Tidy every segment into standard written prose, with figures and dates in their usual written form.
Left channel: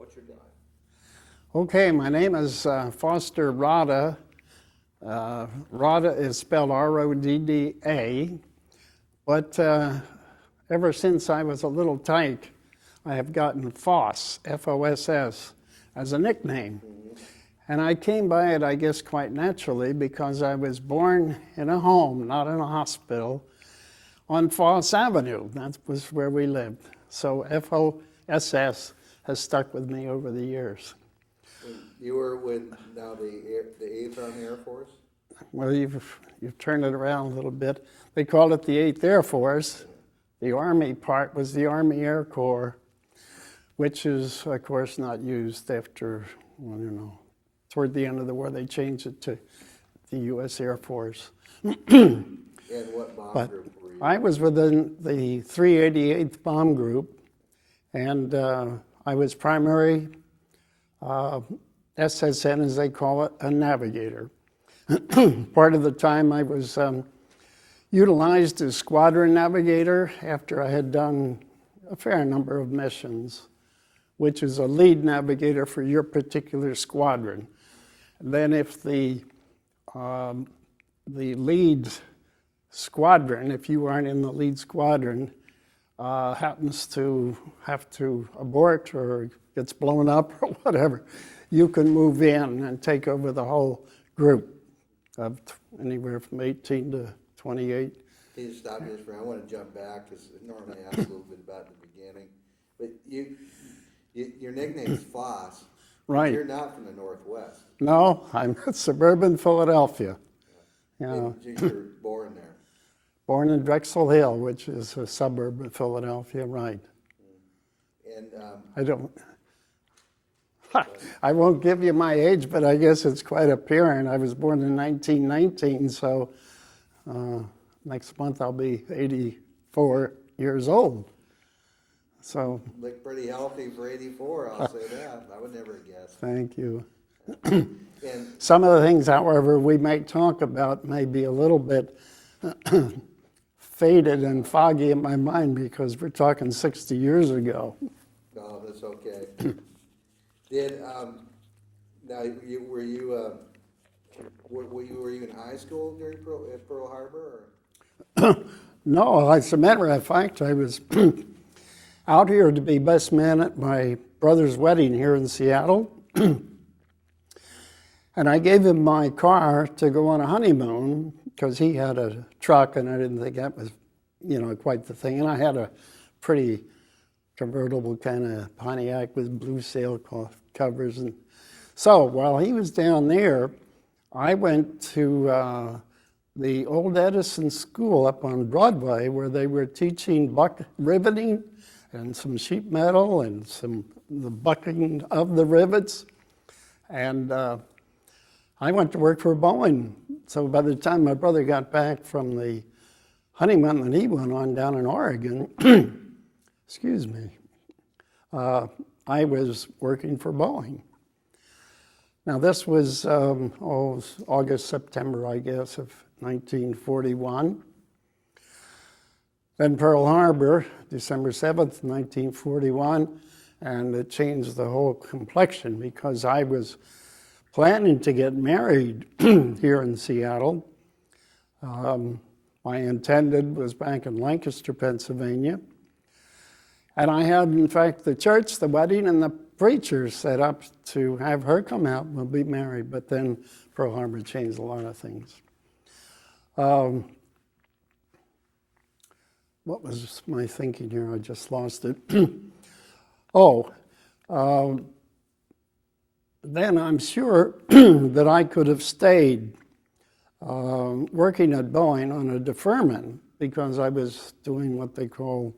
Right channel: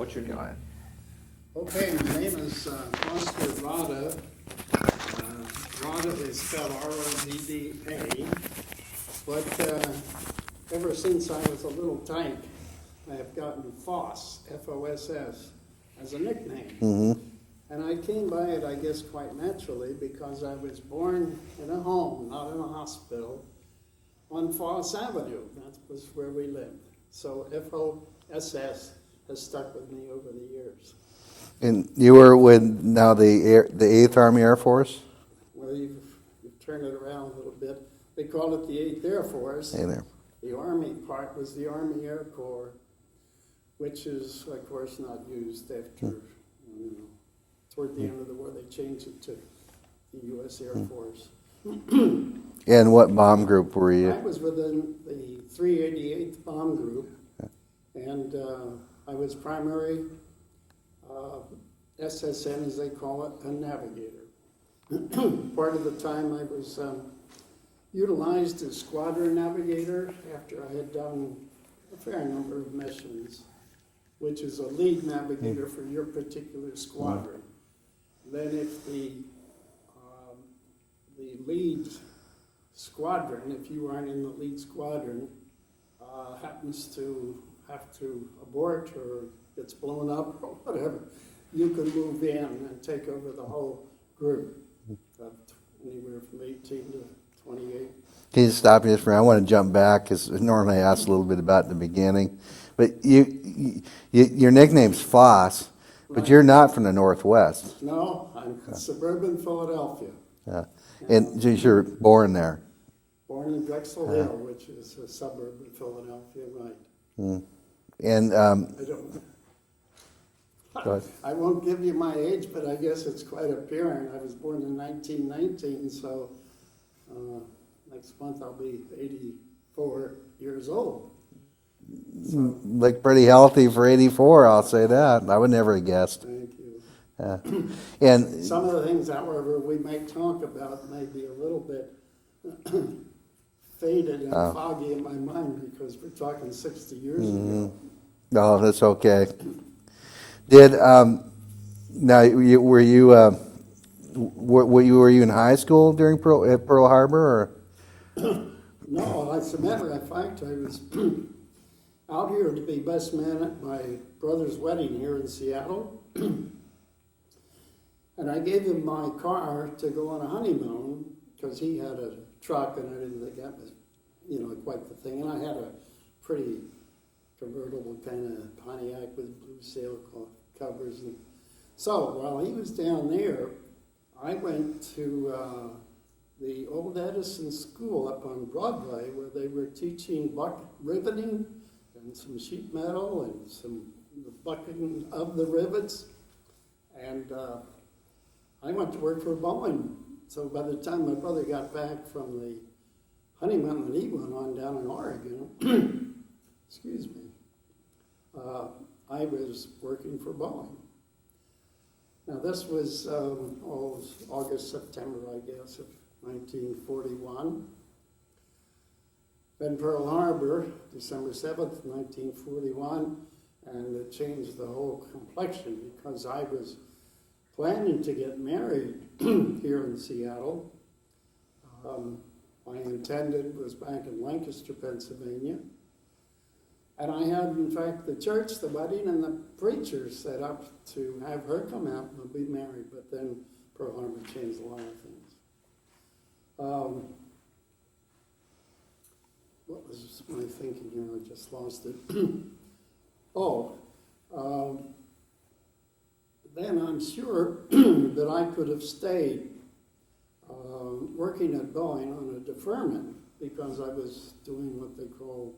What's your name? Okay, my name is Foster Rodda. Rodda is spelled R-O-D-D-A, but ever since I was a little tyke, I have gotten Foss, F-O-S-S, as a nickname. Mm-hmm. And I came by it, I guess, quite naturally because I was born in a home, not in a hospital, on Foss Avenue. That was where we lived. So F-O-S-S has stuck with me over the years. And you were with now the 8th Army Air Force? Well, you've turned it around a little bit. They called it the 8th Air Force. Hey there. The Army part was the Army Air Corps, which is, of course, not used after, well, you know, toward the end of the war, they changed it to the U.S. Air Force. And what bomb group were you? I was within the 388th Bomb Group, and I was primary SSN, as they call it, a navigator. Part of the time I was utilized as squadron navigator after I had done a fair number of missions, which is a lead navigator for your particular squadron. And then if the lead squadron, if you aren't in the lead squadron, happens to have to abort or gets blown up or whatever, you can move in and take over the whole group of anywhere from 18 to 28. Can you stop me just for a minute? I want to jump back because normally I ask a little bit about the beginning. But your nickname's Foss, Right. but you're not from the Northwest. No, I'm suburban Philadelphia. Yeah. Yeah. And just you're born there. Born in Drexel Hill, which is a suburb of Philadelphia, right. And I don't. I won't give you my age, but I guess it's quite apparent. I was born in 1919, so next month I'll be 84 years old. So look pretty healthy for 84, I'll say that. I would never have guessed. thank you. Yeah. And Some of the things, however, we may talk about may be a little bit faded and foggy in my mind because we're talking 60 years ago. no, that's okay. Did now were you in high school during Pearl Harbor or? No, as a matter of fact, I was out here to be best man at my brother's wedding here in Seattle. And I gave him my car to go on a honeymoon because he had a truck and I didn't think that was, you know, quite the thing. And I had a pretty convertible kind of Pontiac with blue sailcloth covers. And so while he was down there, I went to the old Edison School up on Broadway where they were teaching riveting and some sheet metal and the bucking of the rivets. And I went to work for Boeing. So by the time my brother got back from the honeymoon that he went on down in Oregon, excuse me, I was working for Boeing. Now this was August, September, I guess, of 1941. Then Pearl Harbor, December 7th, 1941, and it changed the whole complexion because I was planning to get married here in Seattle. My intended was back in Lancaster, Pennsylvania. And I had, in fact, the church, the wedding, and the preacher set up to have her come out and we'll be married. But then Pearl Harbor changed a lot of things. What was my thinking here? I just lost it. Then I'm sure that I could have stayed working at Boeing on a deferment because I was doing what they call,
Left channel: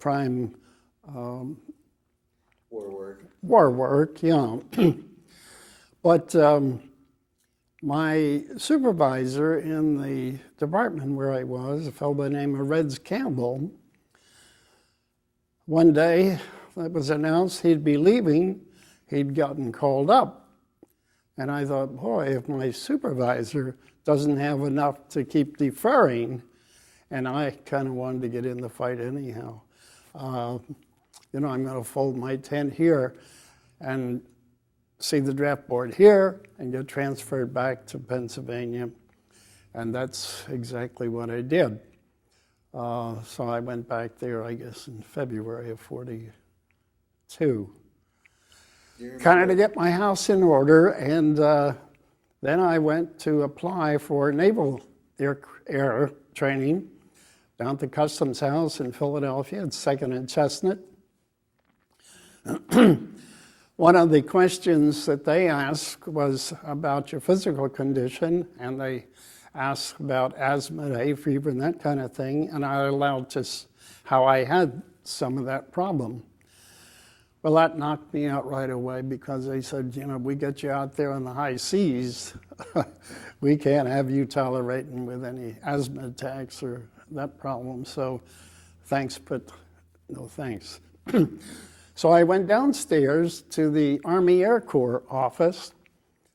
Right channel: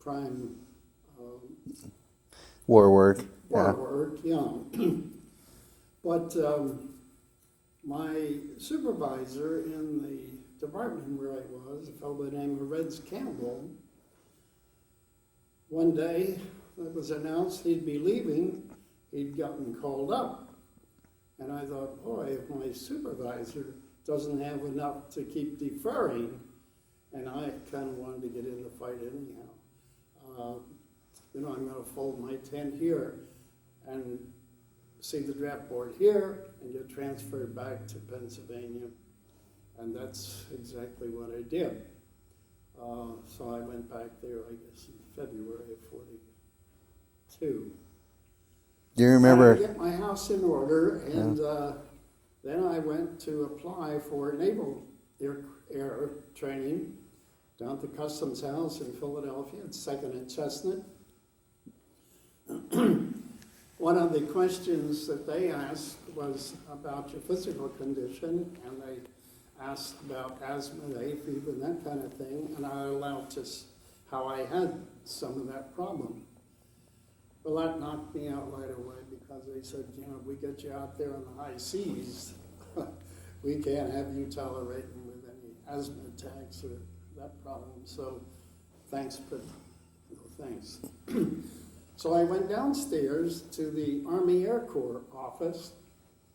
prime War work. War work, yeah. But my supervisor in the department where I was, a fellow by the name of Reds Campbell, one day it was announced he'd be leaving, he'd gotten called up. And I thought, boy, if my supervisor doesn't have enough to keep deferring, and I kind of wanted to get in the fight anyhow. I'm going to fold my tent here and see the draft board here and get transferred back to Pennsylvania. And that's exactly what I did. So I went back there, I guess, in February of 42. Do you remember? Trying to get my house in order, and then I went to apply for naval air training down at the Customs House in Philadelphia at 2nd and Chestnut. One of the questions that they asked was about your physical condition, and they asked about asthma, hay fever, and that kind of thing, and I allowed just how I had some of that problem. Well, that knocked me out right away because they said, we get you out there on the high seas, we can't have you tolerating with any asthma attacks or that problem, so thanks, but no thanks. So I went downstairs to the Army Air Corps office,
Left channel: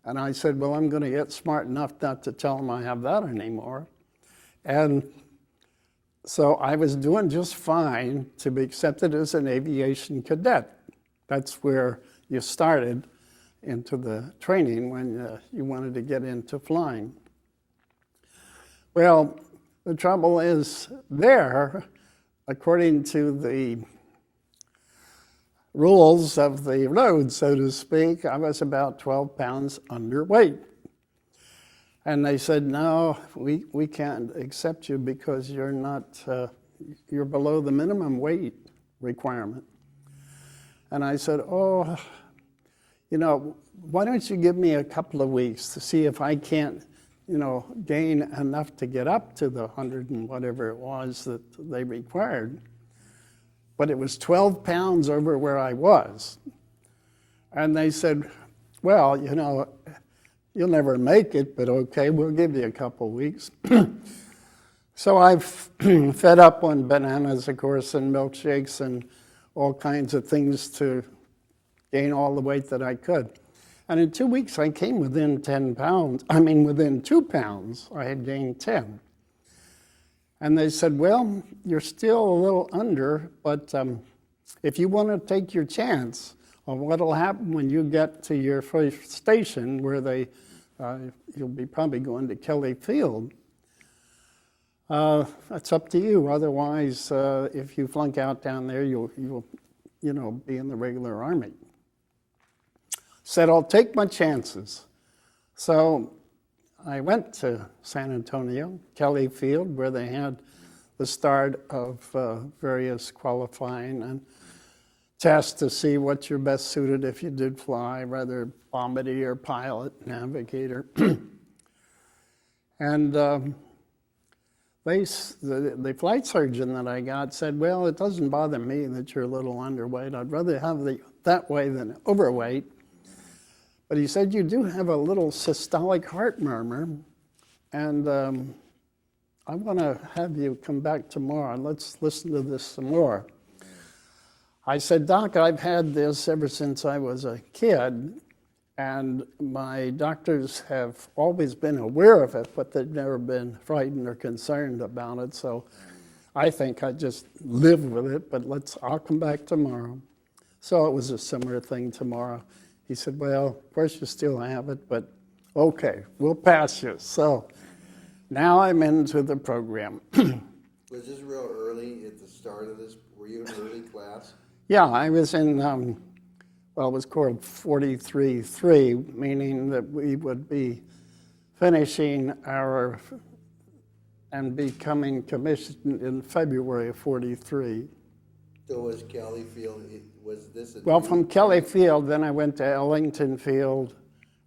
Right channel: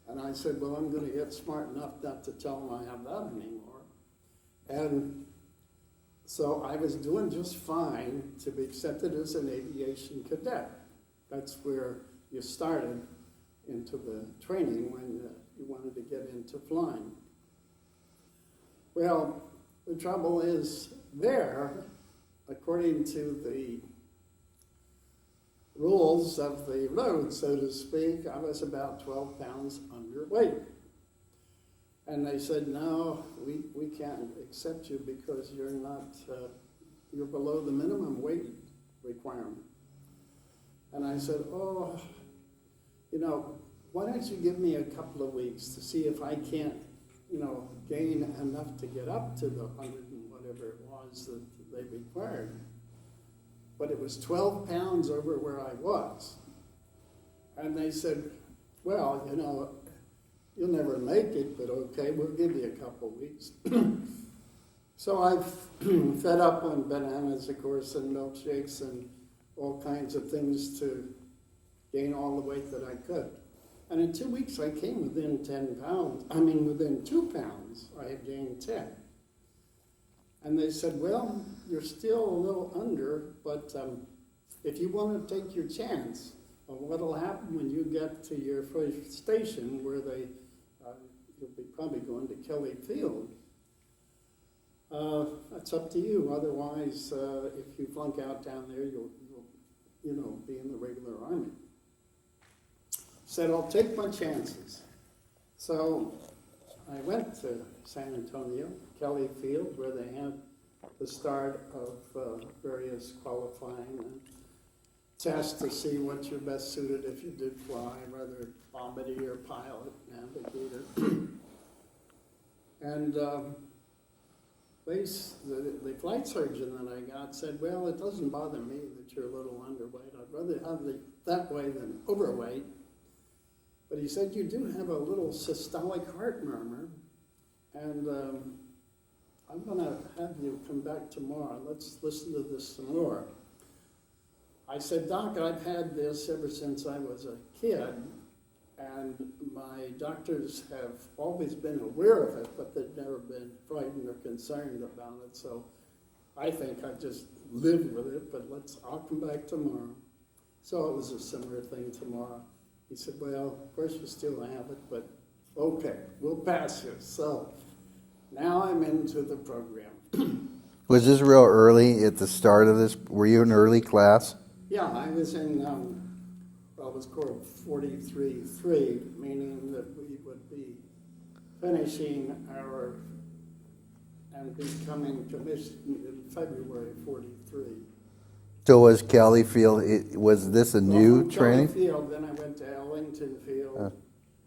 and I said, well, I'm going to get smart enough not to tell them I have that anymore. And so I was doing just fine to be accepted as an aviation cadet. That's where you started into the training when you wanted to get into flying. Well, the trouble is there, according to the rules of the road, so to speak, I was about 12 pounds underweight. And they said, no, we can't accept you because you're not, you're below the minimum weight requirement. And I said, oh, why don't you give me a couple of weeks to see if I can't, gain enough to get up to the 100 and whatever it was that they required. But it was 12 pounds over where I was. And they said, well, you'll never make it, but okay, we'll give you a couple weeks. So I've fed up on bananas, of course, and milkshakes and all kinds of things to gain all the weight that I could. And in 2 weeks, I came within 10 pounds. Within 2 pounds, I had gained 10. And they said, well, you're still a little under, but if you want to take your chance of what will happen when you get to your first station where you'll be probably going to Kelly Field, that's up to you. Otherwise, if you flunk out down there, you'll be in the regular Army. Said, I'll take my chances. So I went to San Antonio, Kelly Field, where they had the start of various qualifying and tests to see what you're best suited if you did fly, whether bombardier, pilot, navigator. And the flight surgeon that I got said, well, it doesn't bother me that you're a little underweight. I'd rather have that way than overweight. But he said, you do have a little systolic heart murmur, and I'm going to have you come back tomorrow, and let's listen to this some more. I said, Doc, I've had this ever since I was a kid, and my doctors have always been aware of it, but they've never been frightened or concerned about it, so I think I just live with it, but I'll come back tomorrow. So it was a similar thing tomorrow. He said, well, of course you still have it, but okay, we'll pass you. So now I'm into the program. Was this real early at the start of this? Were you in early class? Yeah, I was in, it was called 43-3, meaning that we would be finishing and becoming commissioned in February of 43. So was Kelly Field, was this a new Well, from Kelly training? Field, then I went to Ellington Field,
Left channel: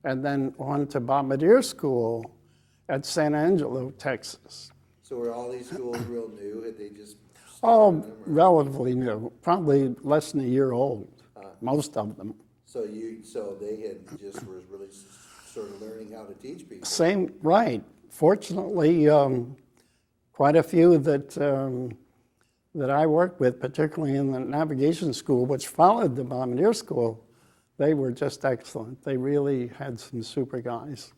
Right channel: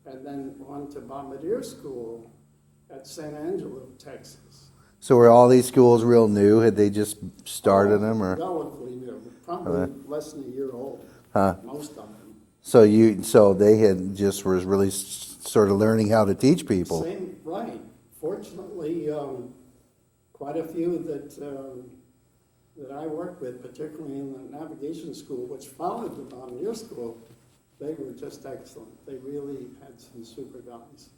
and then on to Bombardier School at San Angelo, Texas. So were all these schools real new? Had they just started them? Or? Relatively new, probably less than a year old, most of them. So they had just was really sort of learning how to teach people. Same, right. Fortunately, quite a few that I worked with, particularly in the navigation school, which followed the Bombardier School, they were just excellent. They really had some super guys.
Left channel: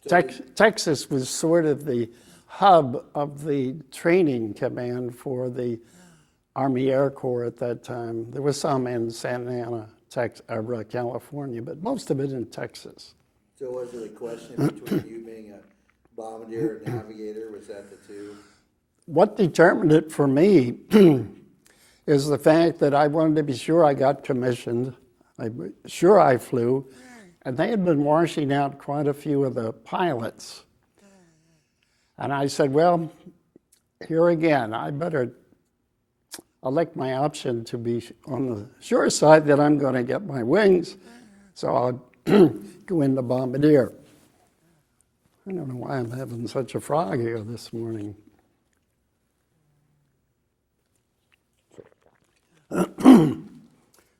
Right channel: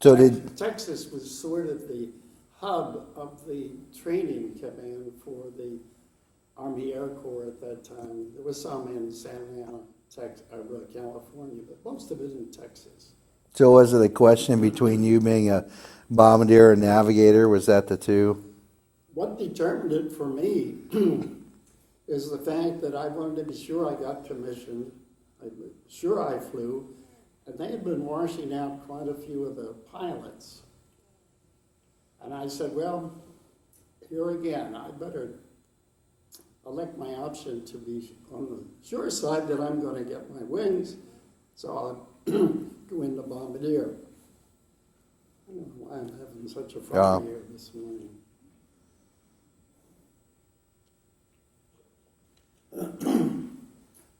So Texas was sort of the hub of the training command for the Army Air Corps at that time. There was some in Santa Ana, California, but most of it in Texas. So was it a question between you being a bombardier and navigator? Was that the two? What determined it for me is the fact that I wanted to be sure I got commissioned, sure I flew, and they had been washing out quite a few of the pilots. And I said, well, here again, I better elect my option to be on the sure side that I'm going to get my wings, so I'll go into bombardier. I don't know why I'm having such a frog here this morning.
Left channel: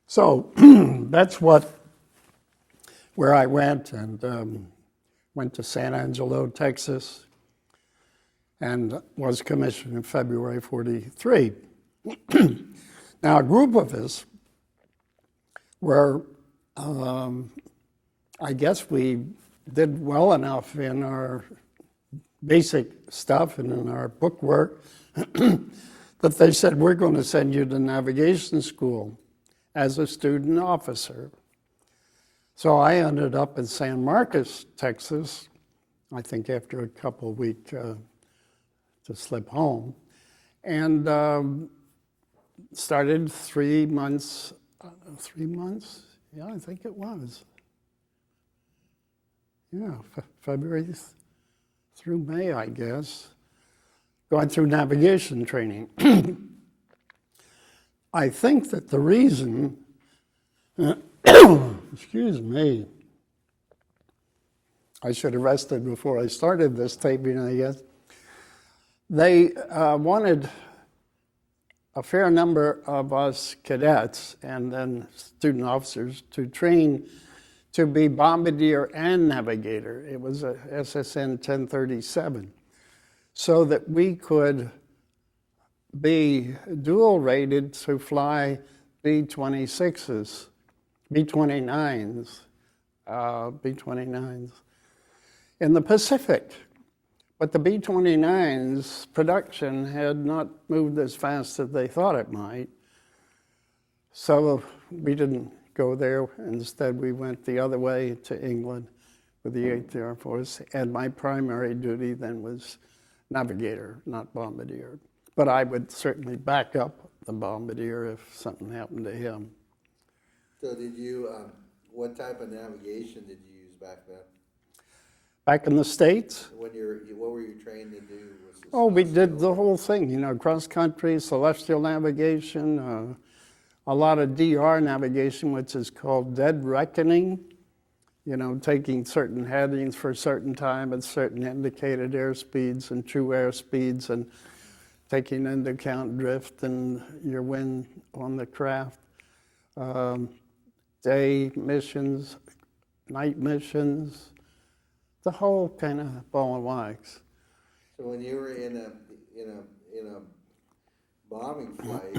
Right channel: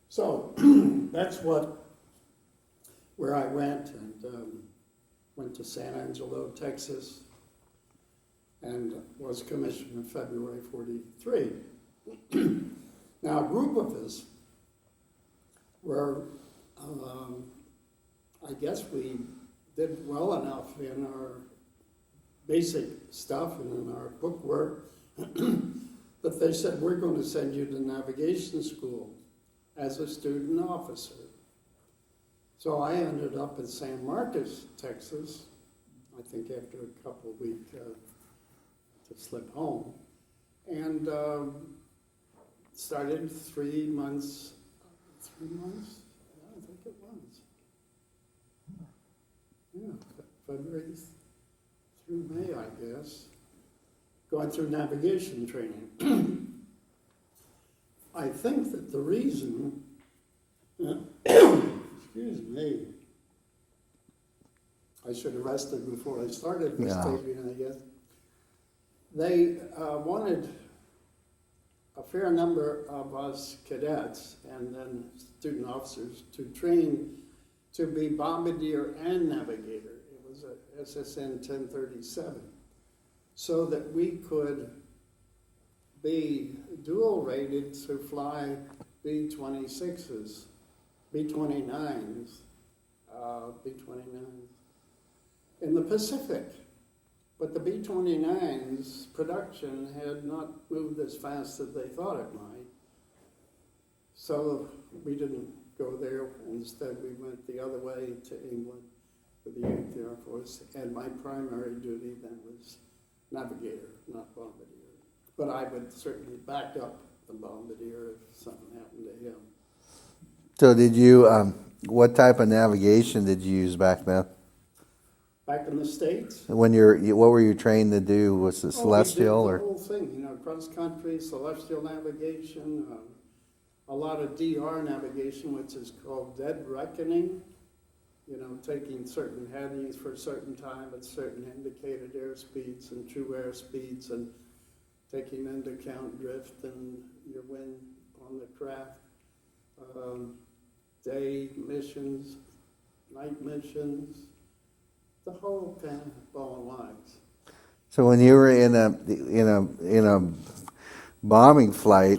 So that's where I went, and went to San Angelo, Texas, and was commissioned in February '43. Now, a group of us were, I guess we did well enough in our basic stuff and in our book work that they said, we're going to send you to navigation school as a student officer. So I ended up in San Marcos, Texas, I think after a couple of weeks to slip home, and started 3 months, yeah, I think it was. Yeah, February through May, I guess, going through navigation training. I think that the reason, excuse me, I should have rested before I started this taping, I guess. They wanted a fair number of us cadets and then student officers to train to be bombardier and navigator. It was a SSN 1037, so that we could be dual rated to fly B-26s, B-29s, B-29s in the Pacific. But the B-29's production had not moved as fast as they thought it might. So we didn't go there. Instead, we went the other way to England with the 8th Air Force. And my primary duty then was navigator, not bombardier. But I would certainly back up the bombardier if something happened to him. So did you, what type of navigation did you use back then? Back in the States? What were you trained to do? Was it celestial? We did the whole thing, you know, cross-country, celestial navigation, a lot of DR navigation, which is called dead reckoning, you know, taking certain headings for a certain time at certain indicated airspeeds and true airspeeds, and taking into account drift and your wind on the craft. Day missions, night missions, the whole kind of ball and wax. So when you were in a bombing flight,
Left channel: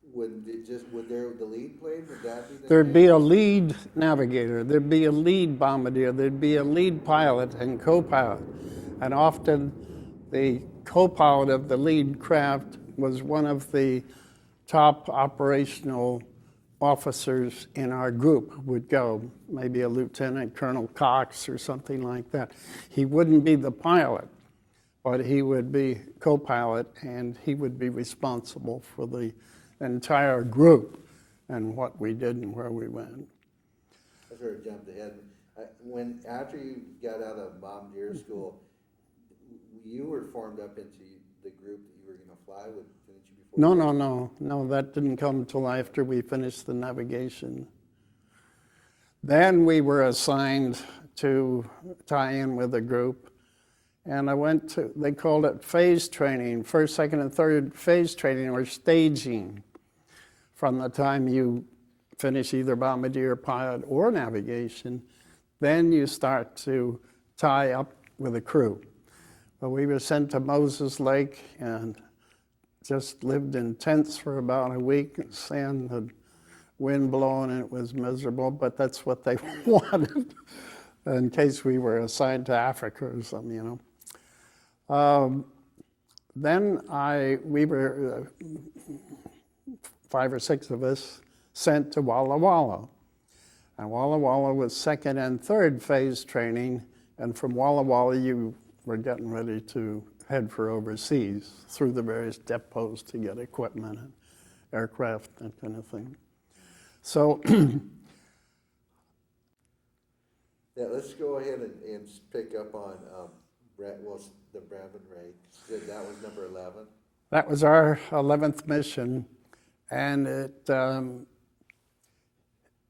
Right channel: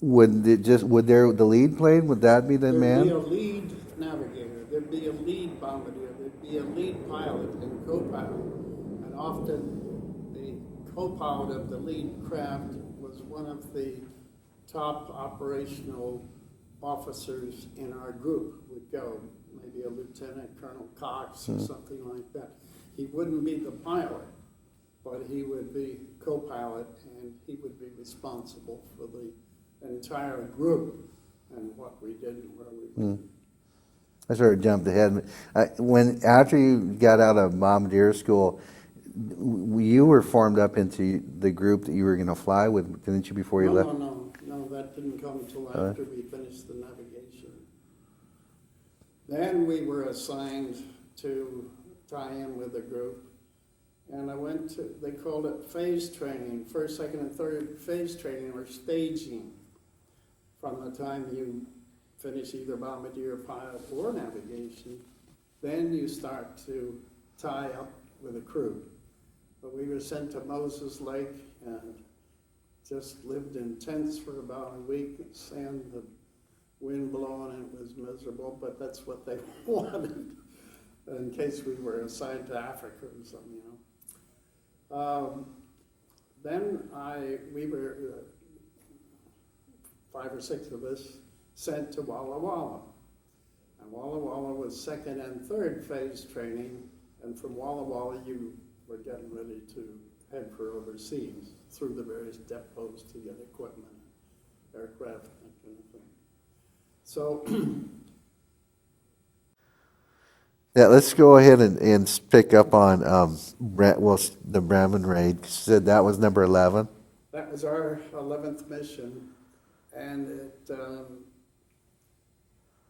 would the lead plane, would that be the There'd man? be a lead navigator, there'd be a lead bombardier, there'd be a lead pilot and co-pilot. And often the co-pilot of the lead craft was one of the top operational officers in our group would go, maybe a Lieutenant Colonel Cox or something like that. He wouldn't be the pilot, but he would be co-pilot, and he would be responsible for the entire group and what we did and where we went. I sort of jumped ahead. After you got out of bombardier school, you were formed up into the group that you were going to fly with, didn't you, before you left? No, that didn't come until after we finished the navigation. Then we were assigned to tie in with a group, and I went to, they called it phase training, first, second, and third phase training, or staging, from the time you finish either bombardier, pilot, or navigation. Then you start to tie up with a crew. But we were sent to Moses Lake and just lived in tents for about a week. Sand had wind blowing, and it was miserable, but that's what they wanted in case we were assigned to Africa or something, you know. Then we were 5 or 6 of us, sent to Walla Walla. And Walla Walla was 2nd and 3rd phase training, and from Walla Walla you were getting ready to head for overseas through the various depots to get equipment and aircraft, that kind of thing. So Yeah, let's go ahead and pick up on the Bremen raid. You said that was number 11? that was our 11th mission, and it,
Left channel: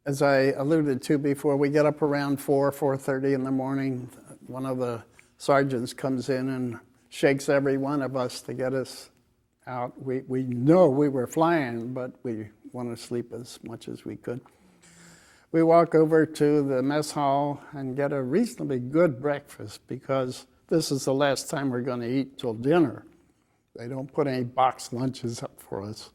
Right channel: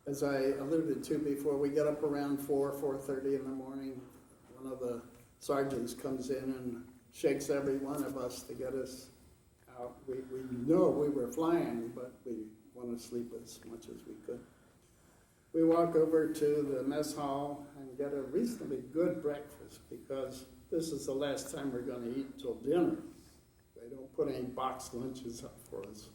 as I alluded to before, we get up around 4:30 in the morning. One of the sergeants comes in and shakes every one of us to get us out. We know we were flying, but we want to sleep as much as we could. We walk over to the mess hall and get a reasonably good breakfast because this is the last time we're going to eat till dinner. They don't put any boxed lunches up for us.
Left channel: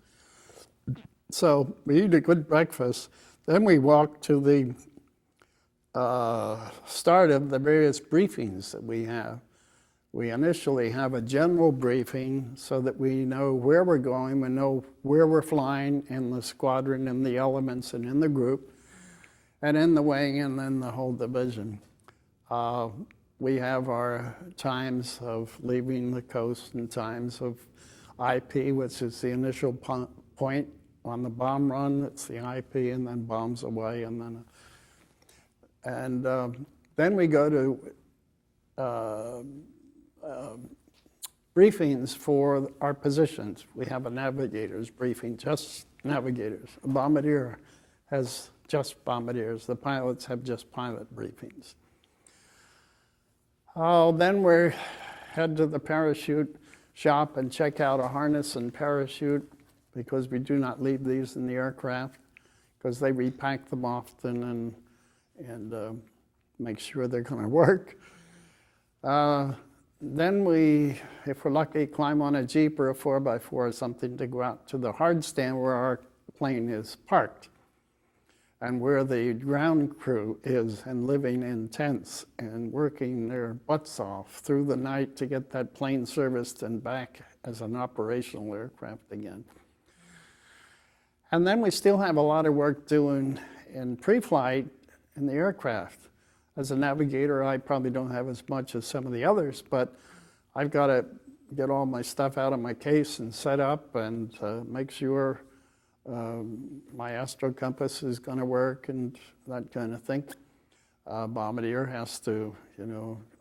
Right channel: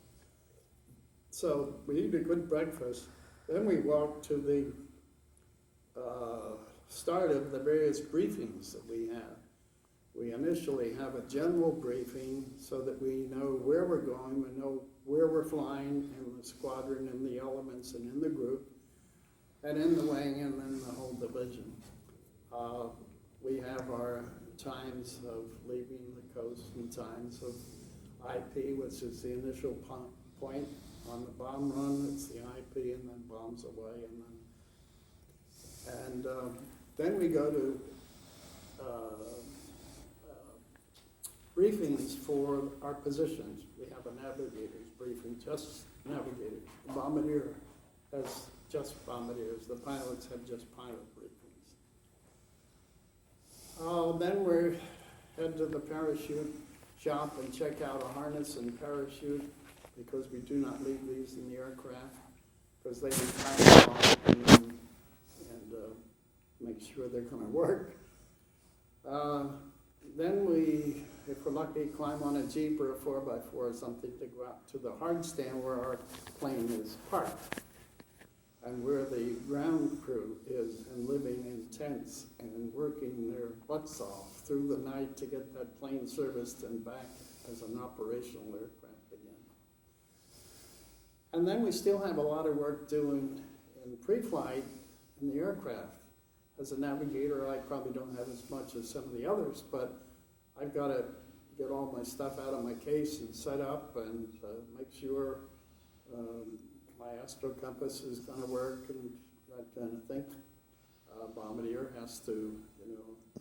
So we eat a good breakfast. Then we walk to the start of the various briefings that we have. We initially have a general briefing so that we know where we're going, we know where we're flying in the squadron, in the elements, and in the group, and in the wing, and then the whole division. We have our times of leaving the coast and times of IP, which is the initial point on the bomb run. It's the IP, and then bombs away, and then we go to briefings for our positions. We have a navigator's briefing, just navigators. A bombardier has just bombardiers. The pilots have just pilot briefings. Then we head to the parachute shop and check out a harness and parachute because we do not leave these in the aircraft because they repack them often and make sure they're going to work. Then we, if we're lucky, climb on a Jeep or a 4x4 or something to go out to the hard stand where our plane is parked and where the ground crew is and living in tents and working their butts off through the night to get that plane serviced and back as an operational aircraft again. And then we still have a lot of work doing in pre-flight in the aircraft. As a navigator, I probably don't have as much as some of the others, but I've got to get all my stuff out of my case and set up and make sure my astro compass is going to work and that kind of thing. Bombardier has to,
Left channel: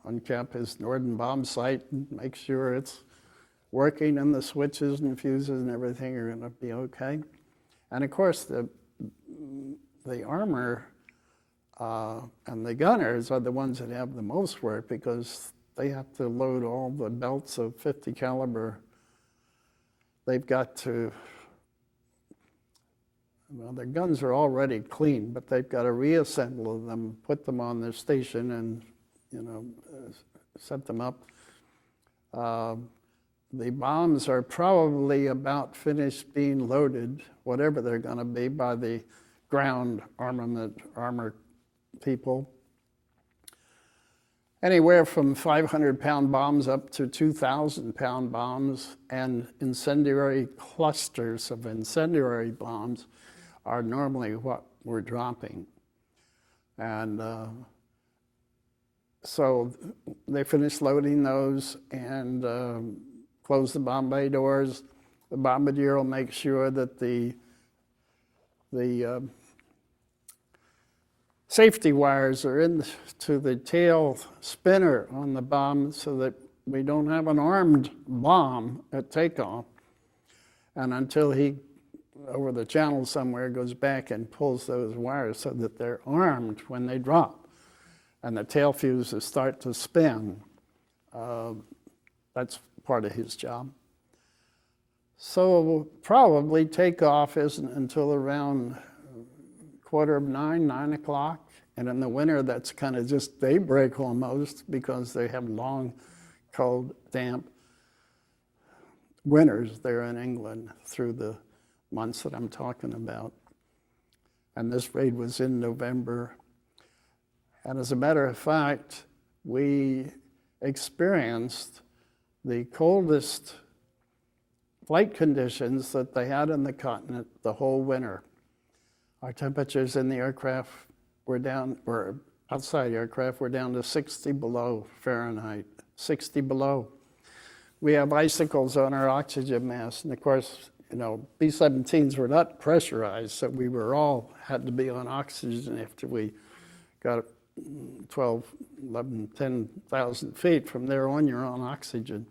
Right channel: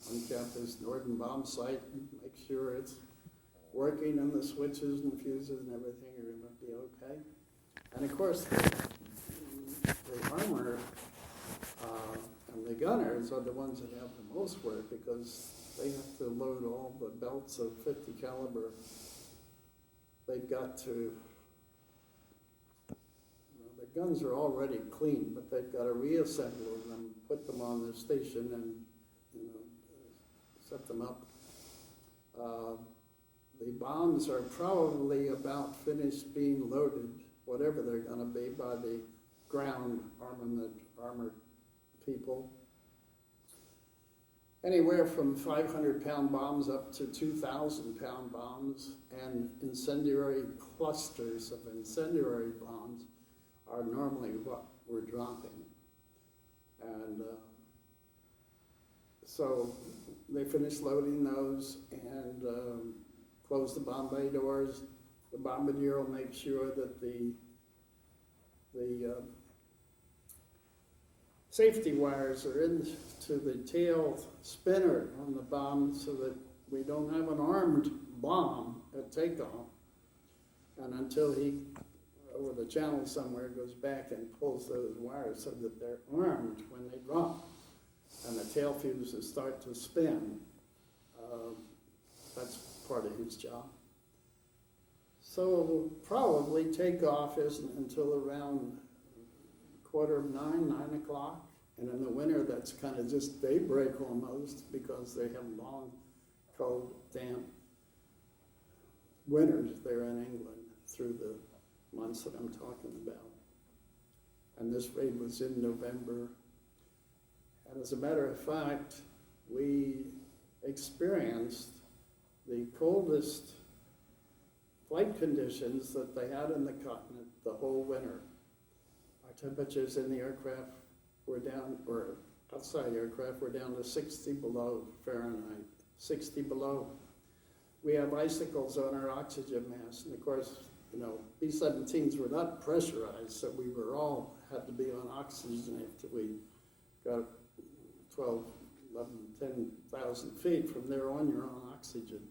uncap his Norden bomb sight and make sure it's working and the switches and fuses and everything are going to be okay. And of course, the armor and the gunners are the ones that have the most work because they have to load all the belts of 50 caliber. They've got to, their guns are already clean, but they've got to reassemble them, put them on their station and, set them up. The bombs are probably about finished being loaded, whatever they're going to be, by the ground armor people. Anywhere from 500-pound bombs up to 2,000-pound bombs and incendiary clusters of incendiary bombs are normally what we're dropping. And so they finish loading those and close the bomb bay doors. The bombardier will make sure that the safety wires are into the tail spinner on the bomb so that we don't have an armed bomb at takeoff. And until he, over the channel somewhere, goes back and pulls those wires so that they're armed when they drop. And the tail fuses start to spin. That's part of his job. So probably takeoff isn't until around 8:45, 9 o'clock. And in the winter, that's kind of just daybreak almost because they have long, cold, damp winters there in England through the months that I'm talking about. And this raid was in November. And as a matter of fact, we experienced the coldest flight conditions that they had on the continent the whole winter. Our temperatures in the aircraft were down, or outside the aircraft were down to 60 below Fahrenheit, 60 below. We have icicles on our oxygen mask, and of course, you know, B-17s were not pressurized, so we were all had to be on oxygen after we got 12, 11, 10,000 feet. From there on, you're on oxygen.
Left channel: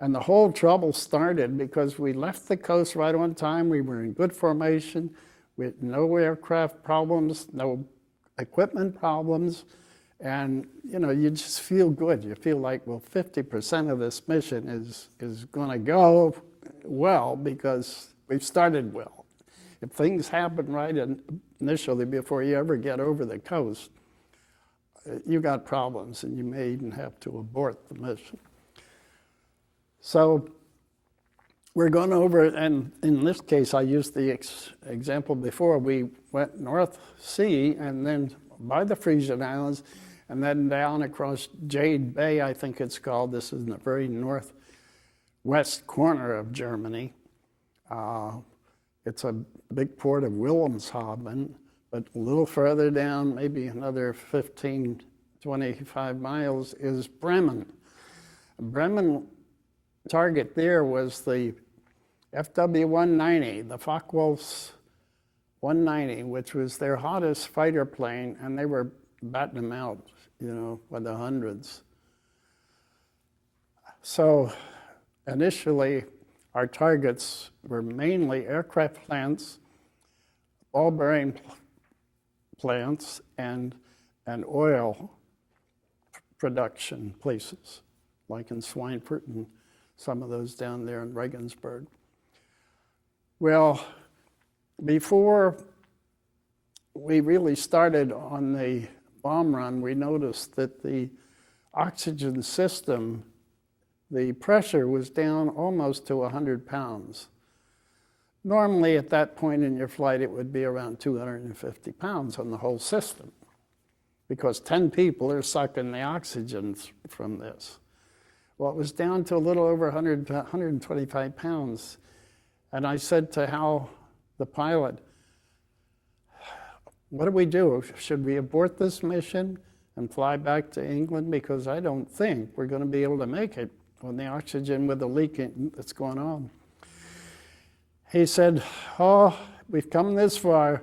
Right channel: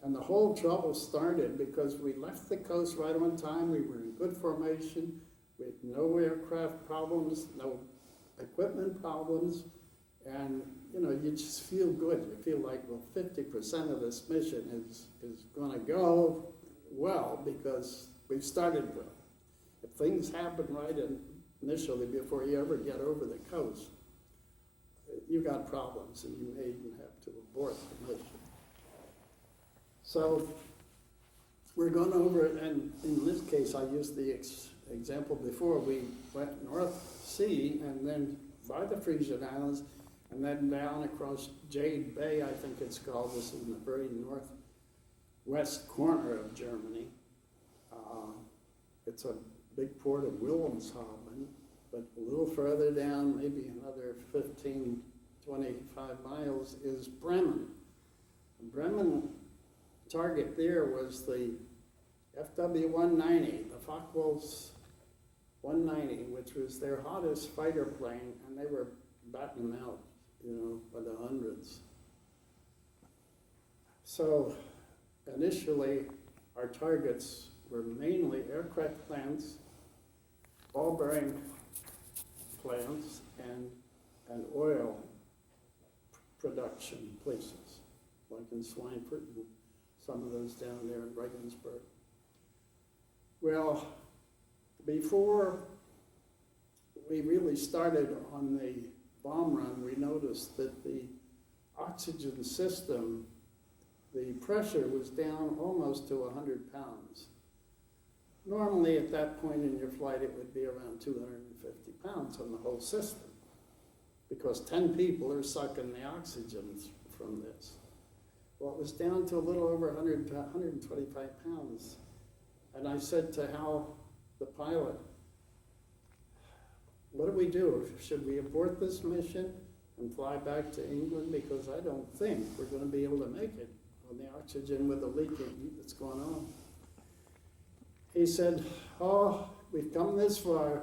And the whole trouble started because we left the coast right on time. We were in good formation. We had no aircraft problems, no equipment problems. And, you know, you just feel good. You feel like, well, 50% of this mission is going to go well because we've started well. If things happen right initially before you ever get over the coast, you got problems and you may even have to abort the mission. So we're going over, and in this case, I used the example before. We went North Sea and then by the Frisian Islands and then down across Jade Bay, I think it's called. This is in the very northwest corner of Germany. It's a big port of Wilhelmshaven, but a little further down, maybe another 15, 25 miles, is Bremen. Bremen target there was the FW-190, the Focke-Wulf's 190, which was their hottest fighter plane, and they were batting them out, you know, by the hundreds. So initially, our targets were mainly aircraft plants, ball-bearing plants, and oil production places, like in Schweinfurt and some of those down there in Regensburg. Well, before we really started on the bomb run, we noticed that the oxygen system, the pressure was down almost to 100 pounds. Normally at that point in your flight, it would be around 250 pounds on the whole system because 10 people are sucking the oxygen from this. Well, it was down to a little over 125 pounds. And I said to Hal, the pilot, what do we do? Should we abort this mission and fly back to England? Because I don't think we're going to be able to make it on the oxygen with the leak that's going on. He said, oh, we've come this far.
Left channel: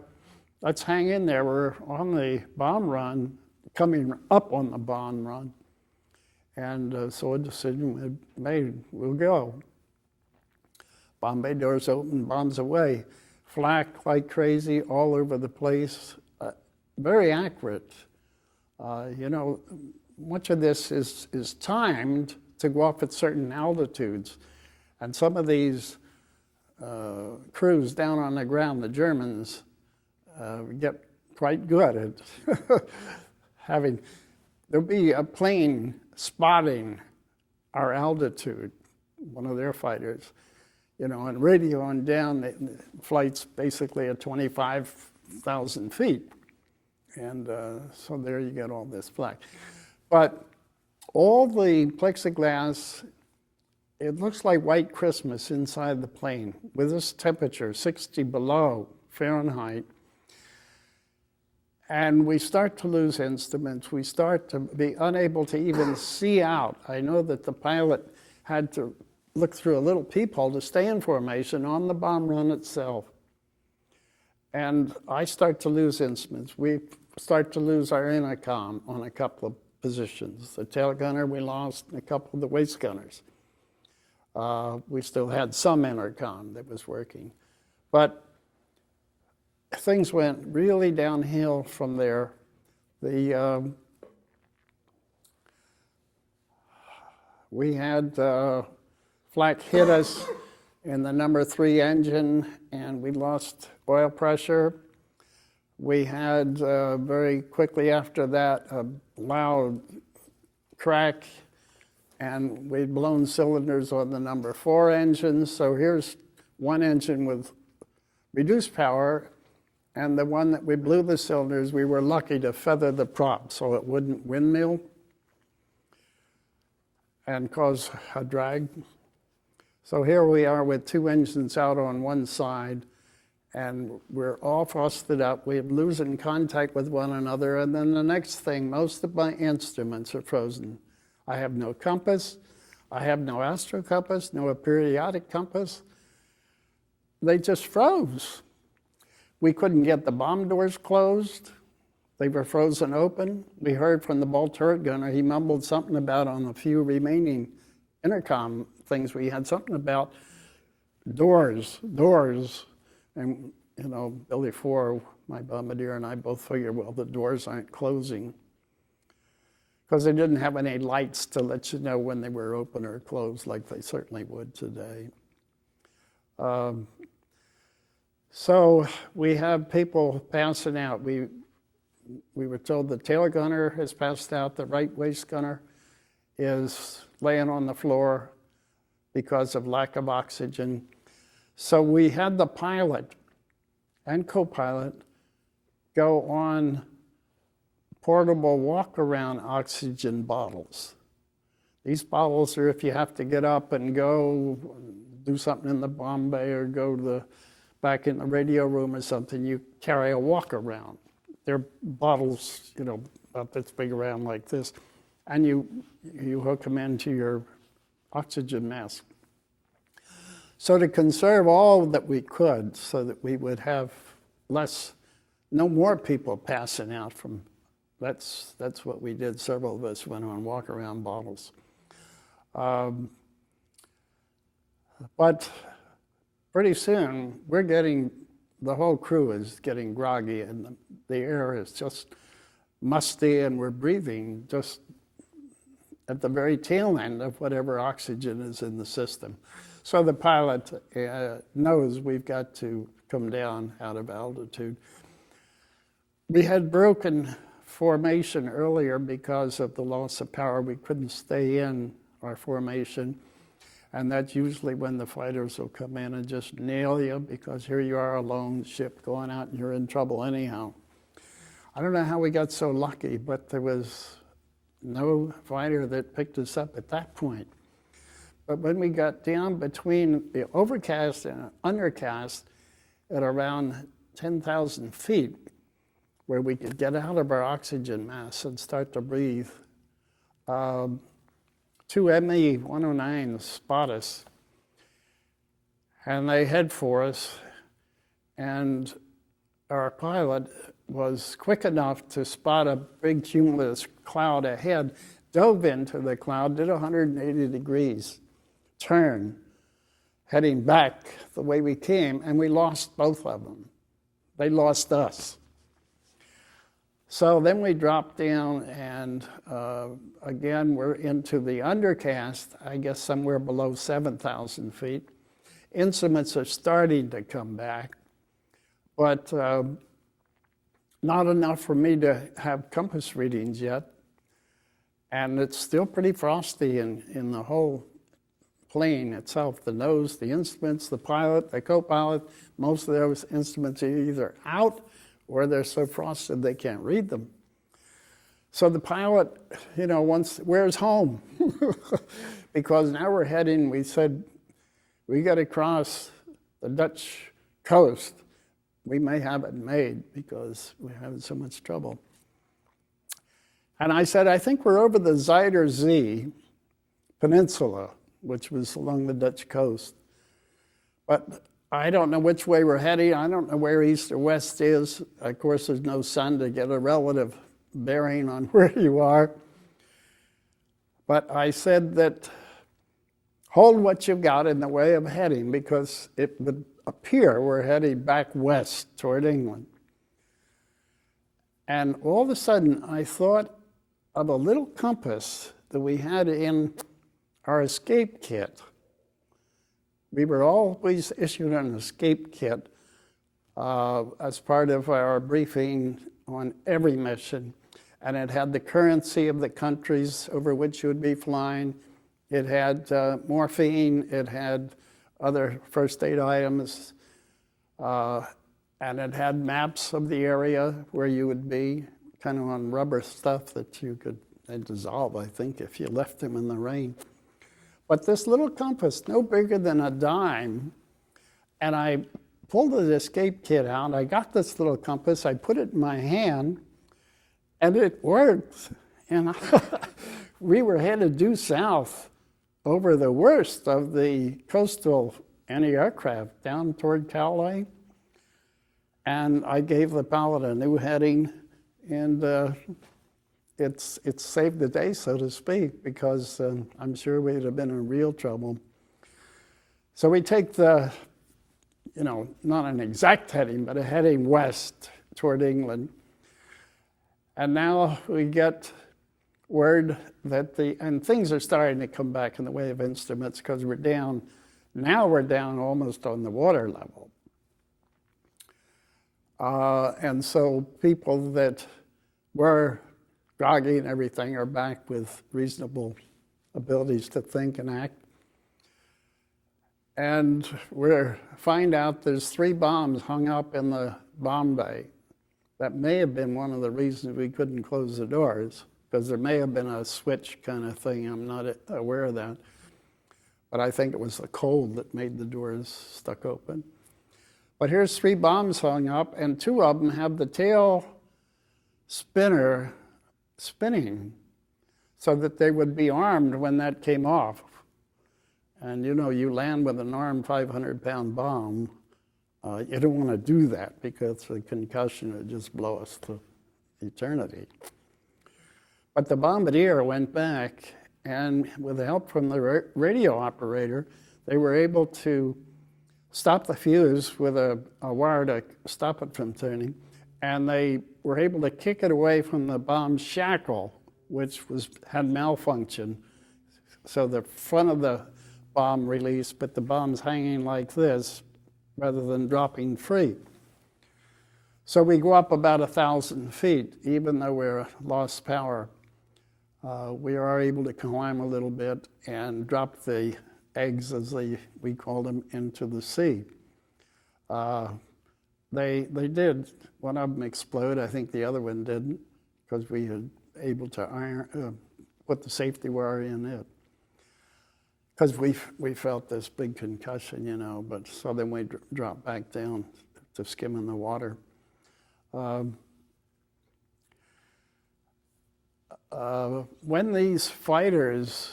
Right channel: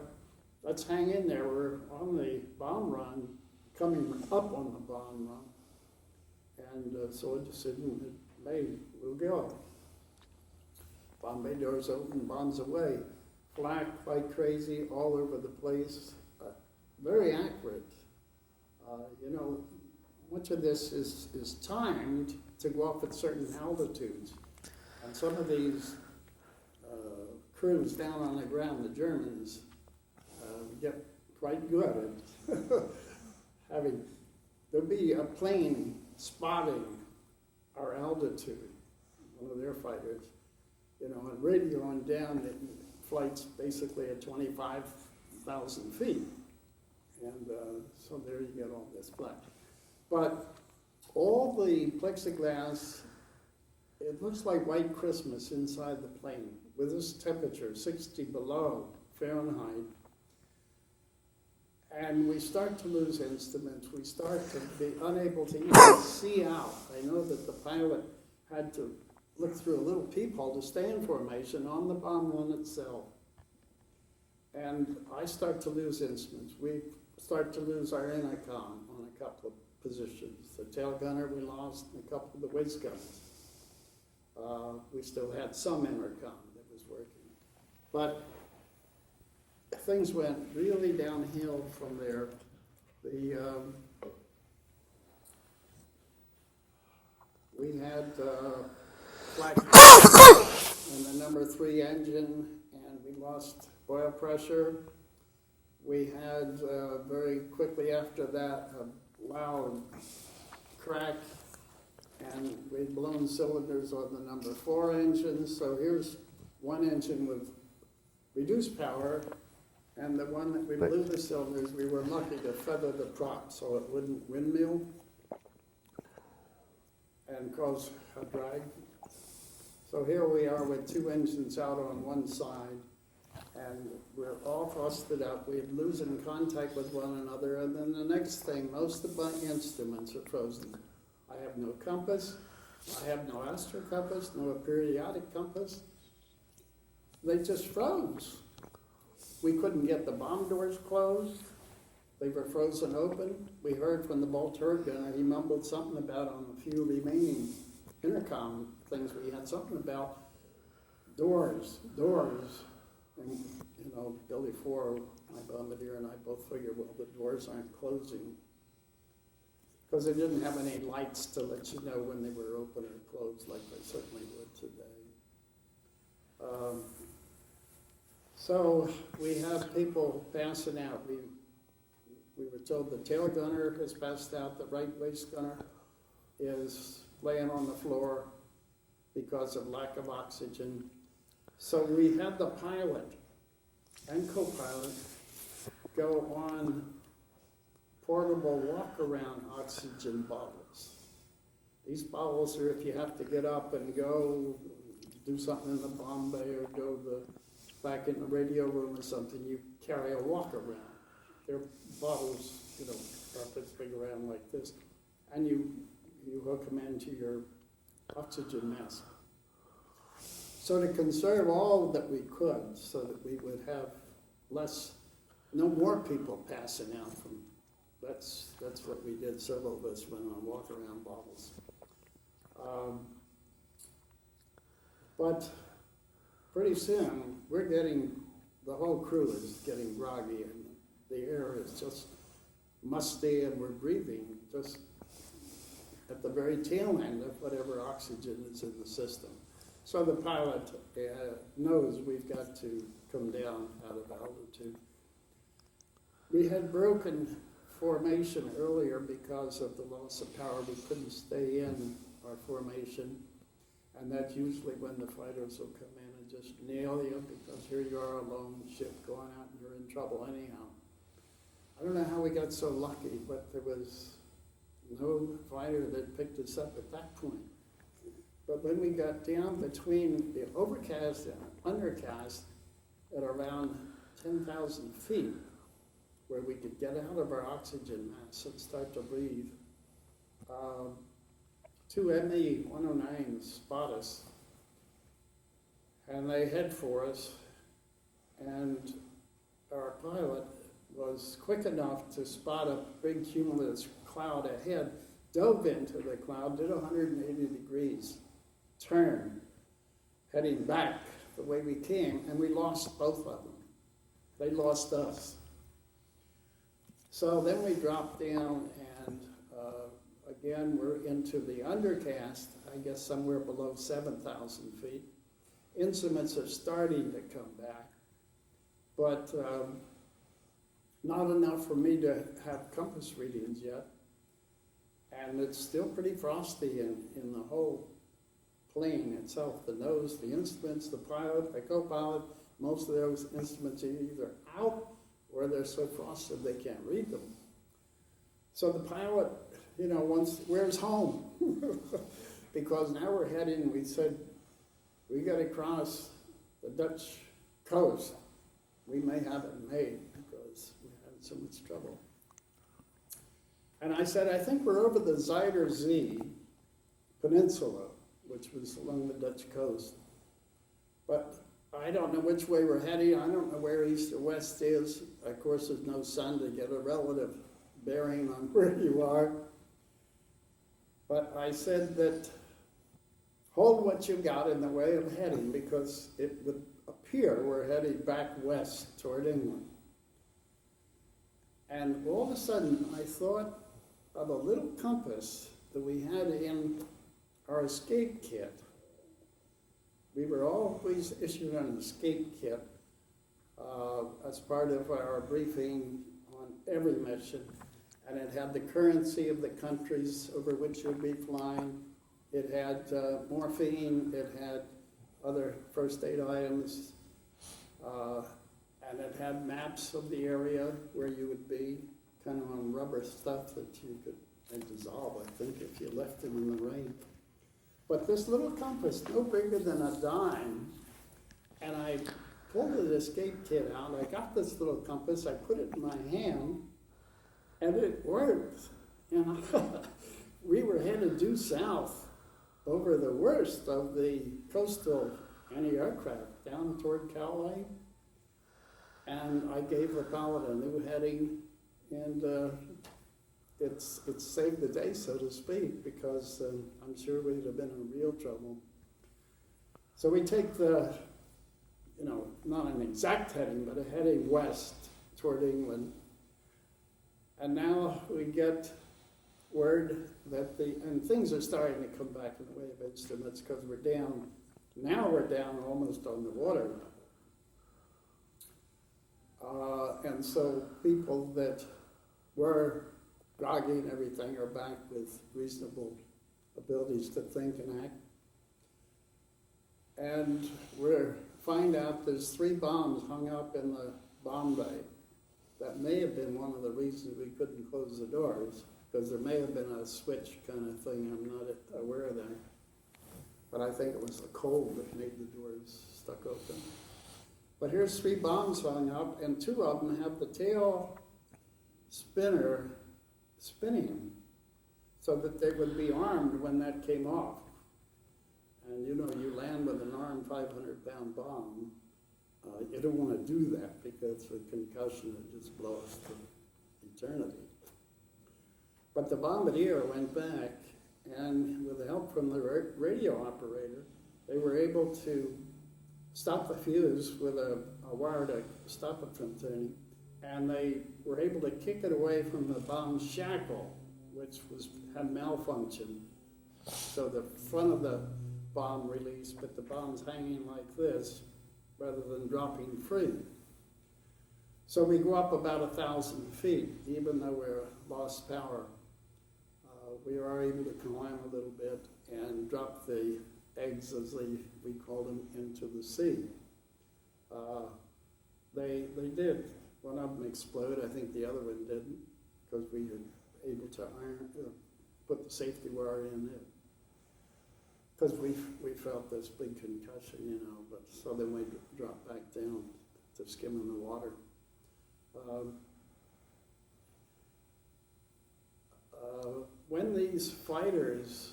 Let's hang in there. We're on the bomb run, coming up on the bomb run. And so a decision was made, we'll go. Bomb bay doors open, bombs away. Flak like crazy all over the place. Very accurate. You know, much of this is timed to go up at certain altitudes. And some of these crews down on the ground, the Germans, get quite good at having, there'll be a plane spotting our altitude, one of their fighters, you know, and radioing down the flights basically at 25,000 feet. And so there you get all this flak. But all the plexiglass, it looks like white Christmas inside the plane with this temperature, 60 below Fahrenheit. And we start to lose instruments. We start to be unable to even see out. I know that the pilot had to look through a little peephole to stay in formation on the bomb run itself. And I start to lose instruments. We start to lose our intercom on a couple of positions. The tail gunner we lost, and a couple of the waist gunners. We still had some intercom that was working. But things went really downhill from there. We had flat in the number 3 engine, and we lost oil pressure. We had very quickly after that a loud crack, and we'd blown cylinders on the number 4 engine. So here's one engine with reduced power, and the one that we blew the cylinders, we were lucky to feather the prop so it wouldn't windmill and cause a drag. So here we are with two engines out on one side, and we're all frosted up. We're losing contact with one another, and then the next thing, most of my instruments are frozen. I have no compass. I have no astro compass, no periodic compass. They just froze. We couldn't get the bomb doors closed. They were frozen open. We heard from the ball turret gunner, he mumbled something about on a few remaining intercom things we had, something about doors. And, you know, Billy Four, my bombardier, and I both figured, well, the doors aren't closing, because they didn't have any lights to let you know when they were open or closed like they certainly would today. So we have people passing out. We were told the tail gunner has passed out, the right waist gunner is laying on the floor because of lack of oxygen. So we had the pilot and co-pilot go on portable walk-around oxygen bottles. These bottles are if you have to get up and go do something in the bomb bay or go to back in the radio room or something, you carry a walk-around. They're bottles, you know, about this big around like this, and you hook them into your oxygen mask. So to conserve all that we could so that we would have no more people passing out from, that's what we did. Several of us went on walk-around bottles. But pretty soon, the whole crew is getting groggy, and the air is just musty, and we're breathing just at the very tail end of whatever oxygen is in the system. So the pilot knows we've got to come down out of altitude. We had broken formation earlier because of the loss of power. We couldn't stay in our formation, and that's usually when the fighters will come in and just nail you, because here you are alone, ship going out, and you're in trouble anyhow. I don't know how we got so lucky, but there was no fighter that picked us up at that point. But when we got down between the overcast and undercast at around 10,000 feet, where we could get out of our oxygen mask and start to breathe, two ME-109s spot us, and they head for us, and our pilot was quick enough to spot a big cumulus cloud ahead, dove into the cloud, did 180 degrees turn, heading back the way we came, and we lost both of them. They lost us. So then we dropped down, and again, we're into the undercast, I guess somewhere below 7,000 feet. Instruments are starting to come back, but not enough for me to have compass readings yet. And it's still pretty frosty in the whole plane itself, the nose, the instruments, the pilot, the co-pilot. Most of those instruments are either out or they're so frosted they can't read them. So the pilot, you know, where's home? Because now we're heading, we said, we got to cross the Dutch coast. We may have it made because we're having so much trouble. And I said, I think we're over the Zuider Zee Peninsula, which was along the Dutch coast. But I don't know which way we're heading. I don't know where east or west is. Of course, there's no sun to get a relative bearing on where you are. But I said that hold what you've got in the way of heading, because it would appear we're heading back west toward England. And all of a sudden, I thought of a little compass that we had in our escape kit. We were always issued an escape kit as part of our briefing on every mission. And it had the currency of the countries over which you would be flying. It had morphine, it had other first aid items, and it had maps of the area where you would be, kind of on rubber stuff that you could dissolve, I think, if you left them in the rain. But this little compass, no bigger than a dime, and I pulled the escape kit out. I got this little compass. I put it in my hand, and it worked. And we were headed due south over the worst of the coastal anti-aircraft down toward Cowley. And I gave the pilot a new heading, and it's saved the day, so to speak, because I'm sure we'd have been in real trouble. So we take the, not an exact heading, but a heading west toward England. And now we get word that and things are starting to come back in the way of instruments because we're down almost on the water level. And so people that were groggy and everything are back with reasonable abilities to think and act. And we find out there's 3 bombs hung up in the bomb bay. That may have been one of the reasons we couldn't close the doors, because there may have been a switch kind of thing. I'm not aware of that. But I think it was the cold that made the doors stuck open. But here's 3 bombs hung up, and 2 of them have the tail spinner spinning so that they would be armed when that came off. And you land with an armed 500-pound bomb. You don't want to do that because the concussion would just blow us to eternity. But the bombardier went back, and with help from the radio operator, they were able to stop the fuse with a wire to stop it from turning, and they were able to kick it away from the bomb shackle, which had malfunction. So the front of the bomb released, but the bomb's hanging like this rather than dropping free. So we go up about 1,000 feet, even though we're lost power. We are able to climb a little bit and drop the eggs, as we call them, into the sea. They did. One of them explode. I think the other one didn't, because we had able to put the safety wire in it. Because we felt this big concussion, but so then we dropped back down to skim in the water. When these fighters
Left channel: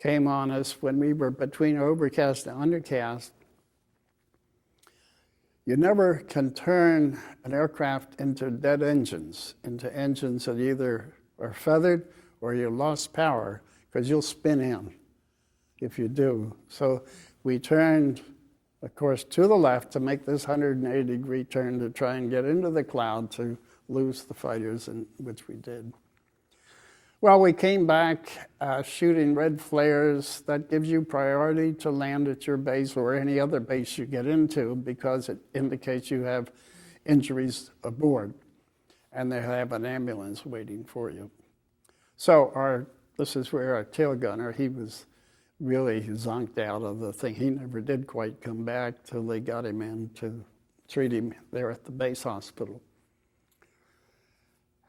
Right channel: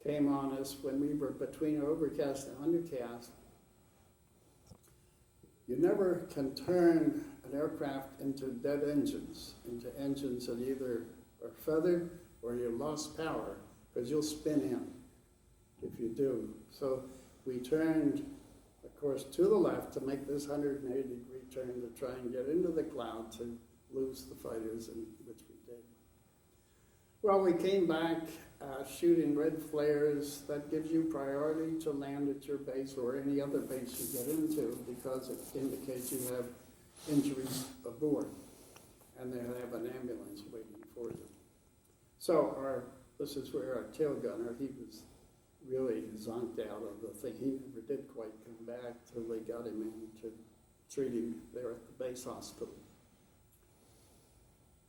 came on us, when we were between overcast and undercast, you never can turn an aircraft into dead engines, into engines that either are feathered or you lost power, because you'll spin in if you do. So we turned, of course, to the left to make this 180-degree turn to try and get into the cloud to lose the fighters, which we did. Well, we came back shooting red flares. That gives you priority to land at your base or any other base you get into, because it indicates you have injuries aboard, and they have an ambulance waiting for you. So this is where our tail gunner, he was really zonked out of the thing. He never did quite come back till they got him in to treat him there at the base hospital.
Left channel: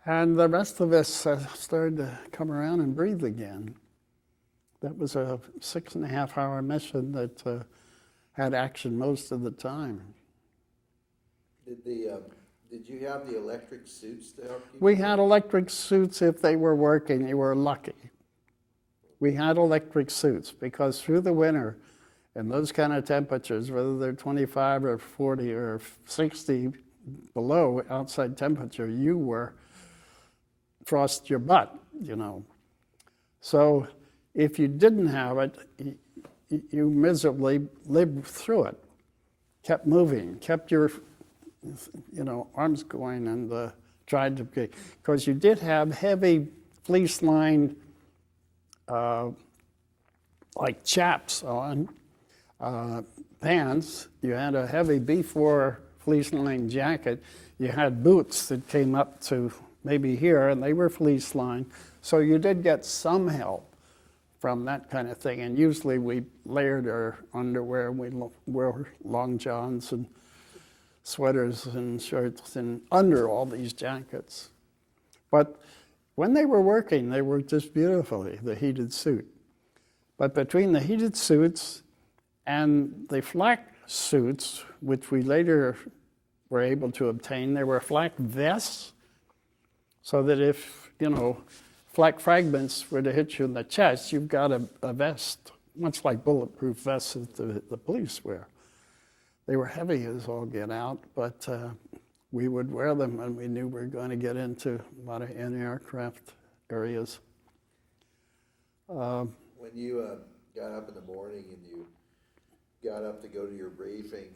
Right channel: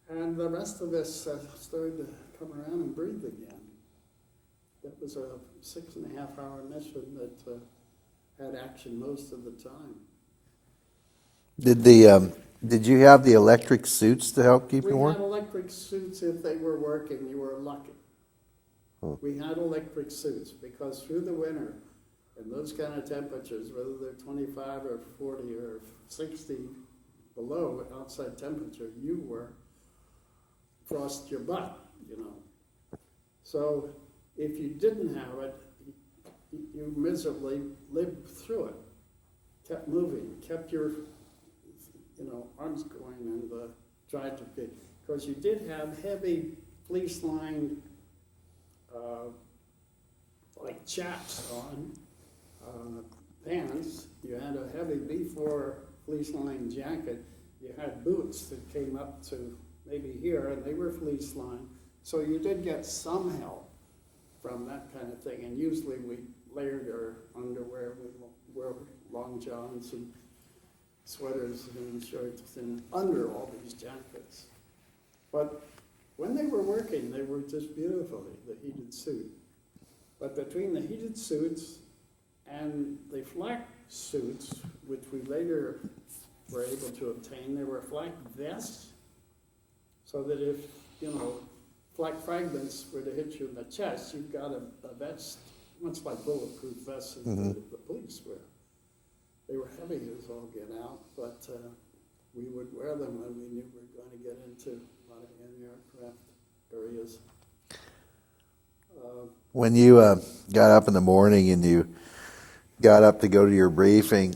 And the rest of us started to come around and breathe again. That was a 6.5-hour mission that had action most of the time. Did you have the electric suits to help keep We warm? had electric suits if they were working. You were lucky. We had electric suits because through the winter, in those kind of temperatures, whether they're 25 or 40 or 60 below outside temperature, you were frost your butt, So if you didn't have it, you miserably lived through it, kept moving, kept your arms going, and tried to, because you did have heavy fleece-lined like chaps on pants. You had a heavy B4 fleece-lined jacket. You had boots that came up to maybe here, and they were fleece-lined. So you did get some help from that kind of thing. And usually we layered our underwear. We wore long johns and sweaters and shirts and under all these jackets. But when they were working, they worked just beautifully, the heated suit. But between the heated suits and the flak suits, which we later were able to obtain, there were flak vests, so that if, flak fragments were to hit you in the chest, you've got a vest, much like bulletproof vests that the police wear. They were heavy as all get out, but we would wear them when we knew we were going to get into a lot of anti-aircraft areas. When you got up in the morning and you got up to go to your briefing,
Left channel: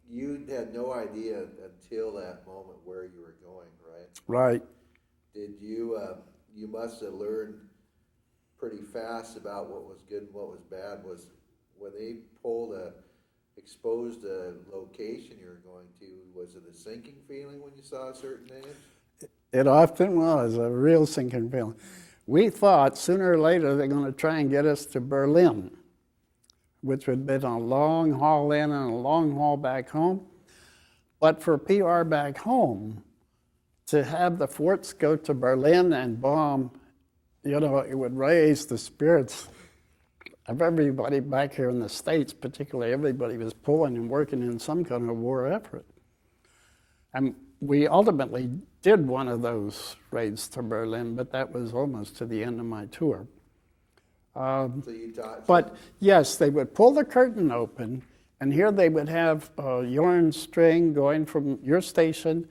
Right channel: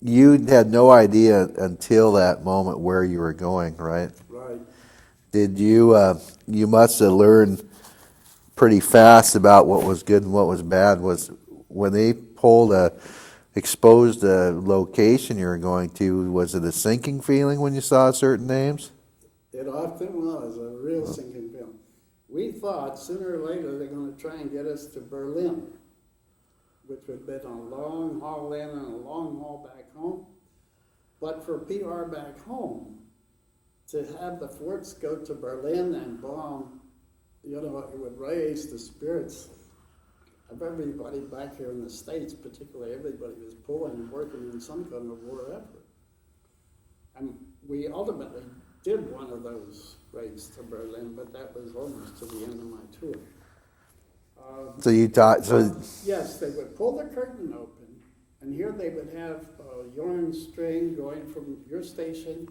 you had no idea until that moment where you were going, right? Right. Did you, you must have learned pretty fast about what was good and what was bad. Was when they exposed the location you were going to, was it a sinking feeling when you saw certain names? It often was a real sinking feeling. We thought sooner or later they're going to try and get us to Berlin, which would have been a long haul in and a long haul back home. But for PR back home, to have the forts go to Berlin and bomb, it would raise the spirits of everybody back here in the States, particularly everybody was pulling and working in some kind of war effort. And we ultimately did one of those raids to Berlin, but that was almost to the end of my tour. So you thought... But yes, they would pull the curtain open, and here they would have a yarn string going from your station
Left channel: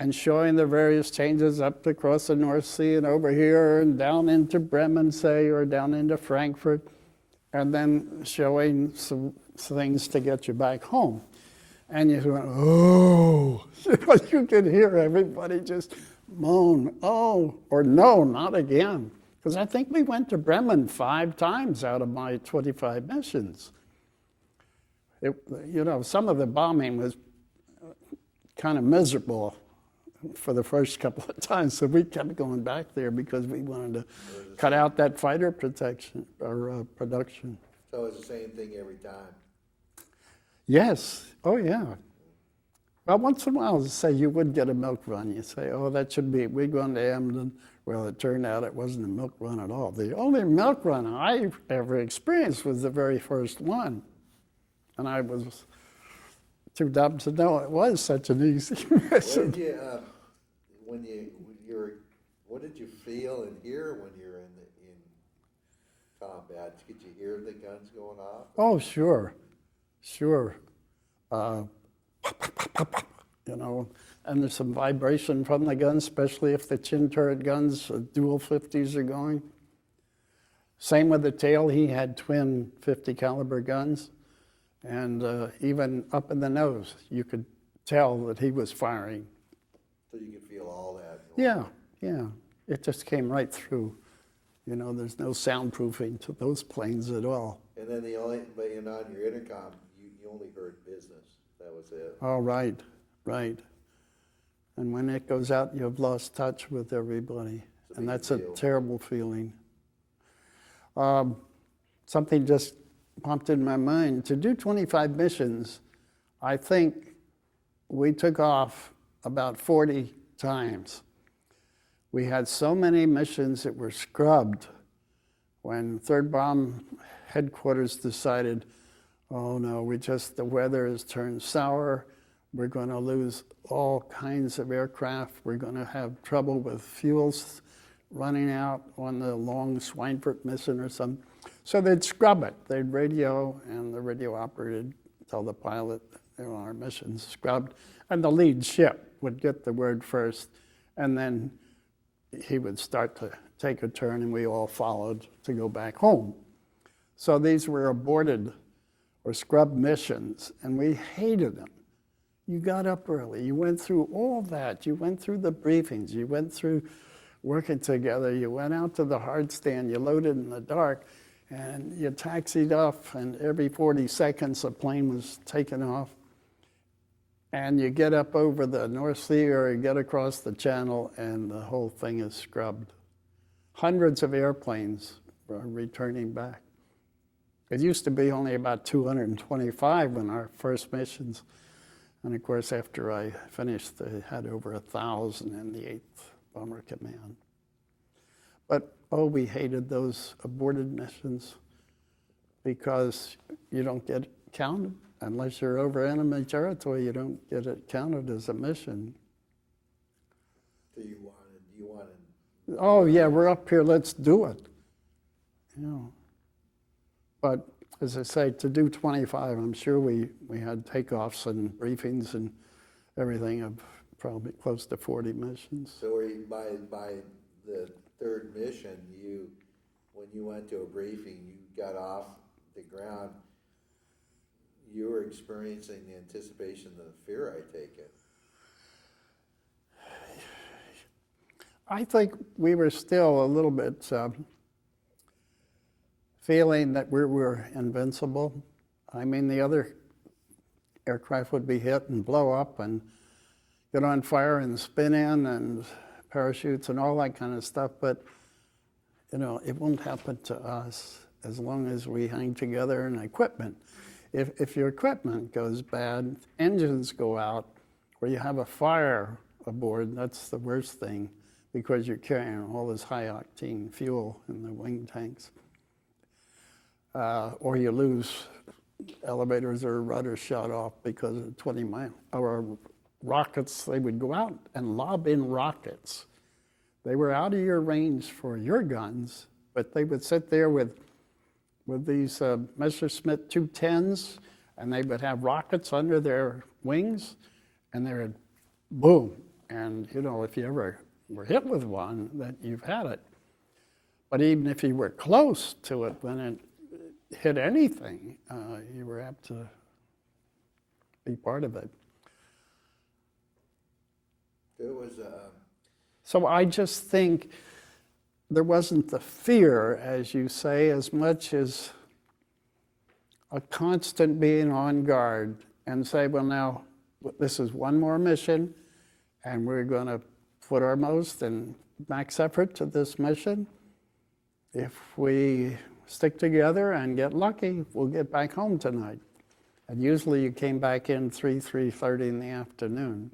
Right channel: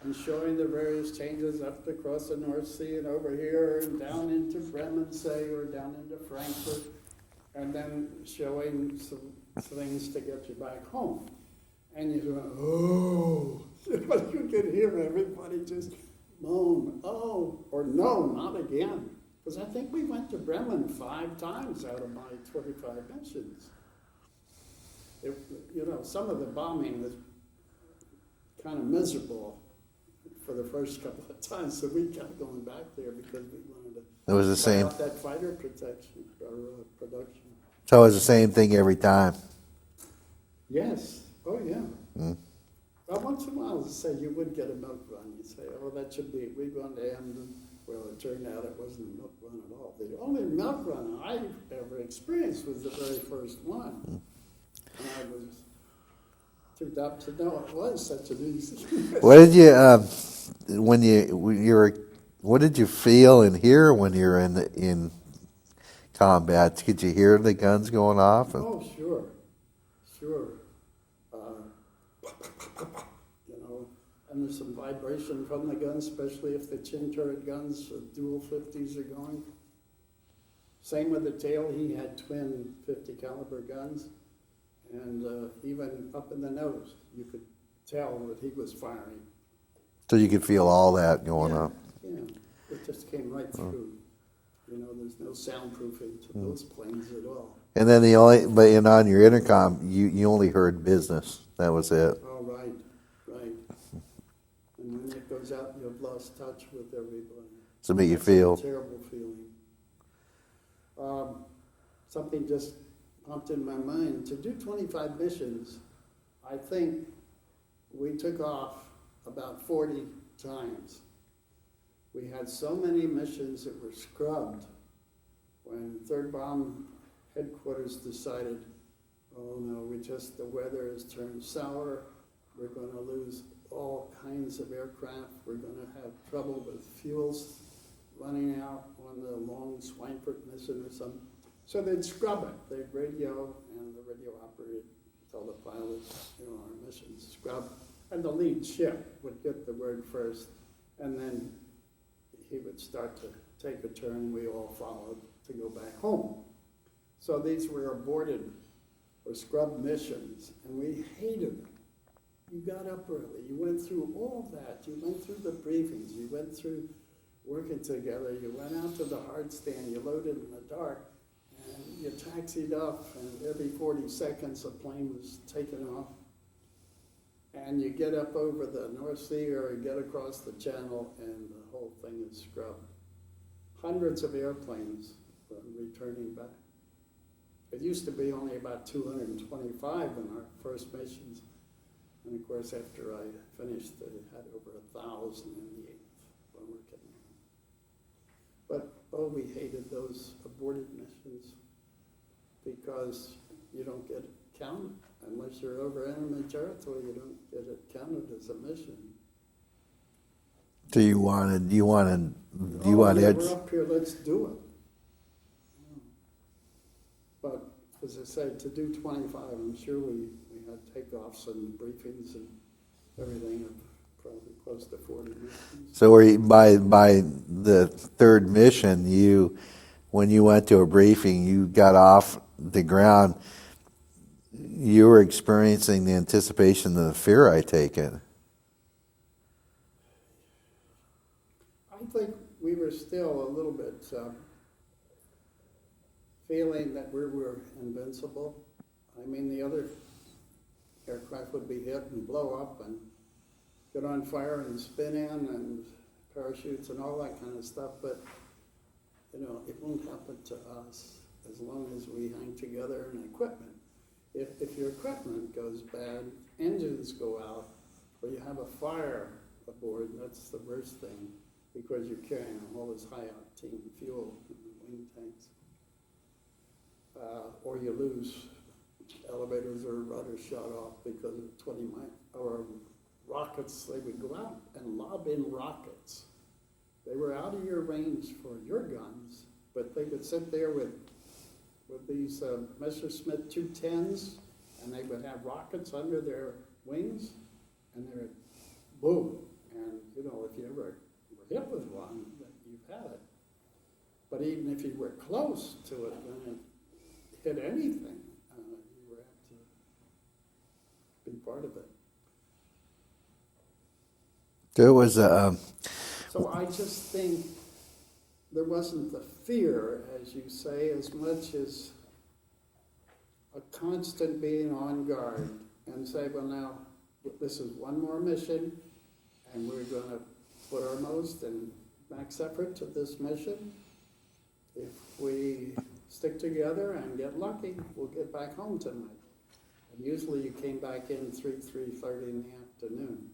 and showing the various changes up across the North Sea and over here and down into Bremen, say, or down into Frankfurt, and then showing some things to get you back home. And you went, oh, you could hear everybody just moan, oh, or no, not again. Because I think we went to Bremen 5 times out of my 25 missions. Some of the bombing was kind of miserable for the first couple of times, so we kept going back there because we wanted to cut out that fighter protection or production. So it was the same thing every time? Yes. Oh, yeah. Well, once in a while, say you would get a milk run. You say, oh, that should be, we're going to Emden. Well, it turned out it wasn't a milk run at all. The only milk run I ever experienced was the very first one. And I was too dumb to know it was such an easy mission. What did what did you feel and hear when you were in combat? Could you hear the guns going off? Oh, sure. And there's some vibration from the guns, especially if the chin turret guns, dual 50s are going. Same with the tail, he had twin 50 caliber guns. And even up in the nose, you could tell that he was firing. So you could feel all that going on? Yeah, it just came right through. There's no soundproofing to those planes at all. And then on your intercom, you only heard business. That was it. Oh, right. And when it goes out, you've lost touch with everybody. So make you That's feel... a terrible feeling. Something just popped in my mind. To do 25 missions, I think we took off about 40 times. We had so many missions that were scrubbed when 3rd Bomb Headquarters decided, oh no, the weather has turned sour, we're going to lose all kinds of aircraft, we're going to have trouble with fuels running out on the long Schweinfurt mission or something. So they'd scrub it. They'd radio, and the radio operator would tell the pilot, our mission's scrubbed, and the lead ship would get the word first, and then he would start to take a turn, and we all followed to go back home. So these were aborted or scrubbed missions, and we hated them. You got up early. You went through all that. You went through the briefings. You went through working together. You went out to the hard stand. You loaded in the dark, and you taxied off, and every 40 seconds a plane was taken off. And you get up over the North Sea or you get across the channel, and the whole thing is scrubbed. Hundreds of airplanes are returning back. It used to be only about 225 in our first missions. And of course, after I finished, they had over 1,000 in the 8th Bomber Command. But, oh, we hated those aborted missions because you don't get counted. Unless you're over enemy territory, you don't get it counted as a mission. So you wanted Oh, yeah, we're up here, let's do it. You know. But as I say, to do 25, I'm sure we had takeoffs and briefings and everything of probably close to 40 missions. So by the third mission, when you went to a briefing, you got off the ground, you were experiencing the anticipation of the fear, I take it. I think we were still a little bit feeling that we were invincible. I mean, the other aircraft would be hit and blow up and get on fire and spin in and parachutes and all that kind of stuff, but you know, it won't happen to us as long as we hang together in equipment. If your equipment goes bad, engines go out, or you have a fire aboard, that's the worst thing, because you're carrying all this high-octane fuel in the wing tanks. Or you lose elevators or rudders shot off because of 20-mile-hour rockets. They would go out and lob in rockets. They were out of your range for your guns, but they would sit there with these Messerschmitt 210s, and they would have rockets under their wings, and they would boom. And you know, if you ever were hit with one, that you've had it. But even if you were close to it when it hit anything, you were apt to be part of it. There was So I just think there wasn't the fear, as you say, as much as a constant being on guard and say, well, now this is one more mission, and we're going to put our most and max effort to this mission. If we stick together and get lucky, we'll get back home tonight. And usually you came back in 3:30 in the afternoon.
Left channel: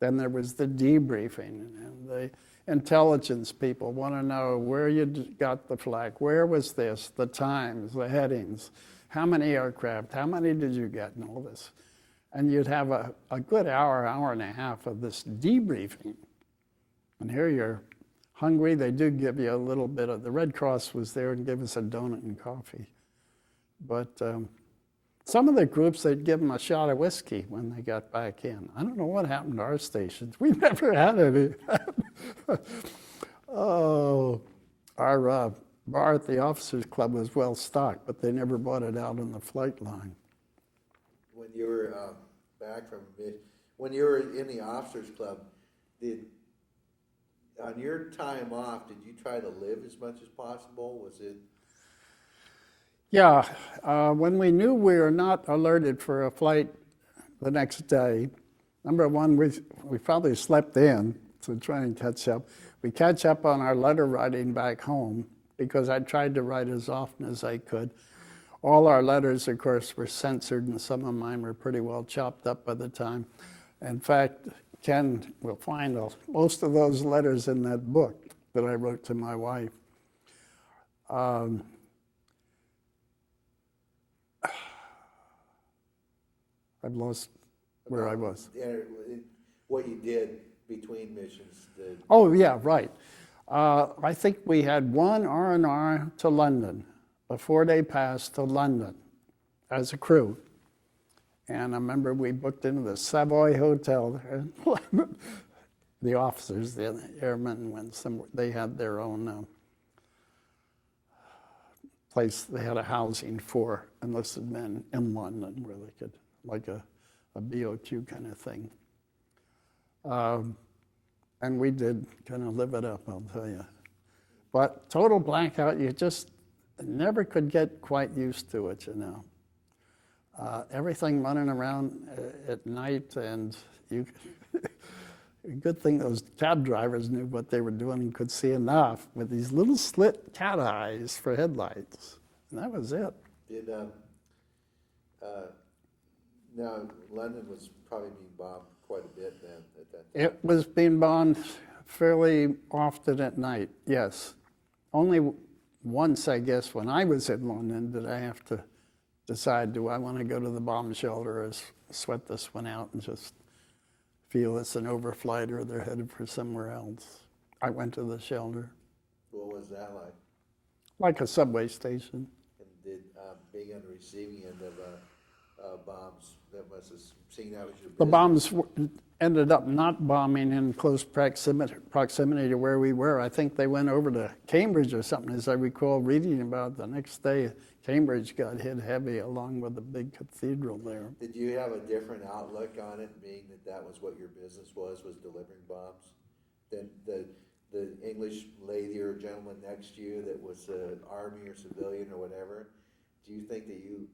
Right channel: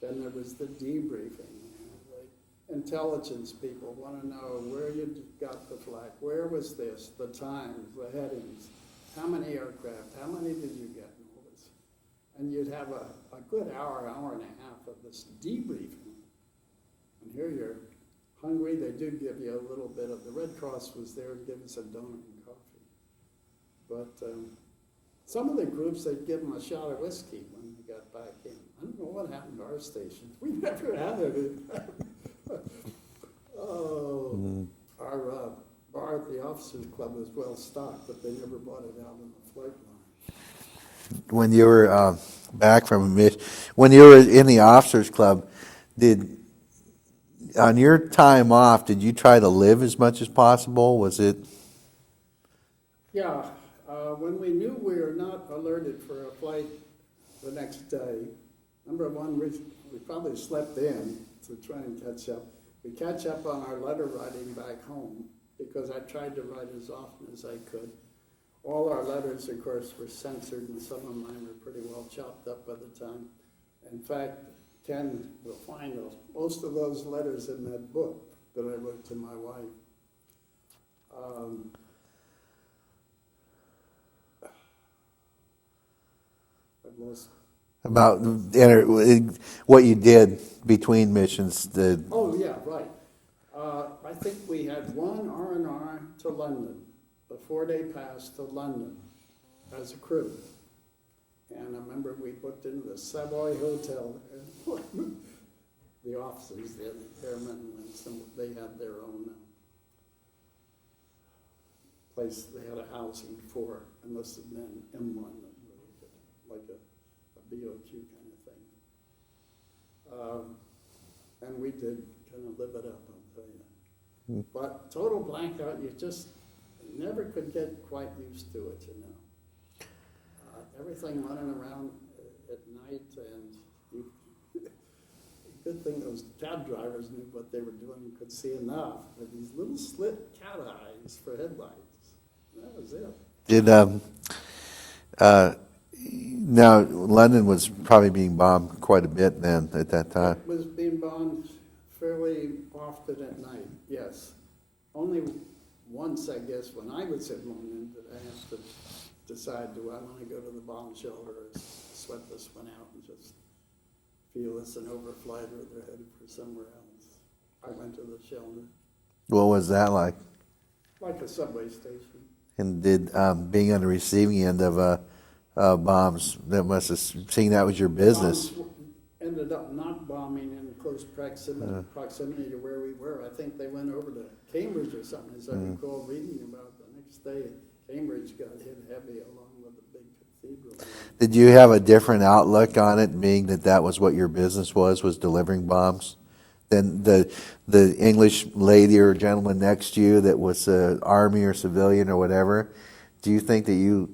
Then there was the debriefing, and the intelligence people want to know where you got the flak, where was this, the times, the headings, how many aircraft, how many did you get, and all this. And you'd have a good hour and a half of this debriefing. And here you're hungry. They did give you a little bit of, the Red Cross was there and gave us a donut and coffee. But some of the groups, they'd give them a shot of whiskey when they got back in. I don't know what happened to our stations. We never had any. Our bar at the Officers Club was well stocked, but they never bought it out on the flight line. when you were back from a mission, when you were in the Officers Club, on your time off, did you try to live as much as possible? Was it? Yeah, when we knew we were not alerted for a flight the next day, number one, we probably slept in to try and catch up. We catch up on our letter writing back home because I tried to write as often as I could. All our letters, of course, were censored, and some of mine were pretty well chopped up by the time. In fact, Ken will find most of those letters in that book that I wrote to my wife. I've lost About what you did between missions. Oh, yeah, right. I think we had one R&R to London, a 4-day pass to London as a crew. And I remember we booked into the Savoy Hotel there. The officers, the airmen, they had their own place. They had a housing for enlisted men in London where they could, like a BOQ kind of thing. And we did kind of live it up, I'll tell you. But total blackout, you just never could get quite used to it, you know. Everything running around at night, and good thing those cab drivers knew what they were doing and could see enough with these little slit cat eyes for headlights. And that was it. Now, London was probably being bombed quite a bit then at that time. It was being bombed fairly often at night, yes. only once, I guess, when I was in London, did I have to decide, do I want to go to the bomb shelter or sweat this one out and just feel it's an overflight or they're headed for somewhere else. I went to the shelter. What was that like? Like a subway station. And did being on the receiving end of bombs, that must have seemed that was your The business. bombs ended up not bombing in close proximity to where we were. I think they went over to Cambridge or something, as I recall reading about. The next day, Cambridge got hit heavy along with the big cathedral there. Did you have a different outlook on it, being that that was what your business was delivering bombs, than the English lady or gentleman next to you that was Army or civilian or whatever? Do you think that you,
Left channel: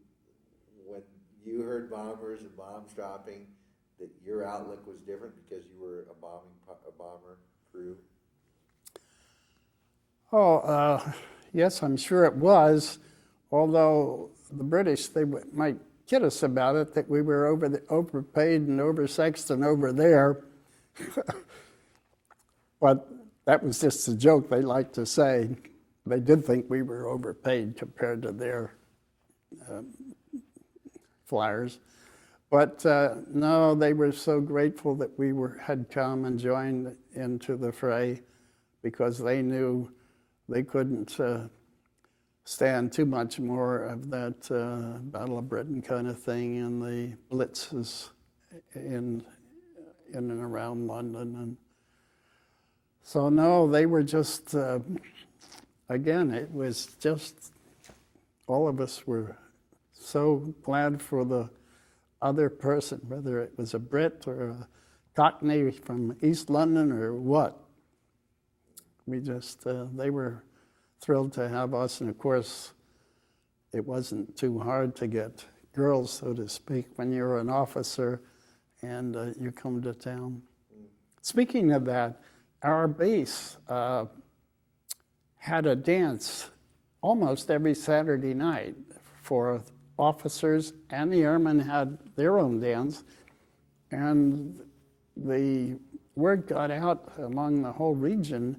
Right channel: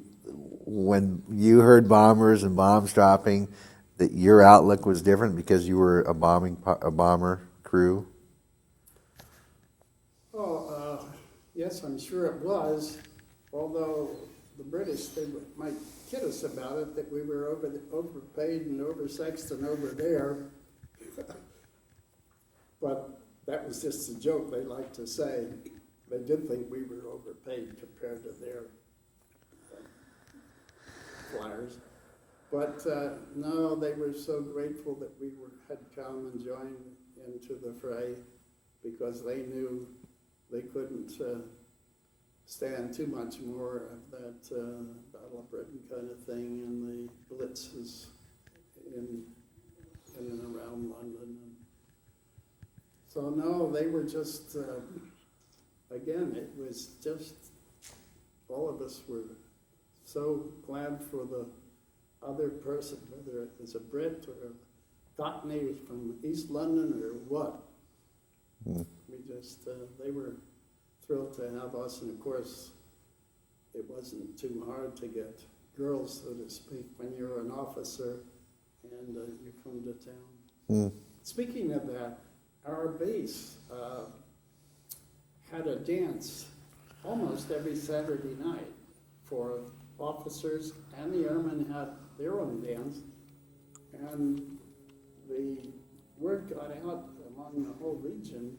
when you heard bombers and bombs dropping, that your outlook was different because you were a bomber crew? Oh, yes, I'm sure it was. Although the British, they might kid us about it, that we were overpaid and oversexed and over there. But that was just a joke they liked to say. They did think we were overpaid compared to their flyers. But no, they were so grateful that we had come and joined into the fray, because they knew they couldn't stand too much more of that Battle of Britain kind of thing and the blitzes in and around London. And so no, they were just, again, it was just, all of us were so glad for the other person, whether it was a Brit or a Cockney from East London or what. We just, they were thrilled to have us, and of course, it wasn't too hard to get girls, so to speak, when you're an officer and you come to town. Speaking of that, our base had a dance almost every Saturday night for officers, and the airmen had their own dance, and the word got out among the whole region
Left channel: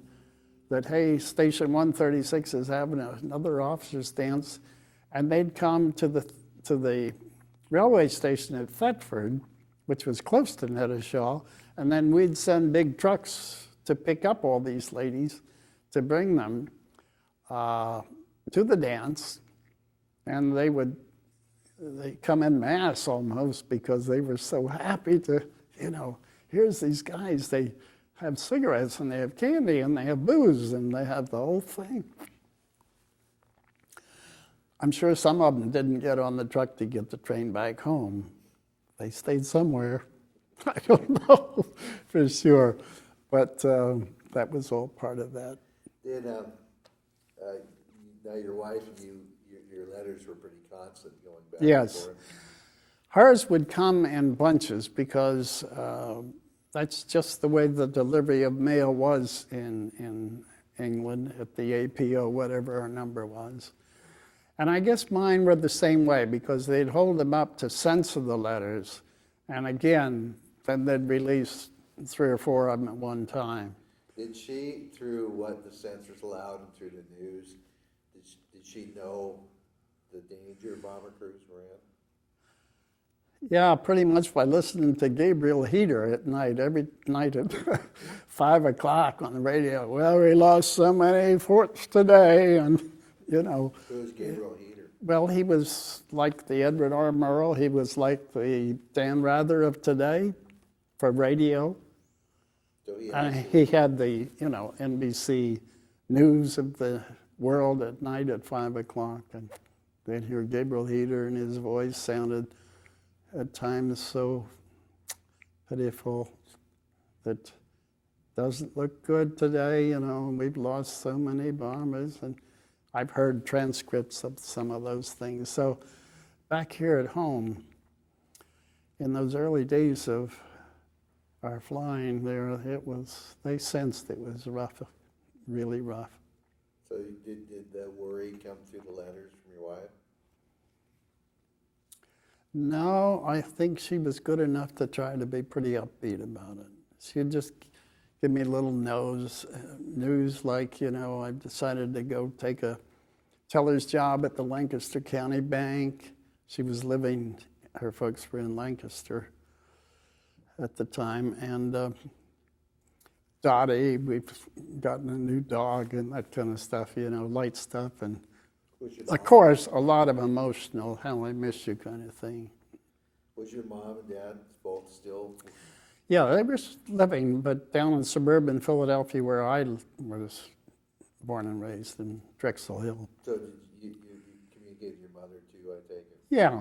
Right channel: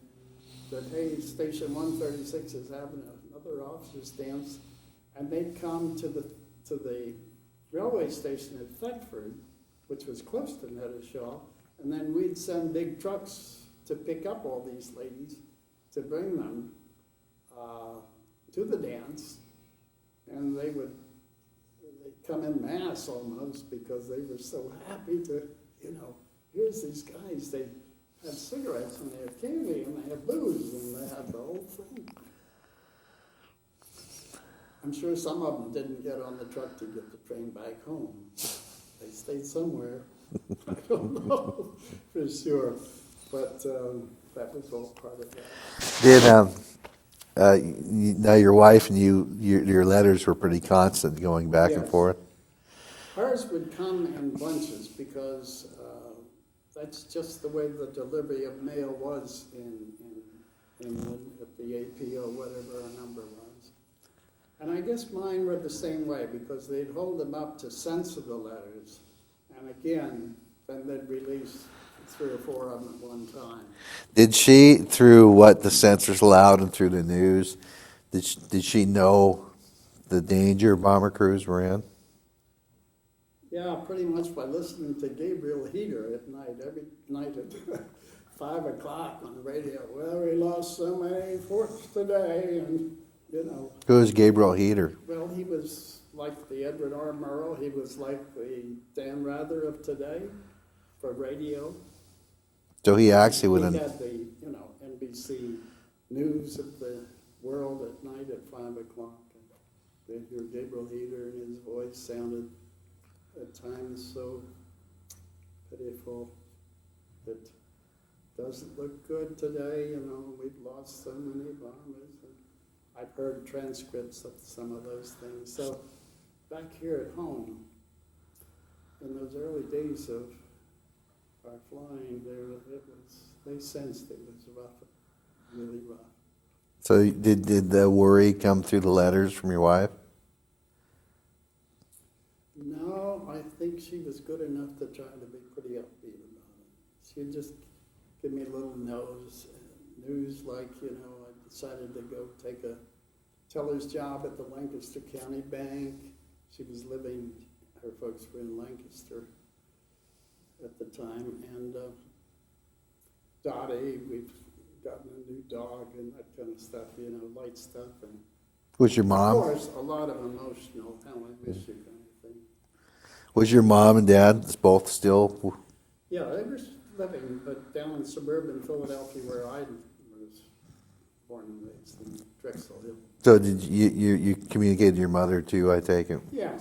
that, hey, Station 136 is having another officers' dance, and they'd come to the railway station at Thetford, which was close to Netteshaw, and then we'd send big trucks to pick up all these ladies to bring them to the dance, and they come in mass almost, because they were so happy to, here's these guys, they have cigarettes and they have candy and they have booze and they have the whole thing. I'm sure some of them didn't get on the truck to get the train back home. They stayed somewhere. I don't know for sure, but that was all part of that. Did now your wife and your letters were pretty constant, going back and forth? Hers would come in bunches, because that's just the way the delivery of mail was in England at the APO, whatever our number was. And I guess mine were the same way, because they'd hold them up to censor the letters, and again, then they'd release 3 or 4 of them at one time. Did she, through what the censors allowed and through the news, did she know the danger bomber crews were in? Yeah, pretty much by listening to Gabriel Heater at night, every night at 5 o'clock on the radio. Well, we lost so many forts today, and Who is Gabriel Heater? Well, he was like the Edward R. Murrow. He was like the Dan Rather of today for radio. So he actually He had the, NBC News of the world at night at 5 o'clock, and they'd hear Gabriel Heater, and his voice sounded at times so pitiful that doesn't look good today, we've lost so many bombers, and I've heard transcripts of some of those things. So back here at home, in those early days of our flying there, they sensed it was rough, really rough. So did the worry come through the letters from your wife? No, I think she was good enough to try to be pretty upbeat about it. She'd just give me a little news like, I decided to go take a teller's job at the Lancaster County Bank. She was her folks were in Lancaster at the time, and Dottie, we've gotten a new dog and that kind of stuff, light stuff, and Was your mom? of course, a lot of emotional, how I miss you kind of thing. Was your mom and dad both still? Yeah, they were living, but down in suburban Philadelphia where I was born and raised in Drexel Hill. So did you communicated to your mother too, I take it? Yeah.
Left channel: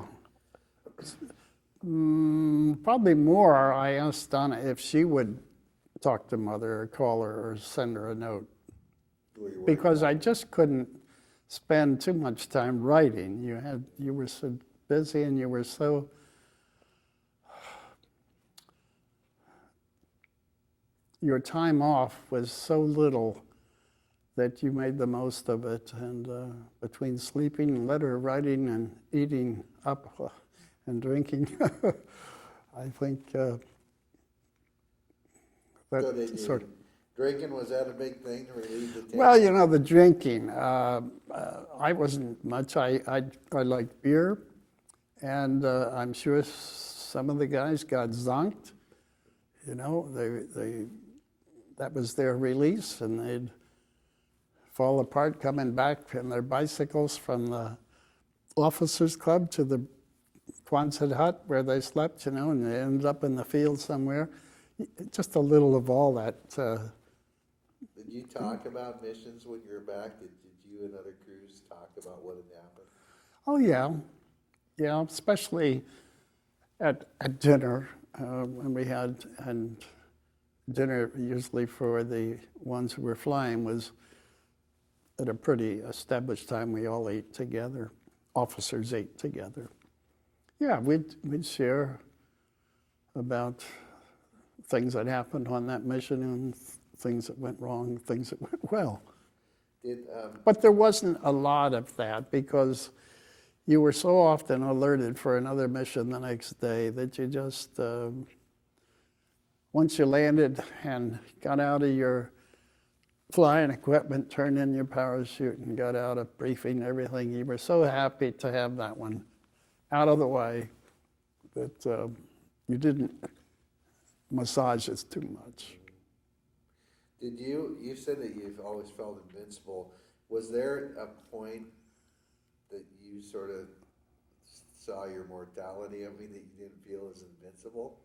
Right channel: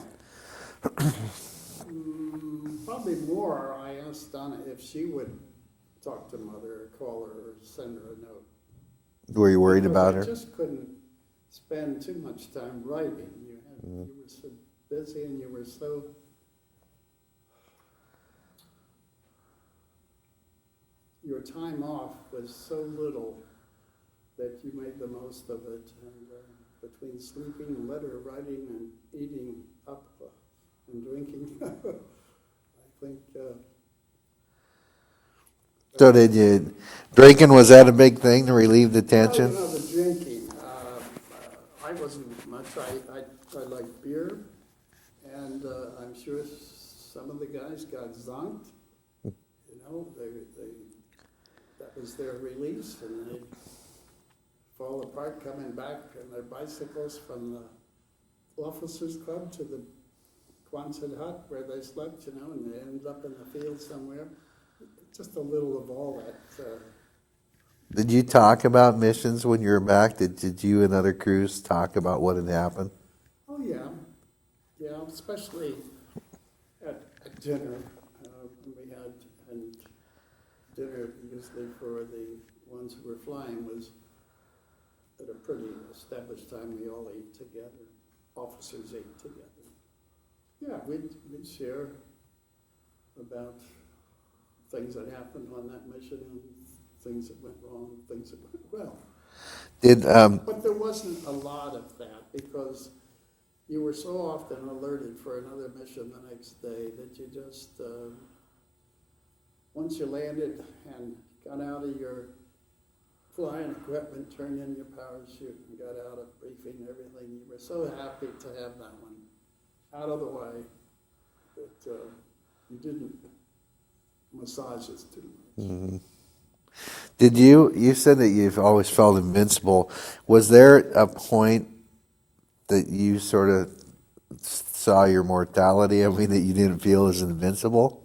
Probably more, I asked Donna if she would talk to Mother or call her or send her a note. Were you worried about her? Because I just couldn't spend too much time writing. You were so busy and you were so your time off was so little that you made the most of it. And between sleeping, letter writing, and eating up and drinking, I think. So did you, drinking, was that a big thing to relieve the tension? Well, the drinking. I wasn't much. I like beer, and I'm sure some of the guys got zonked. That was their release, and they'd fall apart coming back in their bicycles from the officers' club to the Quonset hut where they slept, and they ended up in the field somewhere. Just a little of all that. Did you talk about missions when you were back? Did you and other crews talk about what had happened? Oh, yeah. Yeah, especially at dinner when we had, and dinner usually for the ones who were flying was at a pretty established time. We all ate together. Officers ate together. Yeah, we'd share about things that happened on that mission and things that went wrong, things that went well. But there wasn't a lot of that because you were so often alerted for another mission the next day that you just, once you landed and got out of your flying equipment, turned in your parachute and got out of briefing and everything, you were so happy to have that one out of the way that you didn't massage it too much. Mm-hmm. Did you said that you've always felt invincible. Was there a point that you sort of saw your mortality? I mean, that you didn't feel as invincible?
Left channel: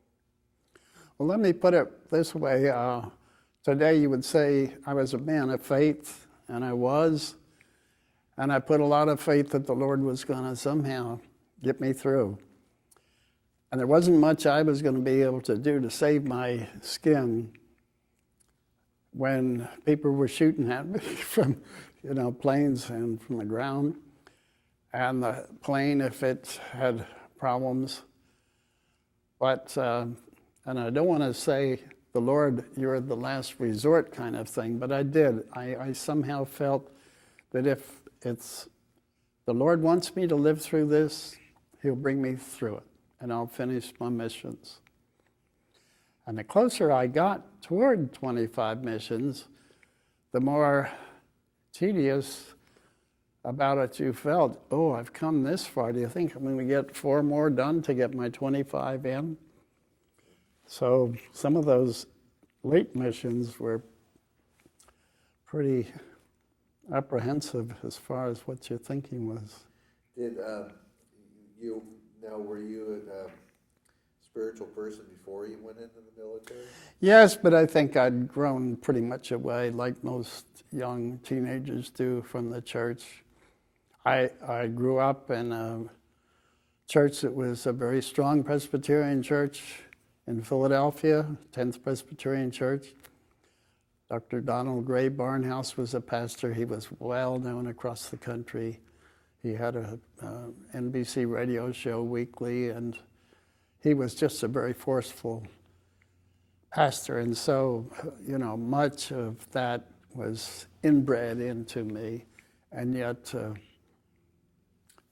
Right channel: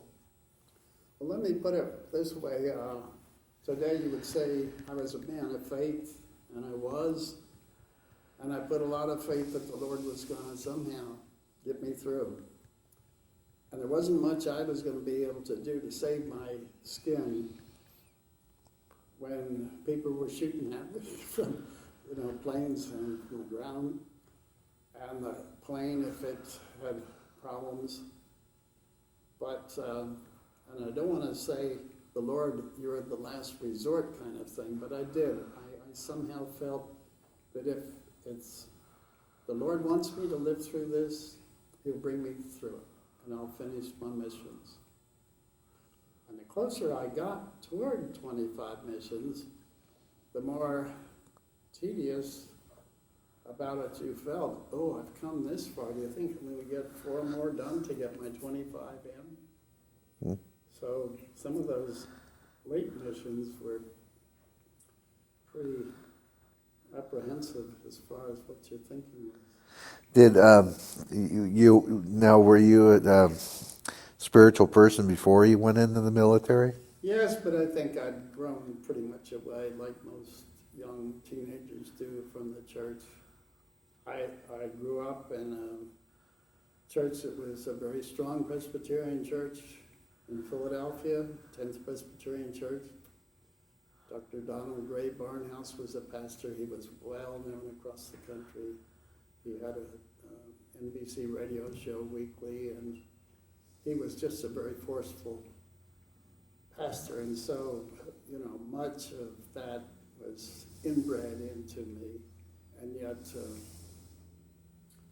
Well, let me put it this way. Today you would say I was a man of faith, and I was. And I put a lot of faith that the Lord was going to somehow get me through. And there wasn't much I was going to be able to do to save my skin when people were shooting at me from, planes and from the ground. And the plane, if it had problems. But, and I don't want to say, the Lord, you're the last resort kind of thing, but I did. I somehow felt that if the Lord wants me to live through this, He'll bring me through it, and I'll finish my missions. And the closer I got toward 25 missions, the more tedious about it you felt. Oh, I've come this far. Do you think I'm going to get 4 more done to get my 25 in? Mm. So some of those late missions were pretty apprehensive as far as what your thinking was. Did were you a spiritual person before you went into the military? Yes, but I think I'd grown pretty much away, like most young teenagers do, from the church. I grew up in a church that was a very strong Presbyterian church in Philadelphia, 10th Presbyterian Church. Dr. Donald Gray Barnhouse was a pastor. He was well known across the country. He had a NBC radio show weekly, and he was just a very forceful pastor. And so, much of that was inbred into me. And yet,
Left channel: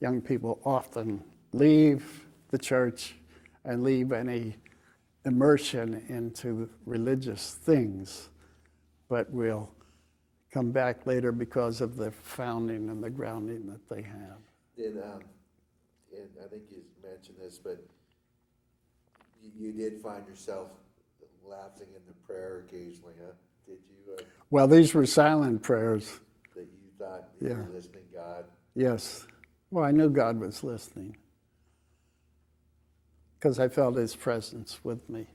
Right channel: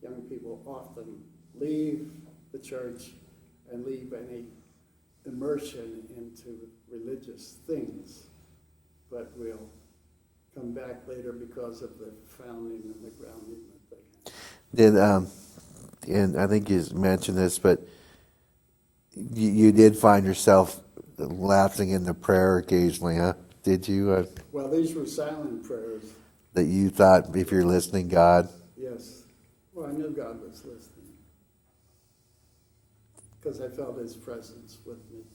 young people often leave the church and leave any immersion into religious things, but will come back later because of the founding and the grounding that they had. Did and I think you mentioned this, but you did find yourself lapsing into prayer occasionally, huh? Did you? Well, these were silent prayers. That you thought, if you're listening, God? Yes. Well, I knew God was listening because I felt his presence with me.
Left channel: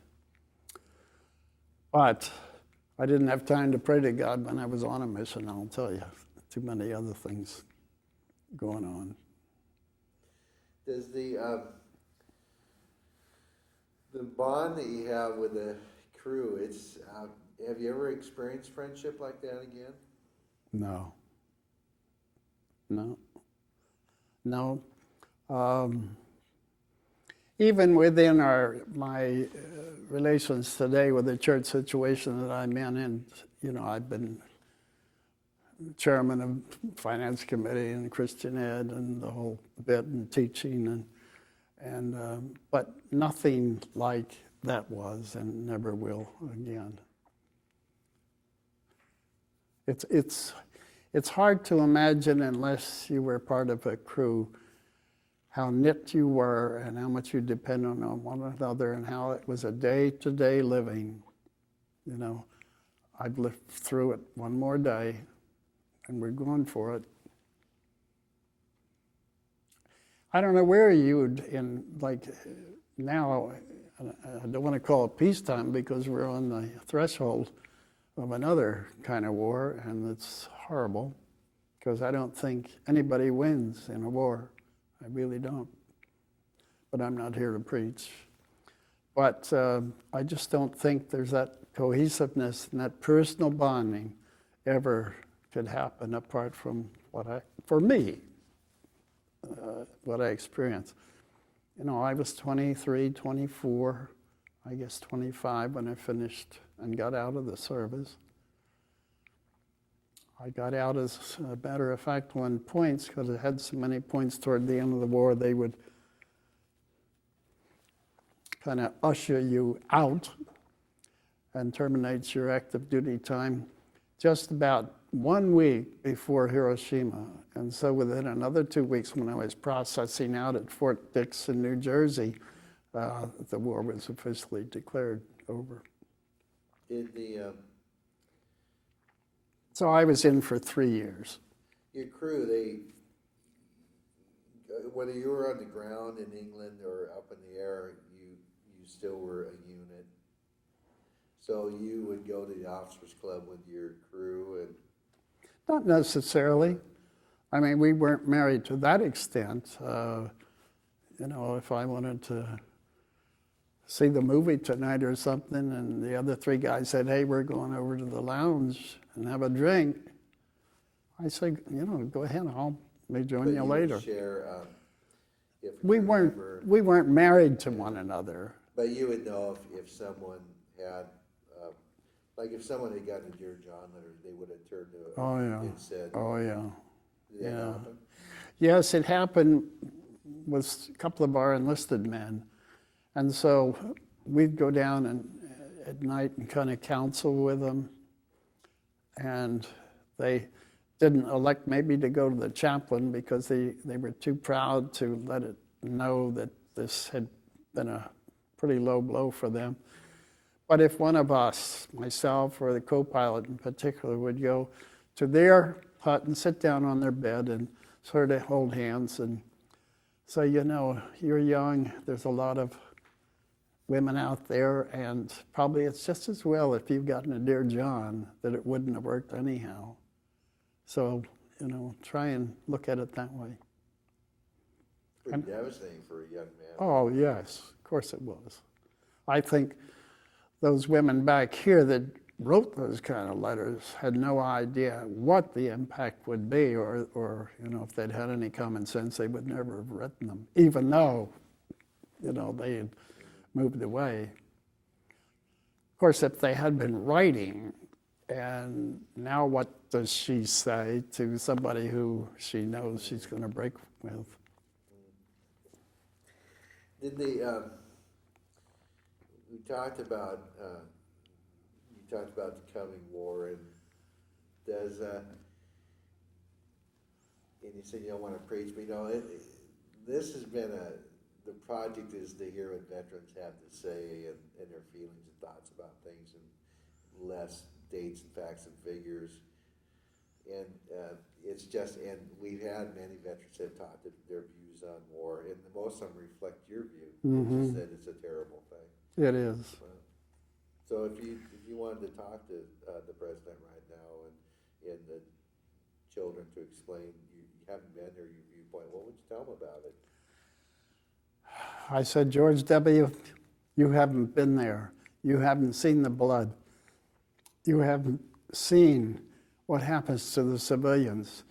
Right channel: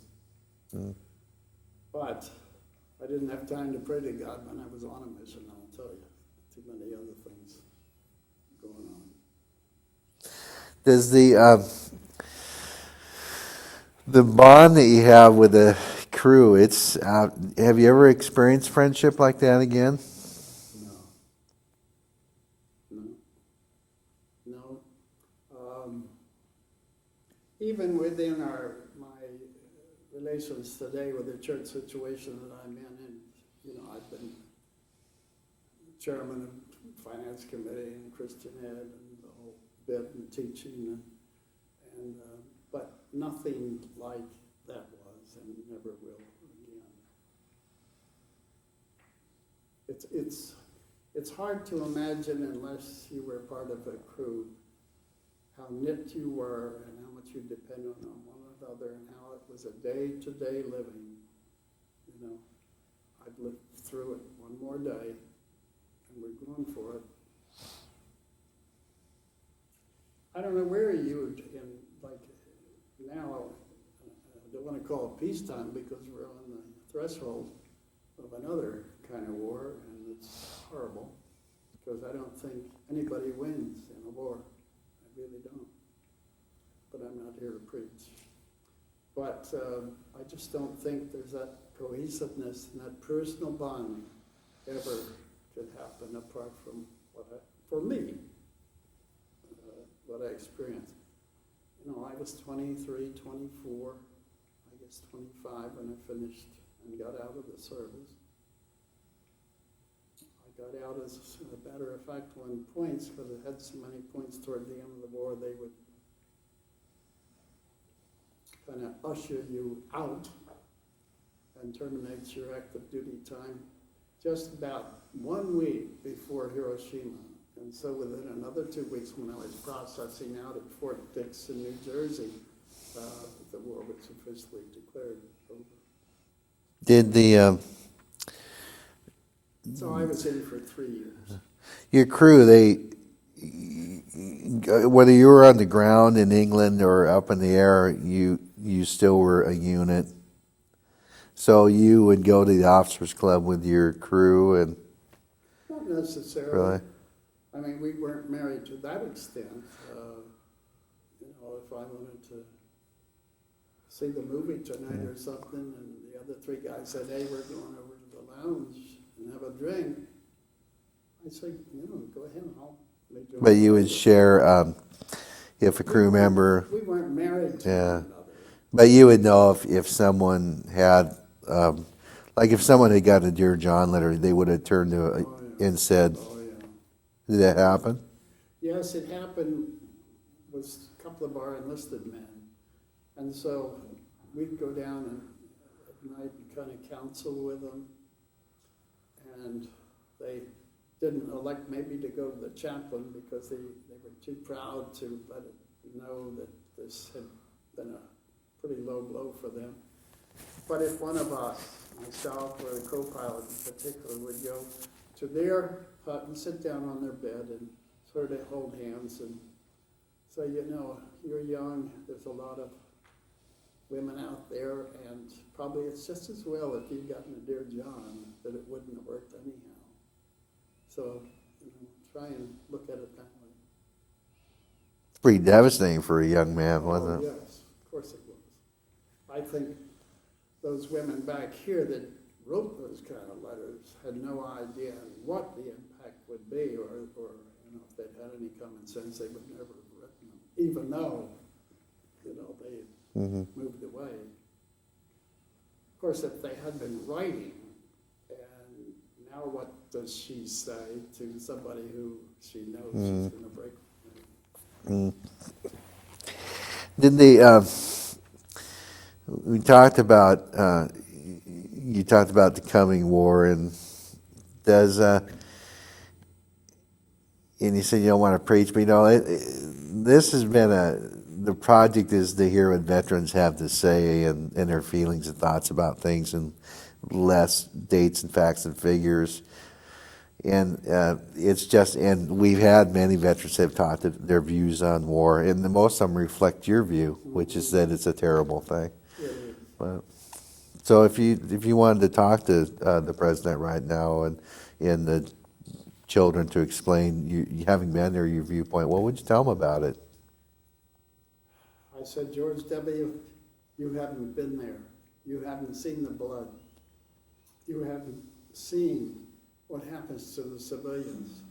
But I didn't have time to pray to God when I was on a mission, I'll tell you. Too many other things going on. Does the bond that you have with the crew, it's have you ever experienced friendship like that again? No. Even within my relations today with the church situation that I'm in, and I've been chairman of finance committee and Christian ed and the whole bit and teaching and but nothing like that was and never will again. It's hard to imagine unless you were part of a crew how knit you were and how much you depended on one another and how it was a day-to-day living. I've lived through it one more day and we're going for it. I don't know where you would, now, I don't want to call it peacetime because we're on the threshold of another kind of war, and it's horrible because I don't think anybody wins in a war. I really don't. But I'm not here to preach. But I just don't think there's that cohesiveness and that personal bonding ever could happen apart from what I experienced. I was 23, 24, I guess 25 when I finished and got out of the service. I got out, as a matter of fact, on points, because it had so many points toward the end of the war, they would kind of usher you out and terminate your active duty time just about 1 week before Hiroshima. And so within another 2 weeks, when I was processing out at Fort Dix in New Jersey, the war was officially declared over. Did the So I was in for 3 years. your crew, whether you were on the ground in England or up in the air, you still were a unit? So you would go to the officers' club with your crew and... Not necessarily. Really? I mean, we weren't married to that extent. If I wanted to see the movie tonight or something, and the other 3 guys said, "Hey, we're going over to the lounge and have a drink," I said, "Go ahead, I'll be joining But you you later." would share if a crew member... We weren't married to one another. But you would know if someone had... like if someone had gotten a Dear John letter, they would have turned to and said... Oh, yeah. Did that happen? Yes, it happened with a couple of our enlisted men. And so we'd go down at night and kind of counsel with them. And they didn't elect maybe to go to the chaplain because they were too proud to let it know that this had been a pretty low blow for them. But if one of us, myself or the co-pilot in particular, would go to their hut and sit down on their bed and sort of hold hands and say, you're young, there's a lot of women out there, and probably it's just as well if you've gotten a Dear John that it wouldn't have worked anyhow. So, try and look at it that way. Pretty devastating for a young man, Oh, wasn't it? yes, of course it was. I think those women back here that wrote those kind of letters had no idea what the impact would be, or if they'd had any common sense, they would never have written them, even though, they had moved away. Of course, if they had been writing, and now what does she say to somebody who she knows she's going to break with? Did the We talked about, you talked about the coming war, and does, and you said you don't want to preach, but this has been the project is to hear what veterans have to say and their feelings and thoughts about things, and less dates and facts and figures. And it's just, and we've had many veterans have talked their views on war, and most of them reflect your view, which is that it's a terrible thing. It is. But, so if you wanted to talk to the president right now and the children to explain, you having been there, your viewpoint, what would you tell them about it? I said, George W., you haven't been there. You haven't seen the blood. You haven't seen what happens to the civilians,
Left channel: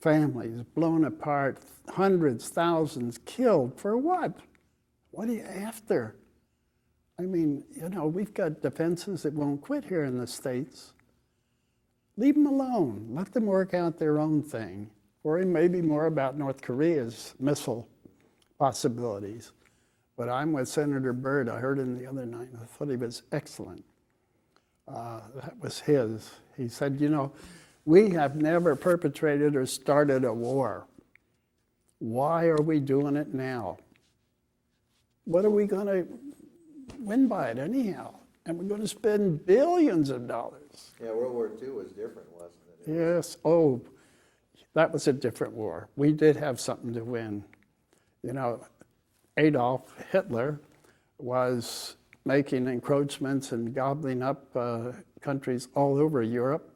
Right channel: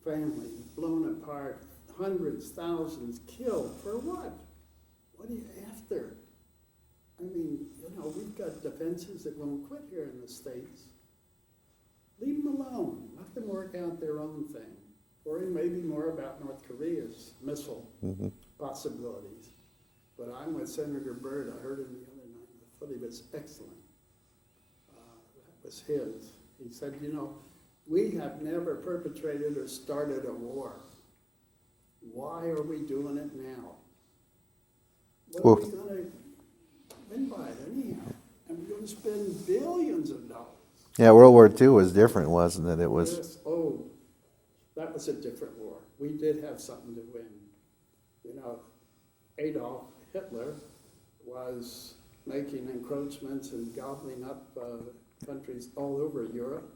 families blown apart, hundreds, thousands killed. For what? What are you after? I mean, we've got defenses that won't quit here in the States. Leave them alone. Let them work out their own thing. Worry maybe more about North Korea's missile possibilities. But I'm with Senator Byrd. I heard him the other night, and I thought he was excellent. That was his. He said, we have never perpetrated or started a war. Why are we doing it now? What are we going to win by it anyhow? And we're going to spend billions of dollars. Yeah, World War II was different, wasn't it? It was. Yes. Oh, that was a different war. We did have something to win. Adolf Hitler was making encroachments and gobbling up countries all over Europe.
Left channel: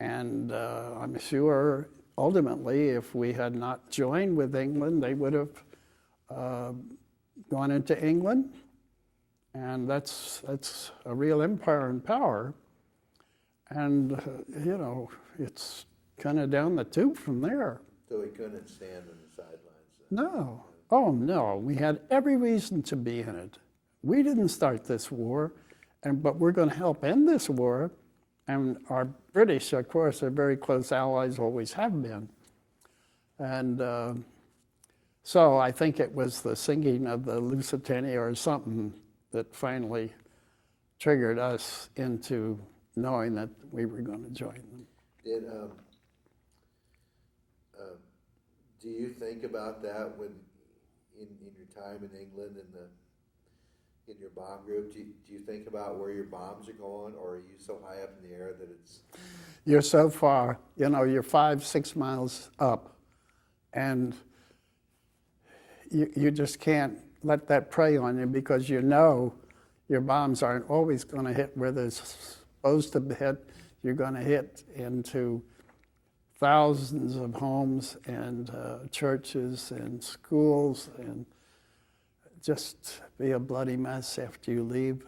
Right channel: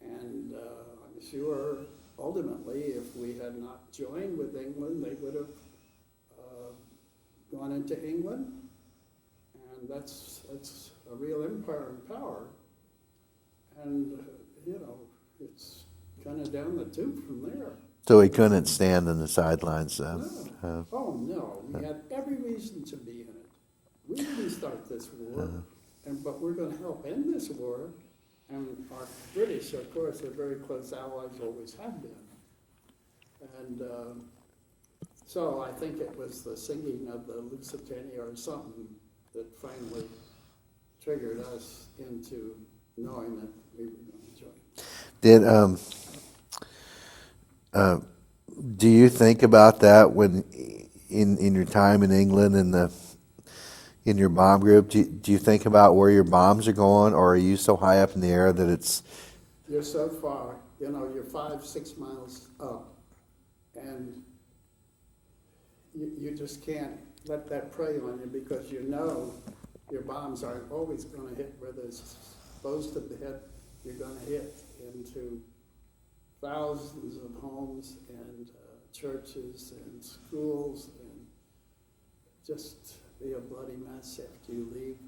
And I'm sure ultimately, if we had not joined with England, they would have gone into England. And that's a real empire and power. And, it's kind of down the tube from there. So he couldn't stand on the sidelines then? No. Oh, no. We had every reason to be in it. We didn't start this war, but we're going to help end this war. And our British, of course, are very close allies, always have been. And so I think it was the singing of the Lusitania or something that finally triggered us into knowing that we were going to join them. Do you think about that when in your time in England and in your bomb group? Do you think about where your bombs are going, or are you so high up in the air that it's... You're so far, you're 5-6 miles up, and you just can't let that prey on you, because your bombs aren't always going to hit where they're supposed to hit. You're going to hit into thousands of homes and churches and schools, and just be a bloody mess after you leave.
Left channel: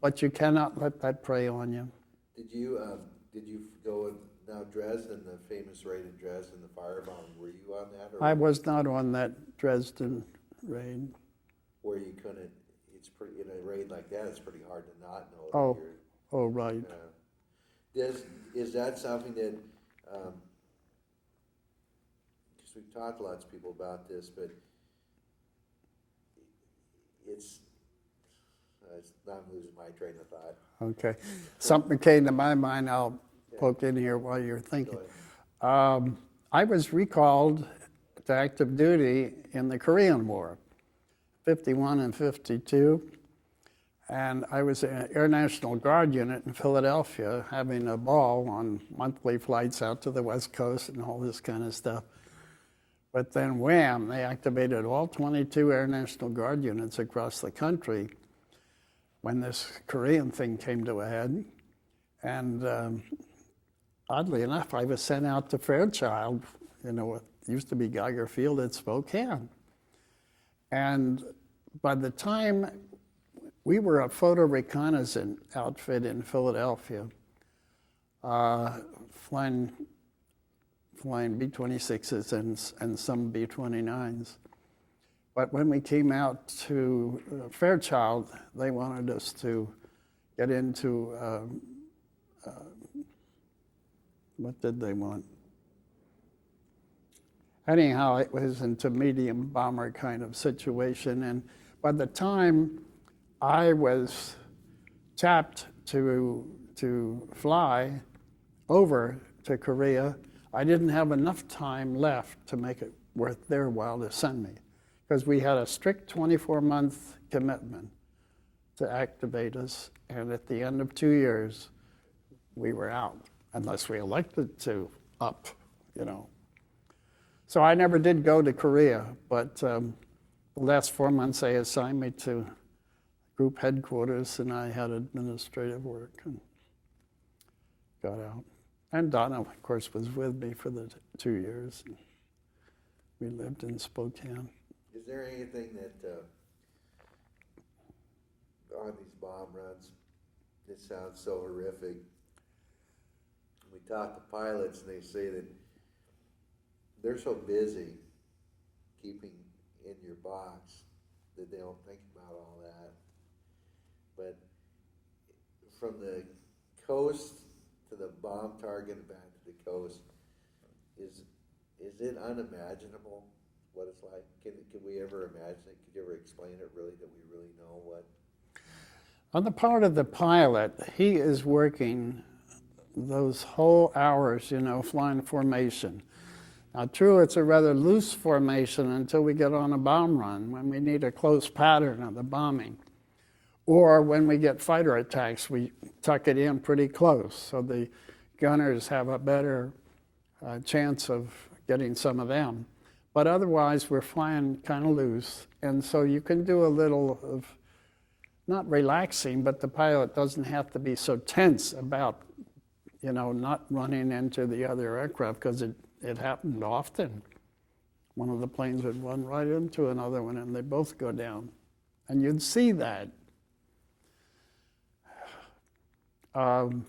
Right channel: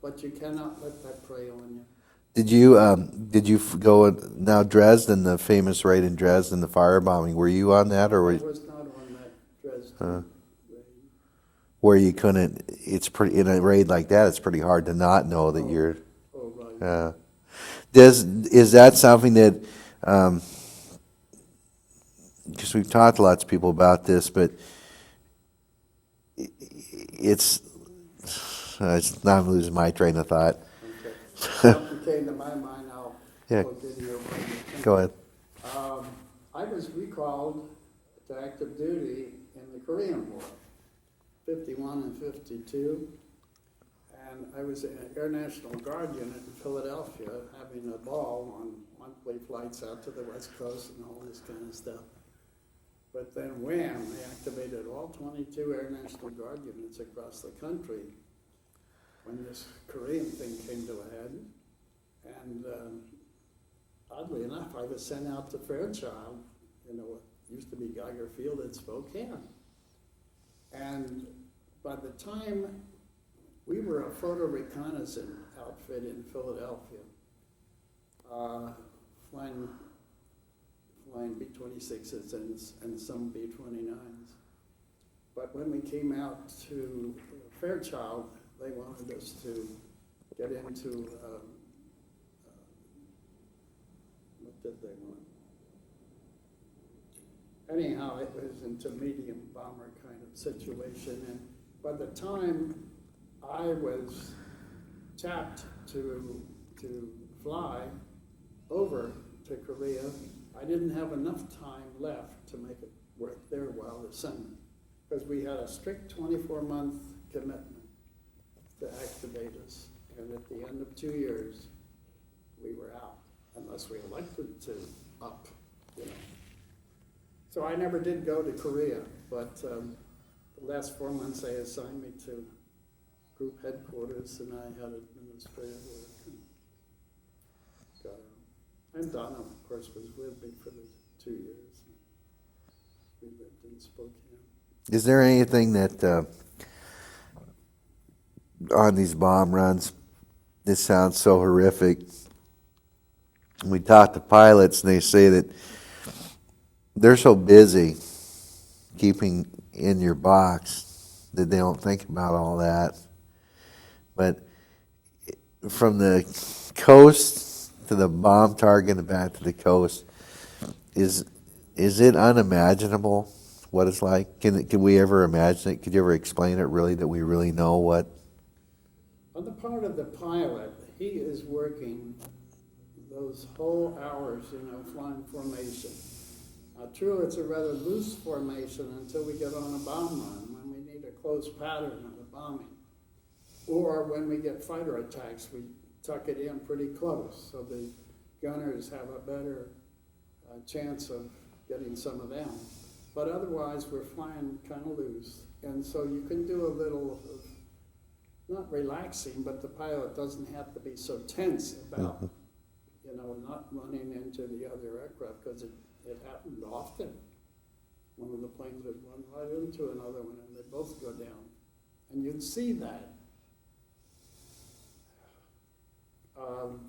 But you cannot let that prey on you. Did you go now Dresden, the famous raid in Dresden, the firebombing? Were you on that, or I was not on that Dresden raid. Where you couldn't? It's pretty in a raid like that. It's pretty hard to not know that you're. Oh, right. Is that something that? Because we've talked to lots of people about this, but it's now I'm losing my train of thought. Okay. Something came to my mind. I'll poke in here while you're thinking. Go ahead. I was recalled to active duty in the Korean War, 51 and 52. And I was in an Air National Guard unit in Philadelphia having a ball on monthly flights out to the West Coast and all this kind of stuff. But then wham, they activated all 22 Air National Guard units across the country when this Korean thing came to a head. And oddly enough, I was sent out to Fairchild, what used to be Geiger Field at Spokane. And by the time we were a photo reconnaissance outfit in Philadelphia, flying B-26s and some B-29s. But when we came out to Fairchild, they wanted us to get into, what did they want? Anyhow, it was into medium bomber kind of situation, and by the time I was tapped to fly over to Korea, I didn't have enough time left to make it worth their while to send me, because we had a strict 24-month commitment to activate us, and at the end of 2 years, we were out, unless we elected to up, you know. So I never did go to Korea, but the last 4 months they assigned me to group headquarters, and I had administrative work and got out. And Donna, of course, was with me for the 2 years. We lived in Spokane. Is there anything that on these bomb runs, this sounds so horrific? We talk to pilots and they say that they're so busy keeping in your box that they don't think about all that. But from the coast to the bomb target and back to the coast, is it unimaginable what it's like? Can we ever imagine it? Could you ever explain it really, that we really know what? On the part of the pilot, he is working those whole hours, you know, flying formation. Now, true, it's a rather loose formation until we get on a bomb run, when we need a close pattern of the bombing. Or when we get fighter attacks, we tuck it in pretty close, so the gunners have a better chance of getting some of them. But otherwise, we're flying kind of loose, and so you can do a little of, not relaxing, but the pilot doesn't have to be so tense about, you know, not running into the other aircraft, because it happened often. One of the planes would run right into another one, and they both go down. And you'd see that. And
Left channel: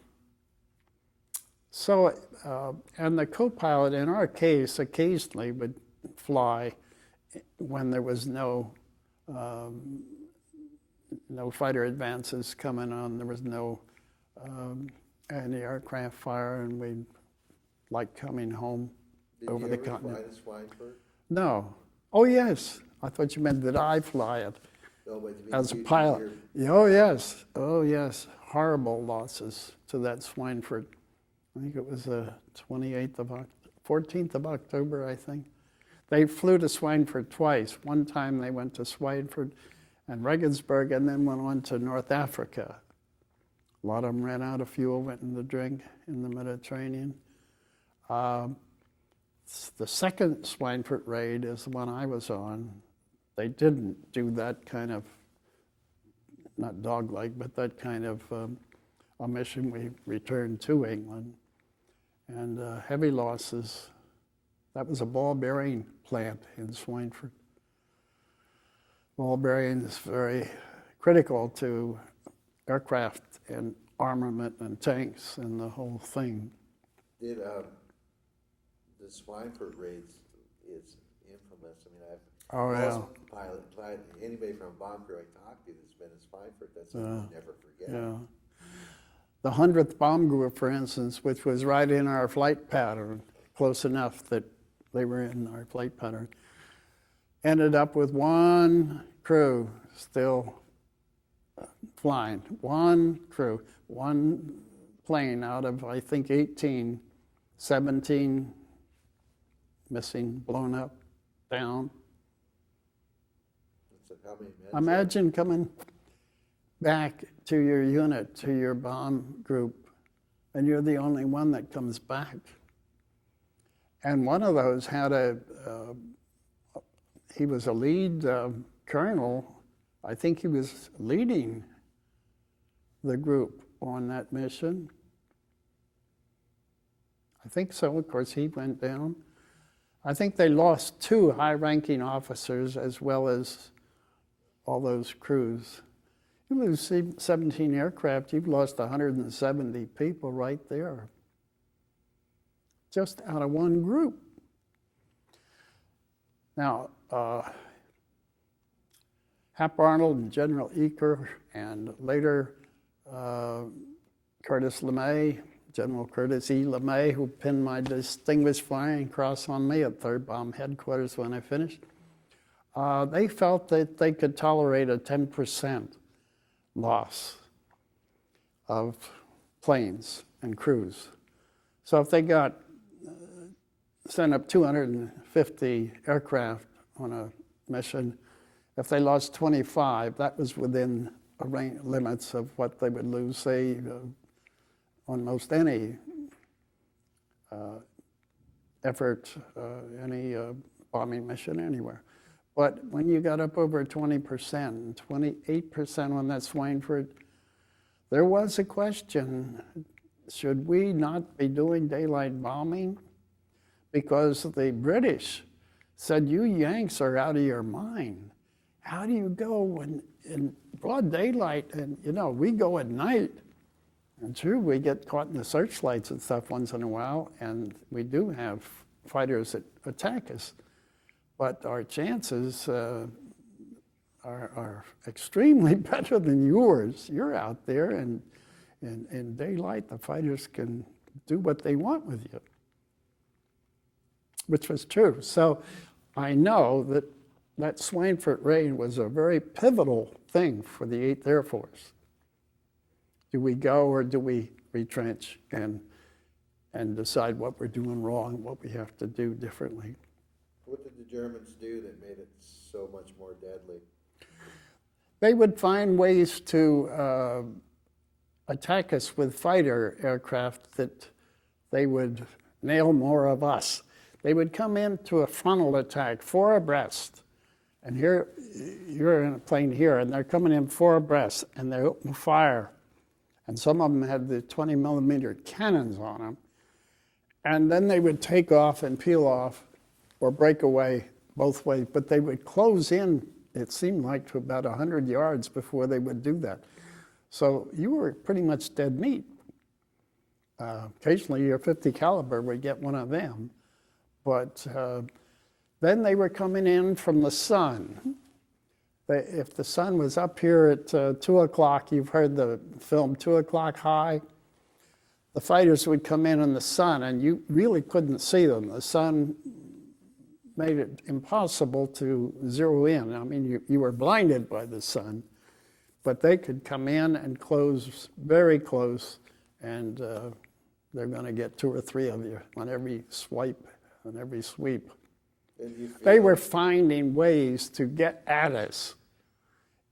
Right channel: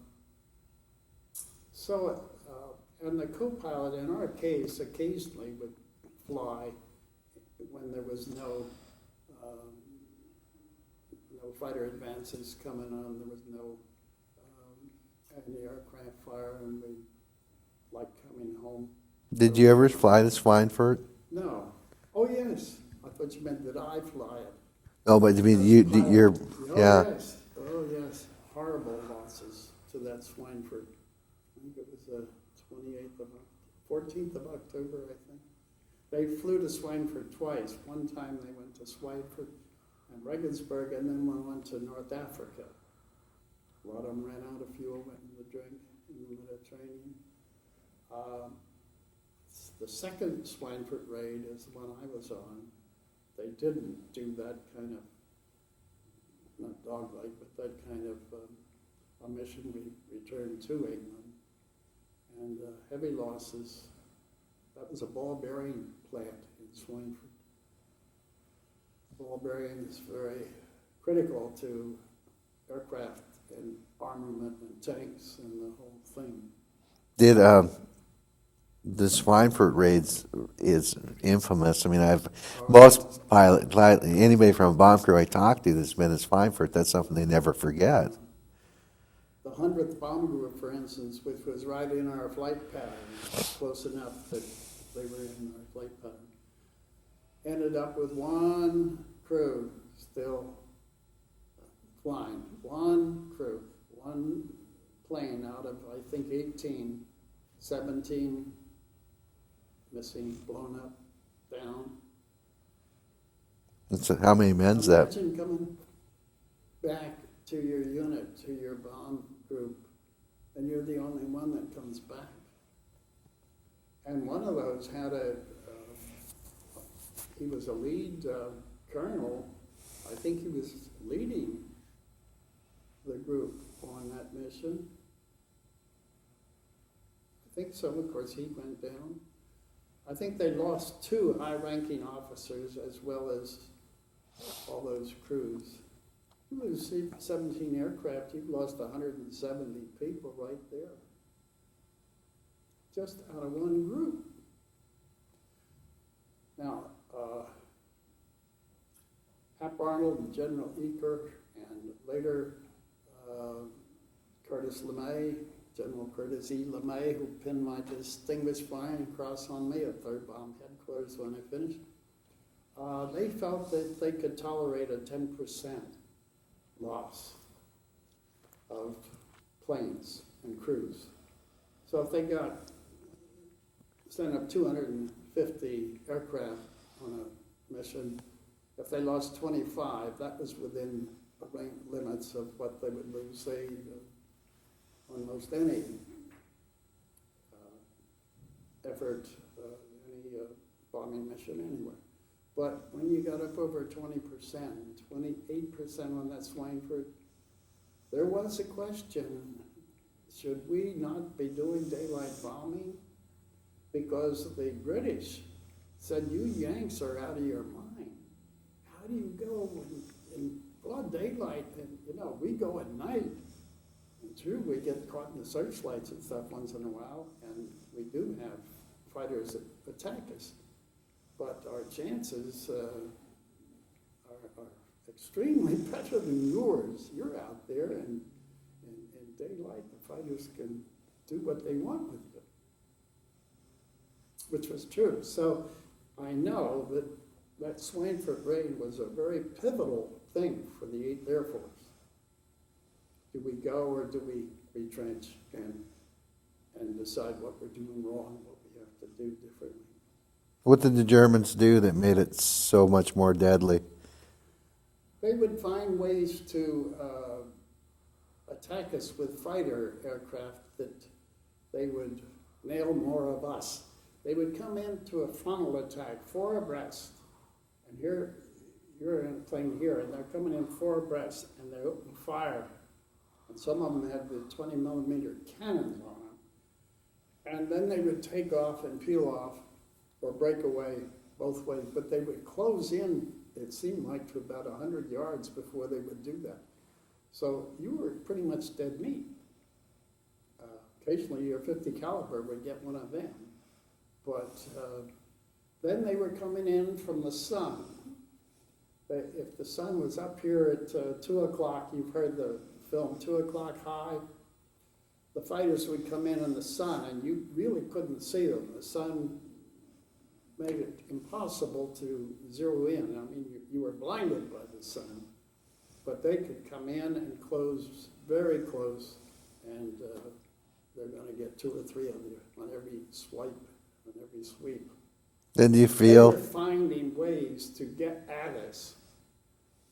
the co-pilot, in our case, occasionally would fly when there was no fighter advances coming on. There was no anti-aircraft fire, and we'd like coming home. Did you ever fly the Schweinfurt? No. Oh, yes. I thought you meant that I fly it. No, but I mean, Oh, yeah. yes. Oh, yes. Horrible losses to that Schweinfurt. I think it was the 14th of October, I think. They flew to Schweinfurt twice. One time they went to Schweinfurt and Regensburg, and then went on to North Africa. A lot of them ran out of fuel, went in the drink in the Mediterranean. The second Schweinfurt raid is the one I was on. They didn't do that kind of, not dog-like, but that kind of a mission. We returned to England, and heavy losses. That was a ball bearing plant in Schweinfurt. Ball bearing is very critical to aircraft and armament and tanks and the whole thing. Did the Schweinfurt raids is infamous. I mean, anybody from a bomb crew I talked to that's been at Schweinfurt, that's something they never forget. The 100th Bomb Group, for instance, which was right in our flight pattern, close enough that they were in our flight pattern, ended up with one crew still flying. One crew, one plane out of, I think, 18, 17 missing, blown up, down. So how many men's that? Imagine coming back to your unit, to your bomb group, and you're the only one that comes back. And one of those had he was a lead colonel. I think he was leading the group on that mission. I think so. Of course, he went down. I think they lost 2 high-ranking officers as well as all those crews. You lose 17 aircraft, you've lost 170 people right there, just out of one group. Now, Hap Arnold and General Eaker, and later Curtis LeMay, General Curtis E. LeMay, who pinned my Distinguished Flying Cross on me at 3rd Bomb Headquarters when I finished. They felt that they could tolerate a 10% loss of planes and crews. So if they got sent up 250 aircraft on a mission, if they lost 25, that was within limits of what they would lose, say, on most any effort, any bombing mission anywhere. But when you got up over 20%, 28% on that Swineford, there was a question, should we not be doing daylight bombing? Because the British said, you Yanks are out of your mind. How do you go in broad daylight and, we go at night? And true, we get caught in the searchlights and stuff once in a while, and we do have fighters that attack us. But our chances are extremely better than yours. You're out there, and in daylight, the fighters can do what they want with you, which was true. So I know that Swineford raid was a very pivotal thing for the 8th Air Force. Do we go or do we retrench and decide what we're doing wrong, what we have to do differently? What did the Germans do that made it so much more deadly? They would find ways to attack us with fighter aircraft that they would nail more of us. They would come into a frontal attack, 4 abreast. And here, you're in a plane here, and they're coming in 4 abreast, and they open fire. And some of them had the 20 millimeter cannons on them. And then they would take off and peel off or break away both ways. But they would close in, it seemed like, to about 100 yards before they would do that. So you were pretty much dead meat. Occasionally your 50 caliber would get one of them. But then they were coming in from the sun. If the sun was up here at 2 o'clock, you've heard the film 2 O'Clock High, the fighters would come in the sun, and you really couldn't see them. The sun made it impossible to zero in. I mean, you were blinded by the sun, but they could come in and close very close, and they're going to get 2 or 3 of you on every swipe, on every sweep. Did you feel? They were finding ways to get at us,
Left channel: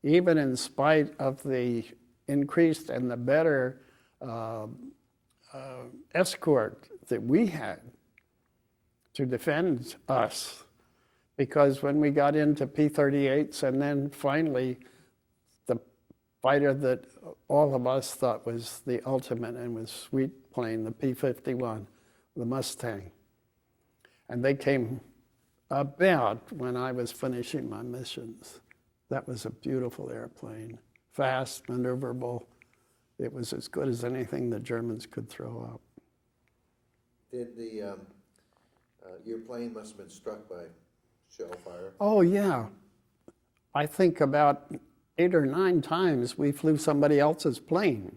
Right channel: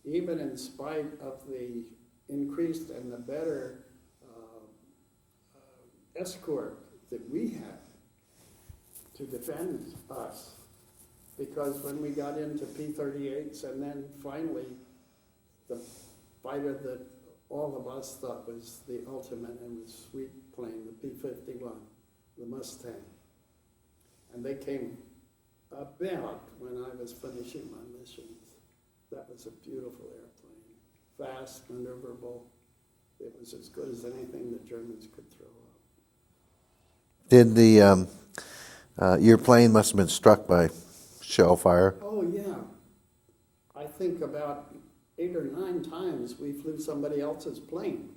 even in spite of the increased and the better escort that we had to defend us. Because when we got into P-38s, and then finally the fighter that all of us thought was the ultimate and was sweet plane, the P-51, the Mustang. And they came about when I was finishing my missions. That was a beautiful airplane, fast, maneuverable. It was as good as anything the Germans could throw up. Did your plane must have been struck by shell fire? Oh, yeah. I think about 8 or 9 times we flew somebody else's plane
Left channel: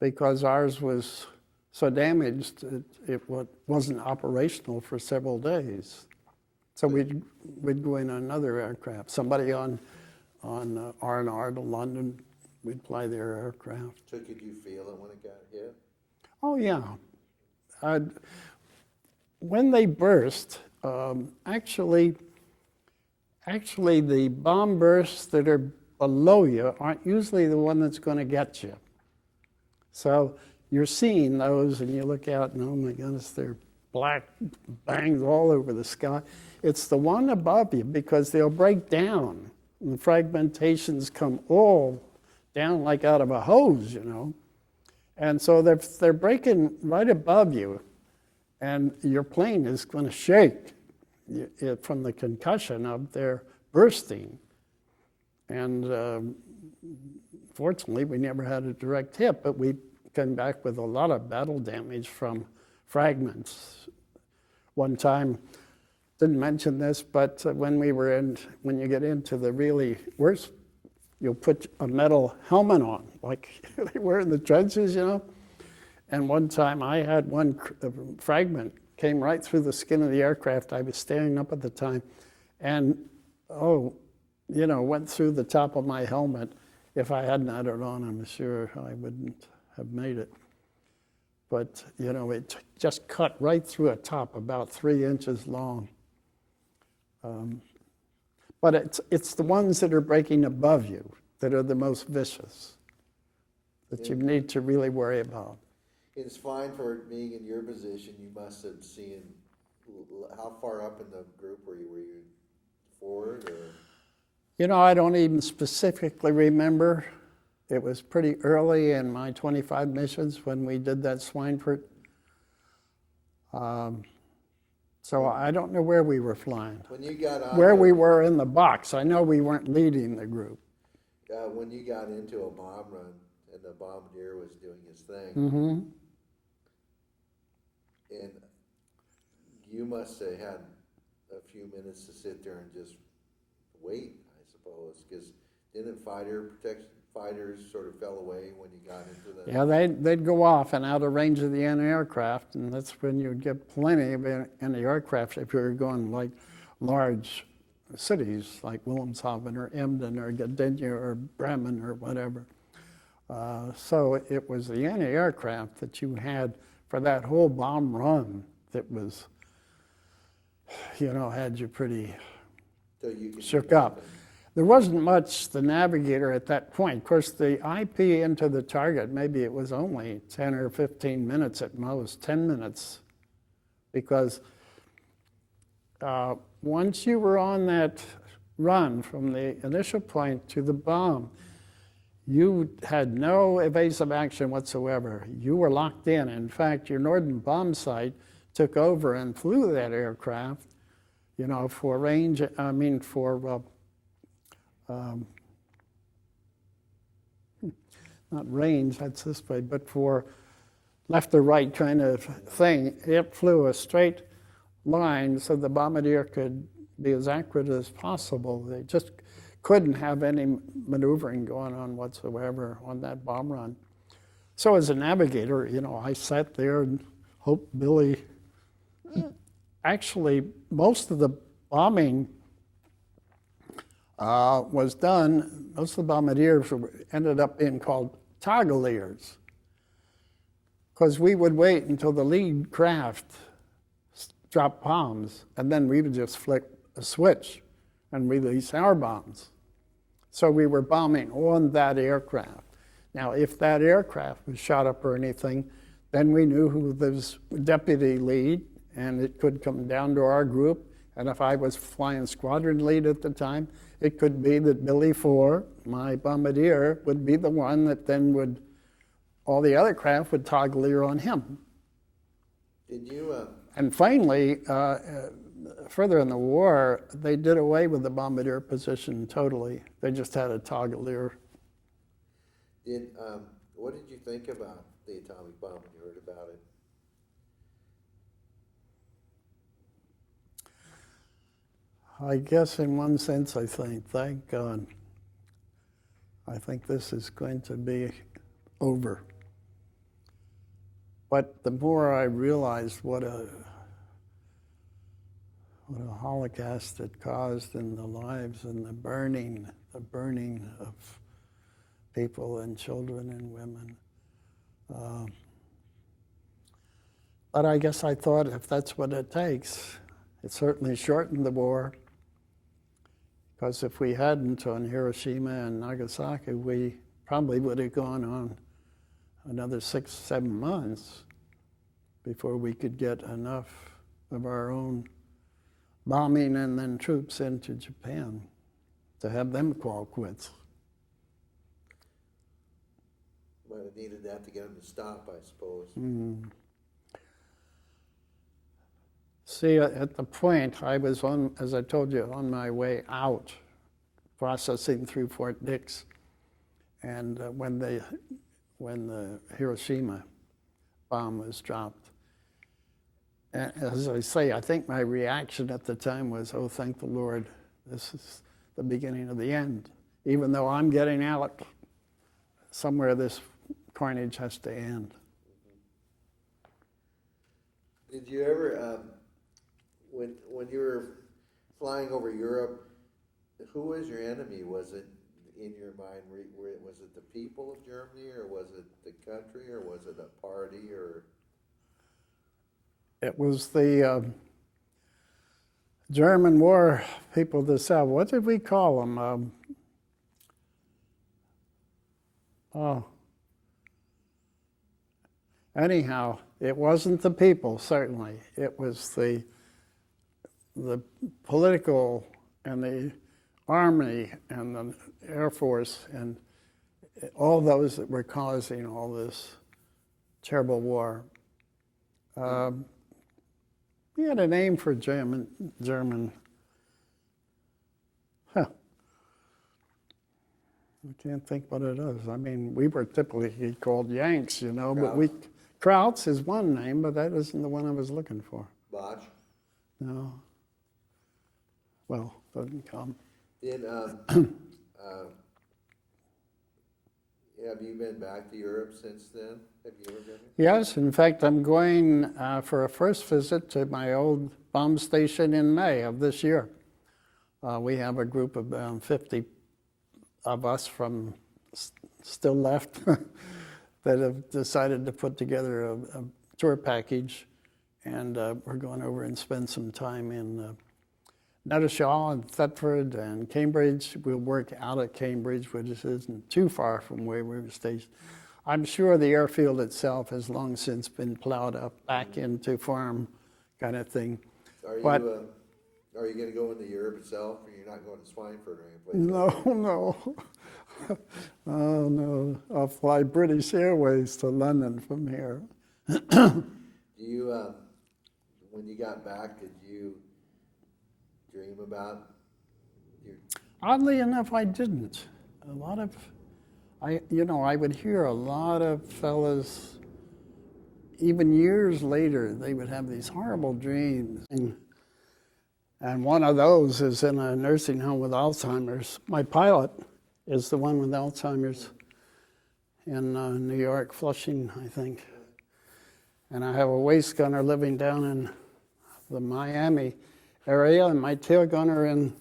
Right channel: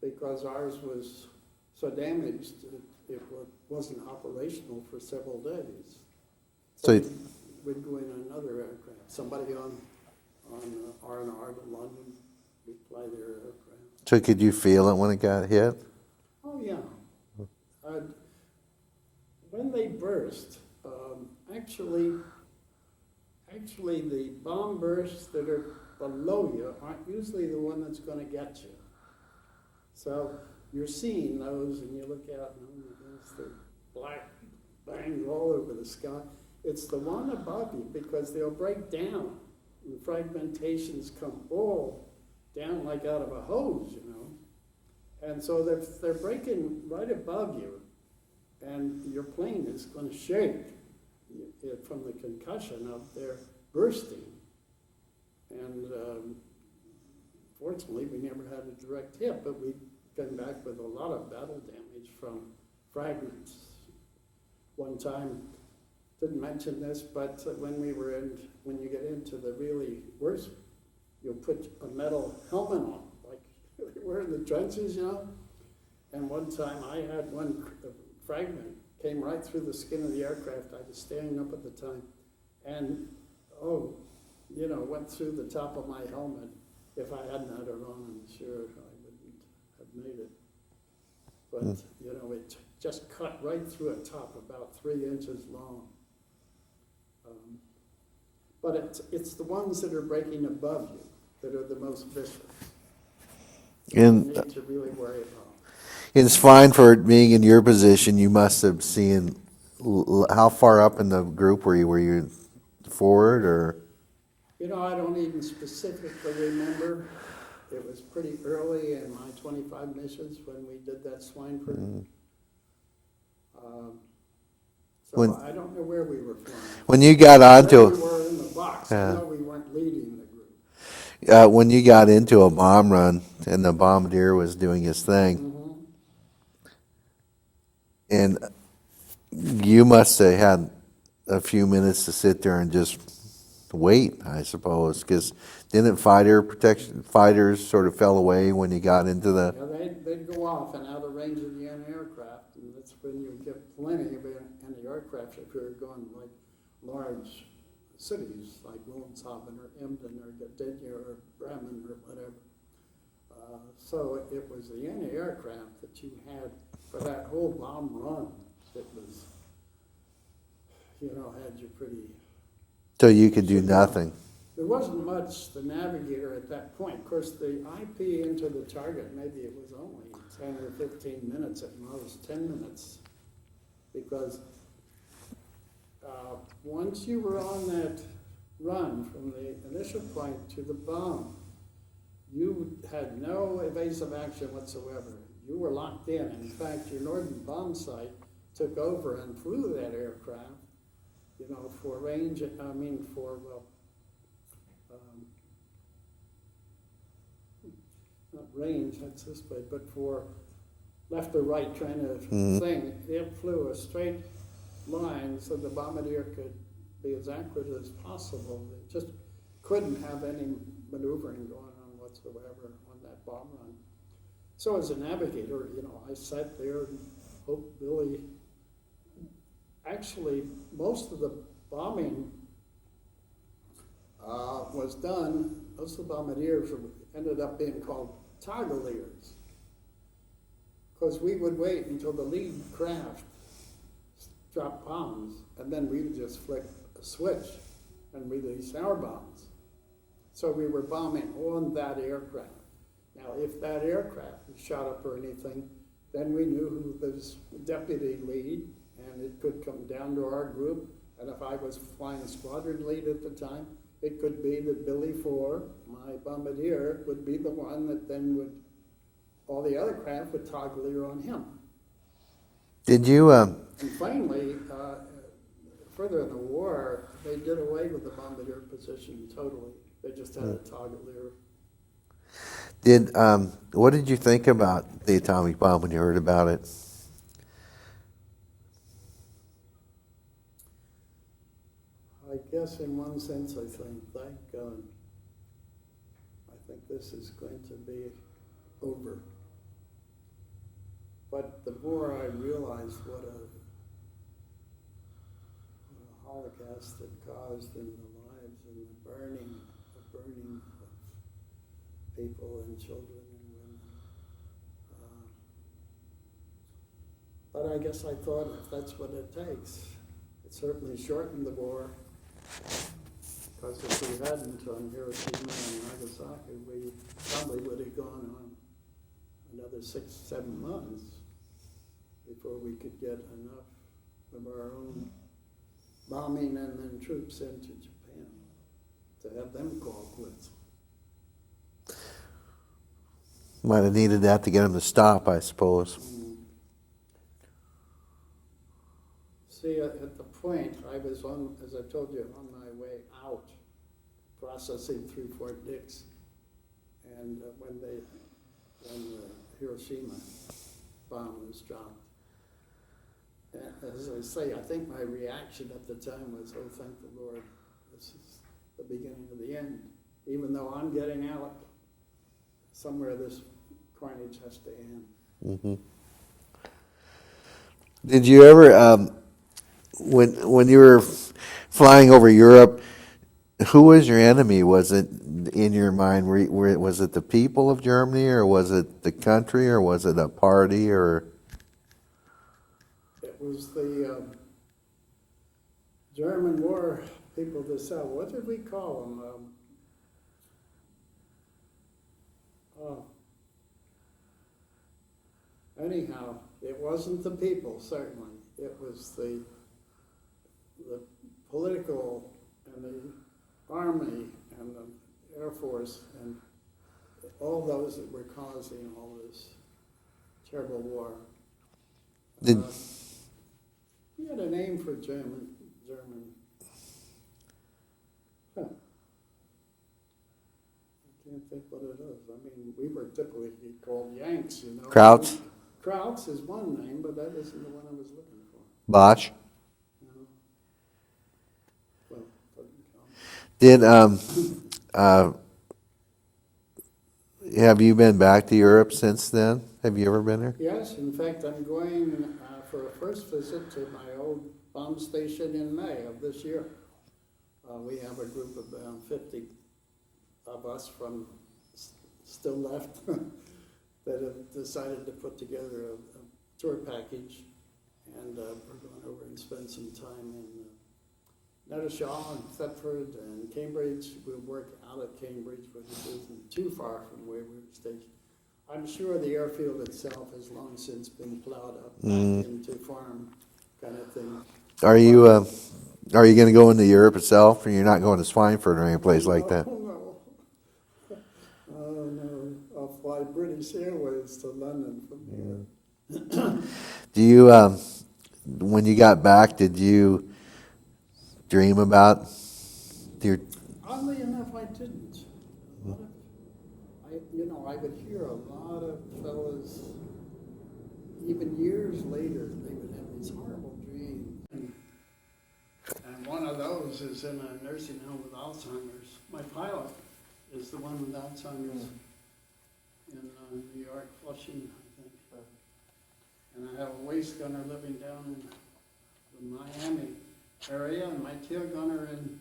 because ours was so damaged it wasn't operational for several days. So we'd go in another aircraft. Somebody on R&R to London, we'd fly their aircraft. So could you feel it when it got hit? Oh, yeah. When they burst, actually the bomb bursts that are below you aren't usually the one that's going to get you. So you're seeing those and you look out and, oh my goodness, they're black bangs all over the sky. It's the one above you because they'll break down. And the fragmentations come all down like out of a hose, And so they're breaking right above you, and your plane is going to shake from the concussion of their bursting. And fortunately, we never had a direct hit, but we came back with a lot of battle damage from fragments. One time, didn't mention this, but when you get into the really worst, you'll put a metal helmet on, like they were in the trenches, And one time I had one fragment came right through the skin of the aircraft. I was standing up at the time, and oh, went through the top of my helmet. If I hadn't had it on, I'm sure I wouldn't have made it. But, it just cut right through a top, about 3 inches long. But it's the ones that are breaking above you that are the most vicious. That you need to really worry about. It's fine for being in your position. You must have seen, how far up in the group were you? Were you forward or? I don't even specifically remember. It was pretty early in my 25 missions when we did that Schweinfurt. I don't know where we were flying. When you got onto where we were in the box. I know we weren't leading the group. When you got into a bomb run and the bombardier was doing his thing, and you must have had a few minutes to sit there and just wait, I suppose, because didn't fighters sort of fell away when you got into the... Yeah, they'd go off and out of range of the anti-aircraft, and that's when you'd get plenty of anti-aircraft if you were going like large cities like Wilhelmshaven or Emden or Gdynia or Bremen or whatever. So it was the anti-aircraft that you had for that whole bomb run that was, had you pretty... So you could do nothing. There wasn't much the navigator at that point. Of course, the IP into the target, maybe it was only 10 or 15 minutes at most, 10 minutes. Because once you were on that run from the initial point to the bomb, you had no evasive action whatsoever. You were locked in. In fact, your northern bomb sight took over and flew that aircraft, for range, not range, that's this way, but for left or right kind of thing. It flew a straight line so the bombardier could be as accurate as possible. They just couldn't have any maneuvering going on whatsoever on that bomb run. So as a navigator, I sat there and hoped Billy... Actually, most of the bombing was done, most of the bombardiers ended up being called toggleiers, because we would wait until the lead craft dropped bombs, and then we would just flick a switch and release our bombs. So we were bombing on that aircraft. Now, if that aircraft was shot up or anything, then we knew who was deputy lead, and it could come down to our group. And if I was flying squadron lead at the time, it could be that Billy Ford, my bombardier, would be the one that then all the other craft would toggleier on him. Did you... And finally, further in the war, they did away with the bombardier position totally. They just had a toggleier. What did you think about the atomic bomb when you heard about it? I guess in one sense I think, thank God. I think this is going to be over. But the more I realized what a Holocaust it caused in the lives and the burning of people and children and women. But I guess I thought if that's what it takes, it certainly shortened the war. Because if we hadn't on Hiroshima and Nagasaki, we probably would have gone on another 6, 7 months before we could get enough of our own bombing and then troops into Japan to have them call quits. Might have needed that to get them to stop, I suppose. See, at the point I was on, as I told you, on my way out, processing through Fort Dix, and when the Hiroshima bomb was dropped. And as I say, I think my reaction at the time was, oh, thank the Lord, this is the beginning of the end. Even though I'm getting out, somewhere this carnage has to end. Mm-hmm. Did you ever, when you were flying over Europe, Who was your enemy? Was it in your mind? Was it the people of Germany, or was it the country, or was it a party, or? It was the German war people of the South. What did we call them? Anyhow, it wasn't the people, certainly. It was the political and the army and the Air Force and all those that were causing all this terrible war. We had a name for German. Huh. I can't think what it is. I mean, we were typically called Yanks, you know. Krauts? Krauts is one name, but that isn't the one I was looking for. Bosch? No. Well, doesn't come. Did have you been back to Europe since then? Have you ever been there? Yes, in fact, I'm going for a first visit to my old bomb station in May of this year. We have a group of 50 of us from still left that have decided to put together a tour package, and we're going over and spend some time in Netteshaw and Thetford and Cambridge. We'll work out at Cambridge, which isn't too far from where we were stationed. I'm sure the airfield itself has long since been plowed up back into farm kind of thing. Are you going to go into Europe itself, or you're not going to Schweinfurt or any place like that? No. Oh, no. I'll fly British Airways to London from here. Do you, when you got back, did you dream about your? Oddly enough, I didn't. A lot of, I would hear a lot of fellas, even years later, they would have these horrible dreams. And one of those is in a nursing home with Alzheimer's. My pilot is the one with Alzheimer's in New York, Flushing, I think. And I have a waist gunner living down in the Miami area, and my tail gunner in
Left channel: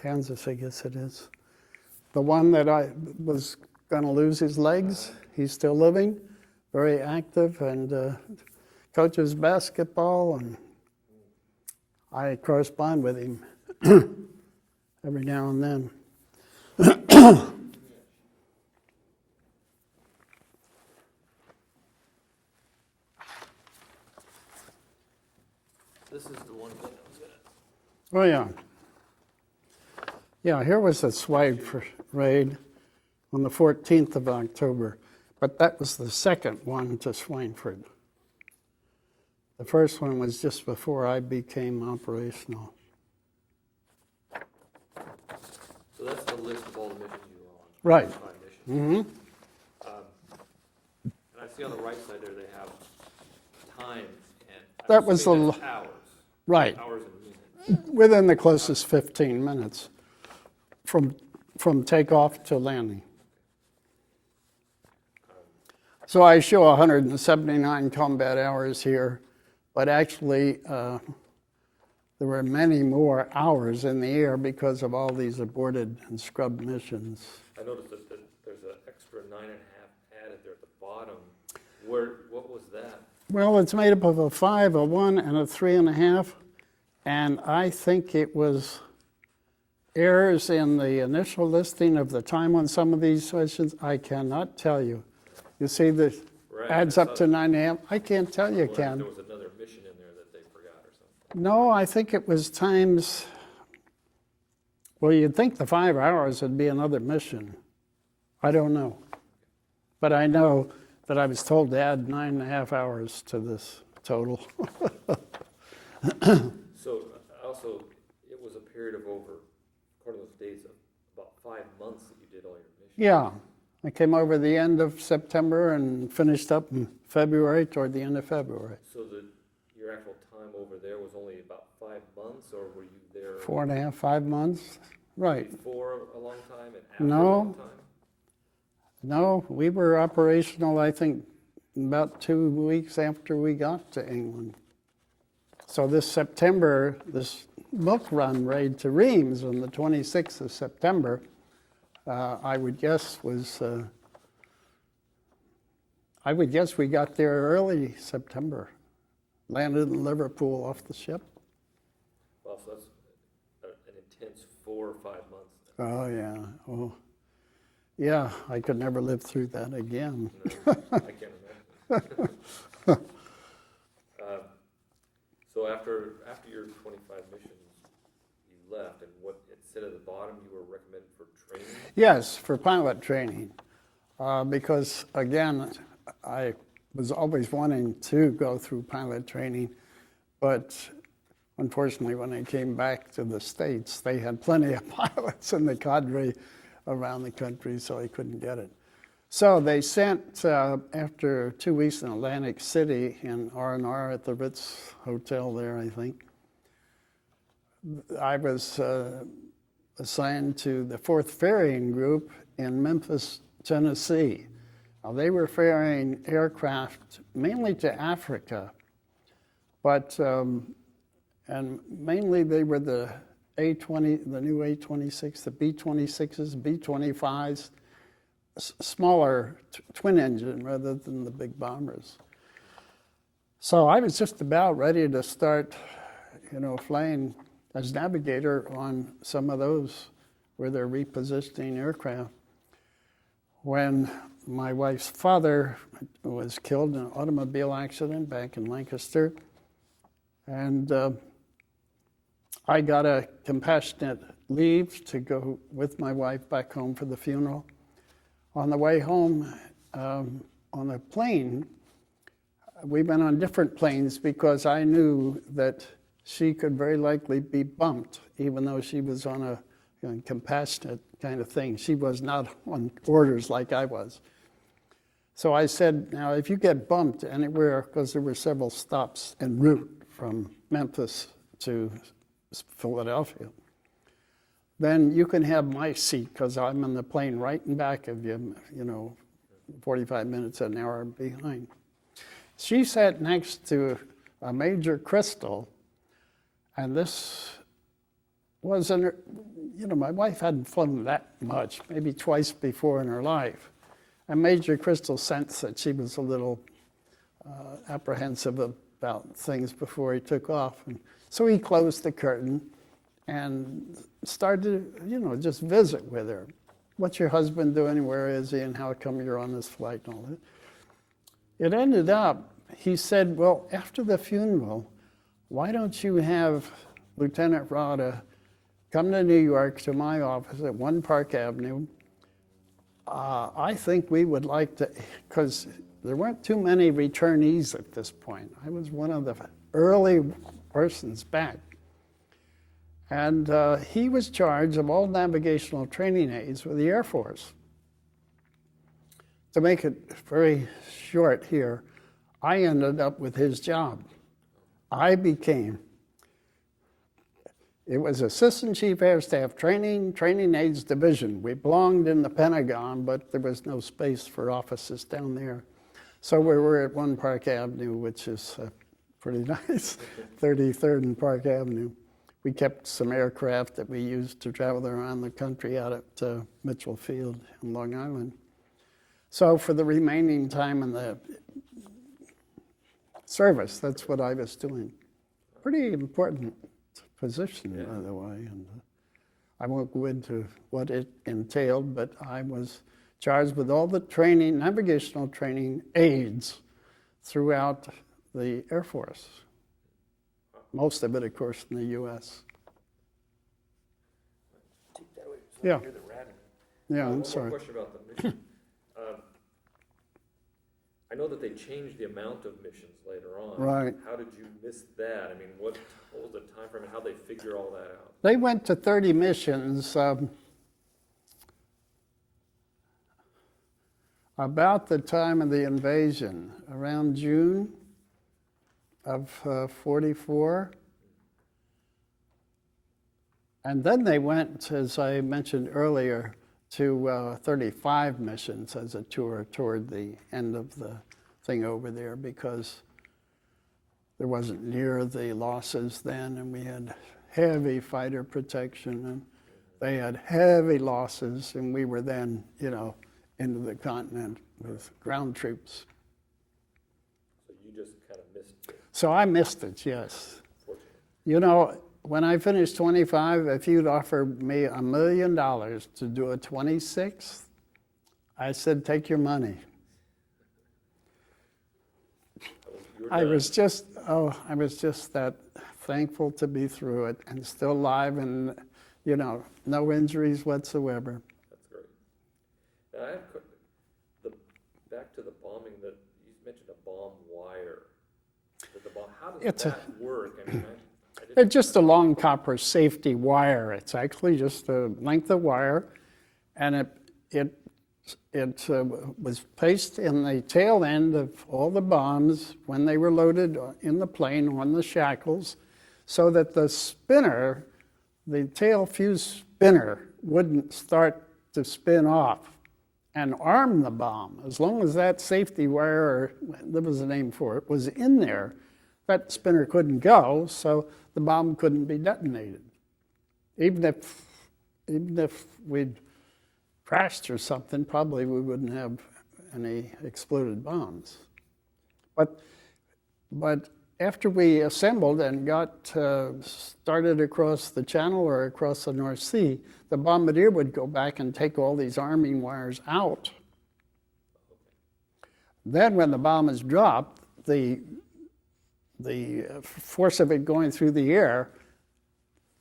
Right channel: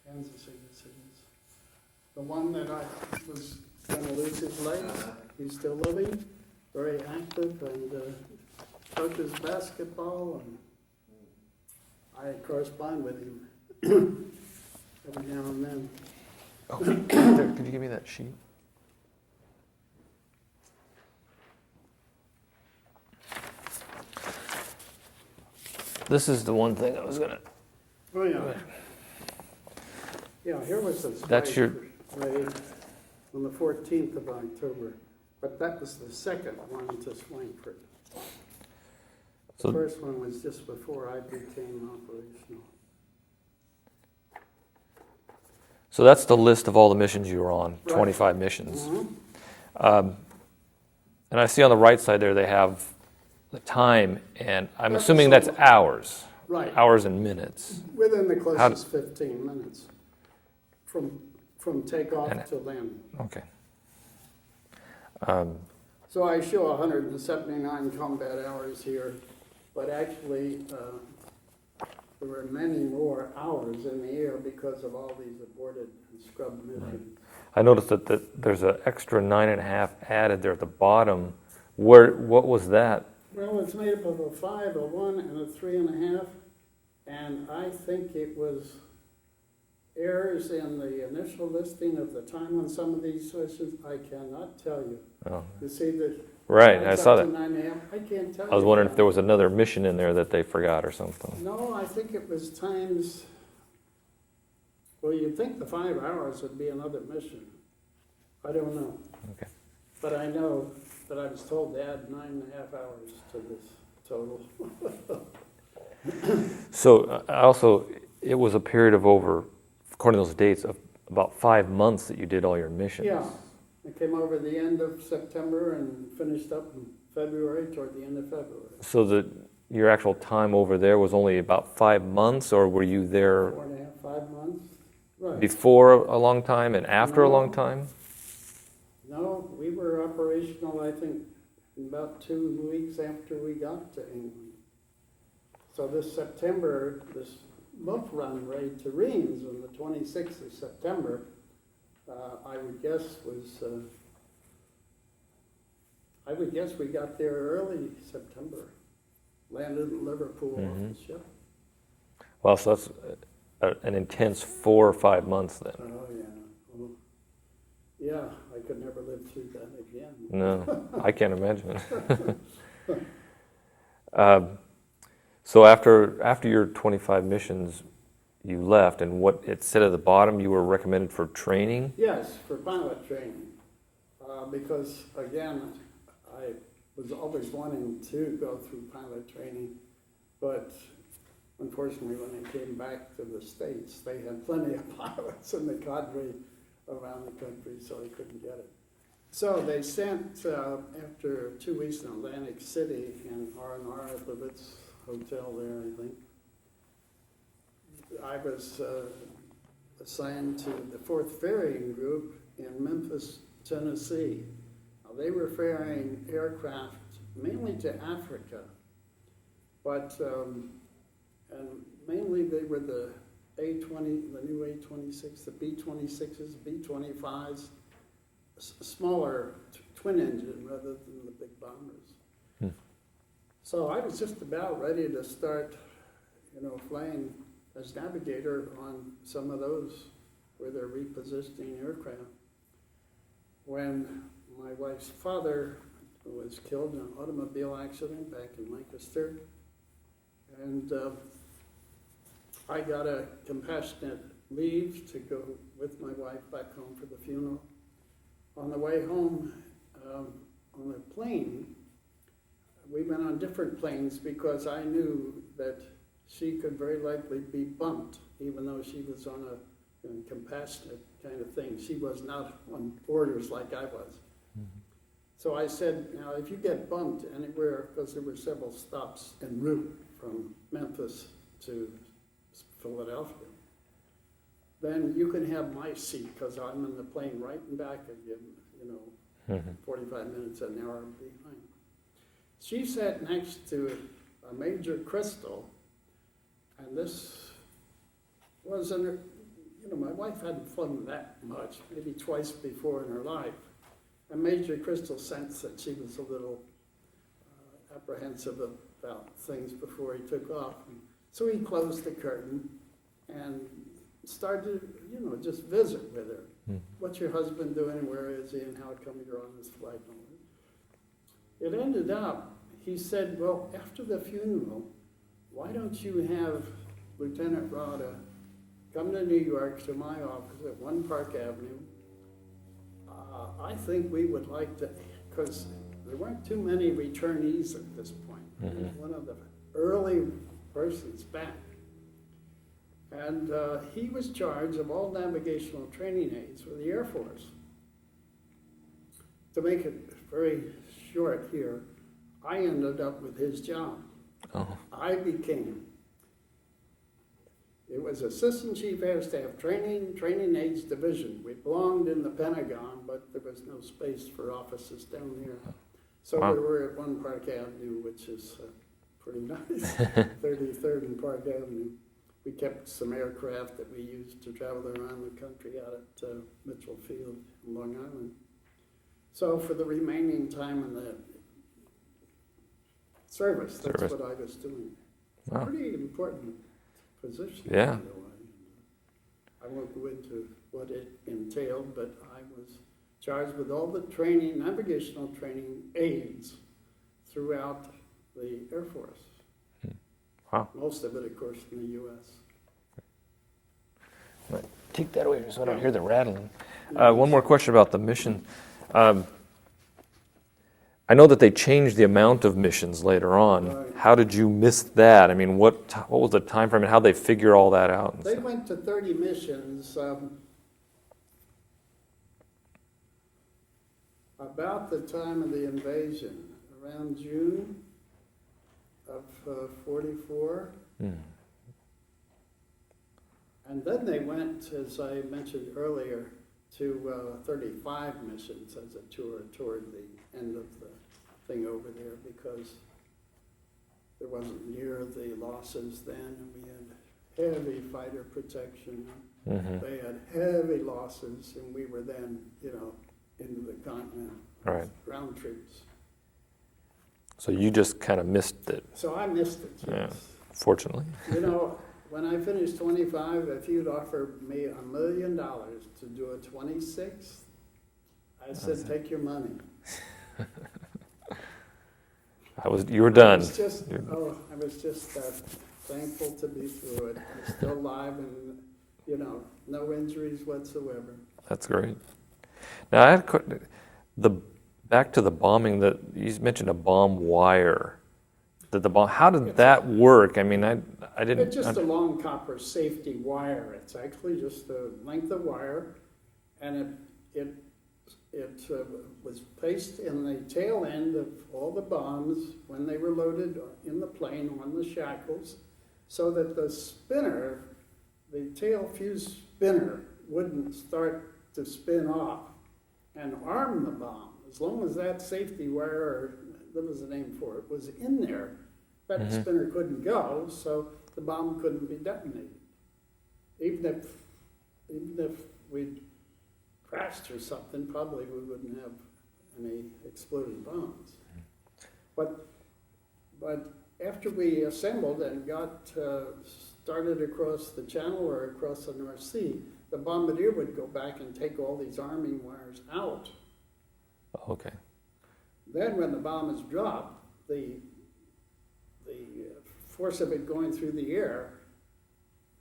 Kansas, I guess it is. The one that I was going to lose his legs, he's still living, very active, and coaches basketball, and I correspond with him every now and then. Could you give me that sheet? This is the one thing I was gonna. Oh, yeah. Yeah, here was a swipe raid on the 14th of October, but that was the second one to Schweinfurt. The first one was just before I became operational. So that's the list of all the missions you were on, Right. 25 missions. Mm-hmm. And I see on the right side there they have the time, and I'm That was assuming that's a- hours. Right. Hours and minutes. Within the closest 15 minutes from takeoff to landing. Okay. So I show 179 combat hours here, but actually there were many more hours in the air because of all these aborted and scrubbed missions. I noticed that there's an extra 9.5 added there at the bottom. What was that? Well, it's made up of a 5, a 1, and a 3.5, and I think it was errors in the initial listing of the time on some of these missions. I cannot tell you. Oh. You see the Right, adds I saw up to that. 9.5. I can't tell you. I was wondering Ken. if there was another mission in there that they forgot or something. No, I think it was times. Well, you'd think the 5 hours would be another mission. I don't know. Okay. But I know that I was told to add 9.5 hours to this total. So also, it was a period of over, according to those dates, of about 5 months that you did all your missions. Yeah. I came over the end of September and finished up in February, toward the end of February. So your actual time over there was only about 5 months, or were you there 4.5, 5 months. Right. before a long time and after a No. long time? No, we were operational, I think, about 2 weeks after we got to England. So this September, this book run raid to Reims on the 26th of September, I would guess we got there early September. Landed in Liverpool off the ship. Well, so that's an intense 4 or 5 months then. Oh, yeah. Oh, yeah, I could never live through that again. No, I can't imagine. So after your 25 missions, you left, and what it said at the bottom, you were recommended for training? Yes, for pilot training. Because, again, I was always wanting to go through pilot training, but unfortunately, when I came back to the States, they had plenty of pilots in the cadre around the country, so I couldn't get it. So they sent, after 2 weeks in Atlantic City, in R&R at the Ritz Hotel there, I think, I was assigned to the 4th Ferrying Group in Memphis, Tennessee. Now, they were ferrying aircraft mainly to Africa, but, and mainly they were the A-20, the new A-26, the B-26s, B-25s, smaller twin engine rather than the big bombers. So I was just about ready to start, flying as navigator on some of those where they're repositioning aircraft, when my wife's father was killed in an automobile accident back in Lancaster. And I got a compassionate leave to go with my wife back home for the funeral. On the way home, on a plane, we went on different planes because I knew that she could very likely be bumped, even though she was on a compassionate kind of thing. She was not on orders like I was. So I said, now if you get bumped anywhere, because there were several stops en route from Memphis to Philadelphia, then you can have my seat, because I'm in the plane right in back of you, 45 minutes, an hour behind. She sat next to a Major Crystal, and this was, my wife hadn't flown that much, maybe twice before in her life. And Major Crystal sensed that she was a little apprehensive about things before he took off. And so he closed the curtain and started to, just visit with her. What's your husband doing? Where is he? And how come you're on this flight and all that? It ended up, he said, well, after the funeral, why don't you have Lieutenant Rodda come to New York to my office at 1 Park Avenue. I think we would like to, because there weren't too many returnees at this point. I was one of the early persons back. And he was charged of all navigational training aids with the Air Force. To make it very short here, I ended up with his job. Oh. I became, it was Assistant Chief Air Staff Training Aids Division. We belonged in the Pentagon, but there was no space for offices down there. So we were at 1 Park Avenue, which is pretty nice, 33rd and Park Avenue. We kept some aircraft that we used to travel around the country out at Mitchell Field in Long Island. So for the remaining time in the service, that's what I was doing. Wow. Pretty important position, by the way. And I won't go into what it entailed, but I was charged with all the training, navigational training aids throughout the Air Force. Wow. Most of it, of course, in the U.S. Take that away so I don't hear the rattling. One more question about the mission. I know that they changed the amount of missions later on. Right. How did you miss that? I mean, what was the time frame and how they figure all that out? They went to 30 missions. About the time of the invasion, around June of 44. And then they went, as I mentioned earlier, to 35 missions as a tour toward the end of the thing over there, because there wasn't near the losses then, and we had heavy fighter protection, and they had heavy losses, and we were then, into the continent with Right. ground troops. So you just kind of missed it, So I missed it, yes. fortunately. When I finished 25, if you'd offered me $1 million to do a 26th, I said, take your money. You were done. I was just that thankful to be through it and still alive and, no injuries whatsoever. That's great. Now, back to the bombing, that you mentioned a bomb wire. How did that work? I mean, I didn't. It's just a long copper safety wire. It's actually just a length of wire, and it was placed in the tail end of all the bombs when they were loaded in the plane on the shackles, so that the spinner, the tail fuse spinner, wouldn't start to spin off and arm the bomb. As long as that safety wire, or there was a name for it, was in there, that spinner couldn't go, so the bomb couldn't be detonated. Even if we'd crashed or something, probably we wouldn't have any exploded bombs. But after we assembled and got started across the Channel or across the North Sea, the bombardier would go back and take all these arming wires out. Okay. Then when the bomb is dropped, the force of it going through the air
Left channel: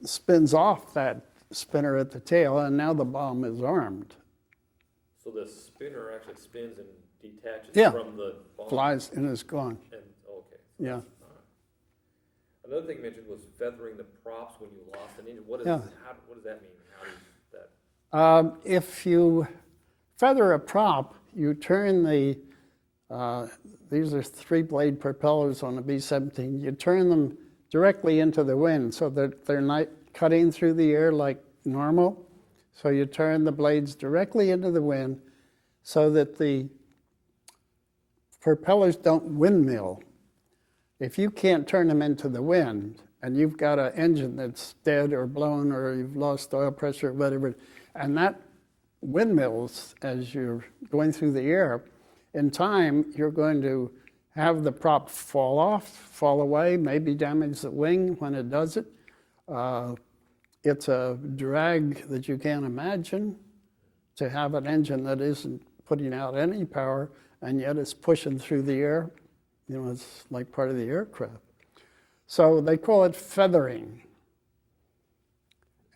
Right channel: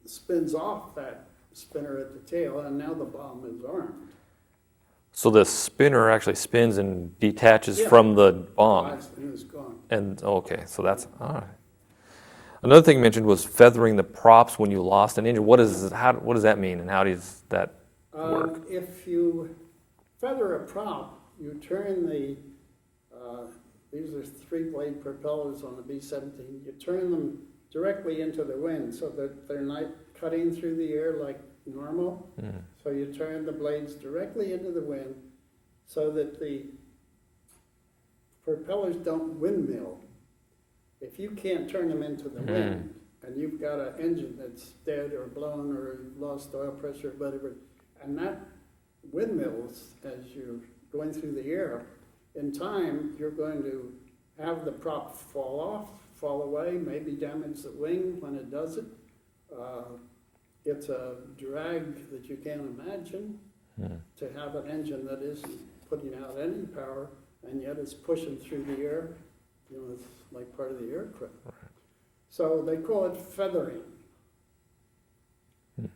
spins off that spinner at the tail, and now the bomb is armed. So the spinner actually spins and detaches Yeah. from the bomb. Flies and is gone. And okay, so that's all right. Another thing you mentioned was feathering the props when you lost an engine. What does that mean, and how does that work? If you feather a prop, you turn these are 3-blade propellers on a B-17. You turn them directly into the wind so that they're not cutting through the air like normal. So you turn the blades directly into the wind so that the propellers don't windmill. If you can't turn them into the wind, and you've got an engine that's dead or blown or you've lost oil pressure or whatever, and that windmills as you're going through the air, in time you're going to have the prop fall off, fall away, maybe damage the wing when it does it. It's a drag that you can't imagine to have an engine that isn't putting out any power and yet it's pushing through the air. It's like part of the aircraft. So they call it feathering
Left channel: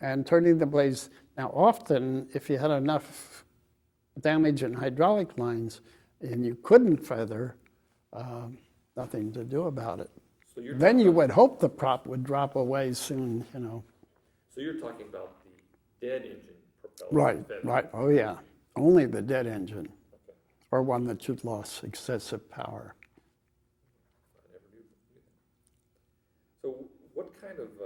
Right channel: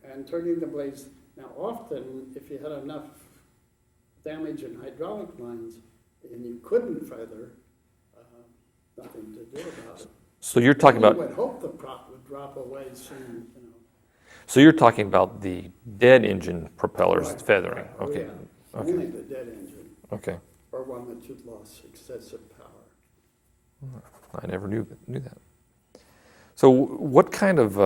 and turning the blades. Now, often, if you had enough damage in hydraulic lines and you couldn't feather, nothing to do about it. So you're talking about. You would hope the prop would drop away soon, So you're talking about the dead engine propellers feathering. Right. Oh, okay. yeah. Only the dead engine. Okay. Or one that you'd lost excessive power. I never knew that. So what kind of,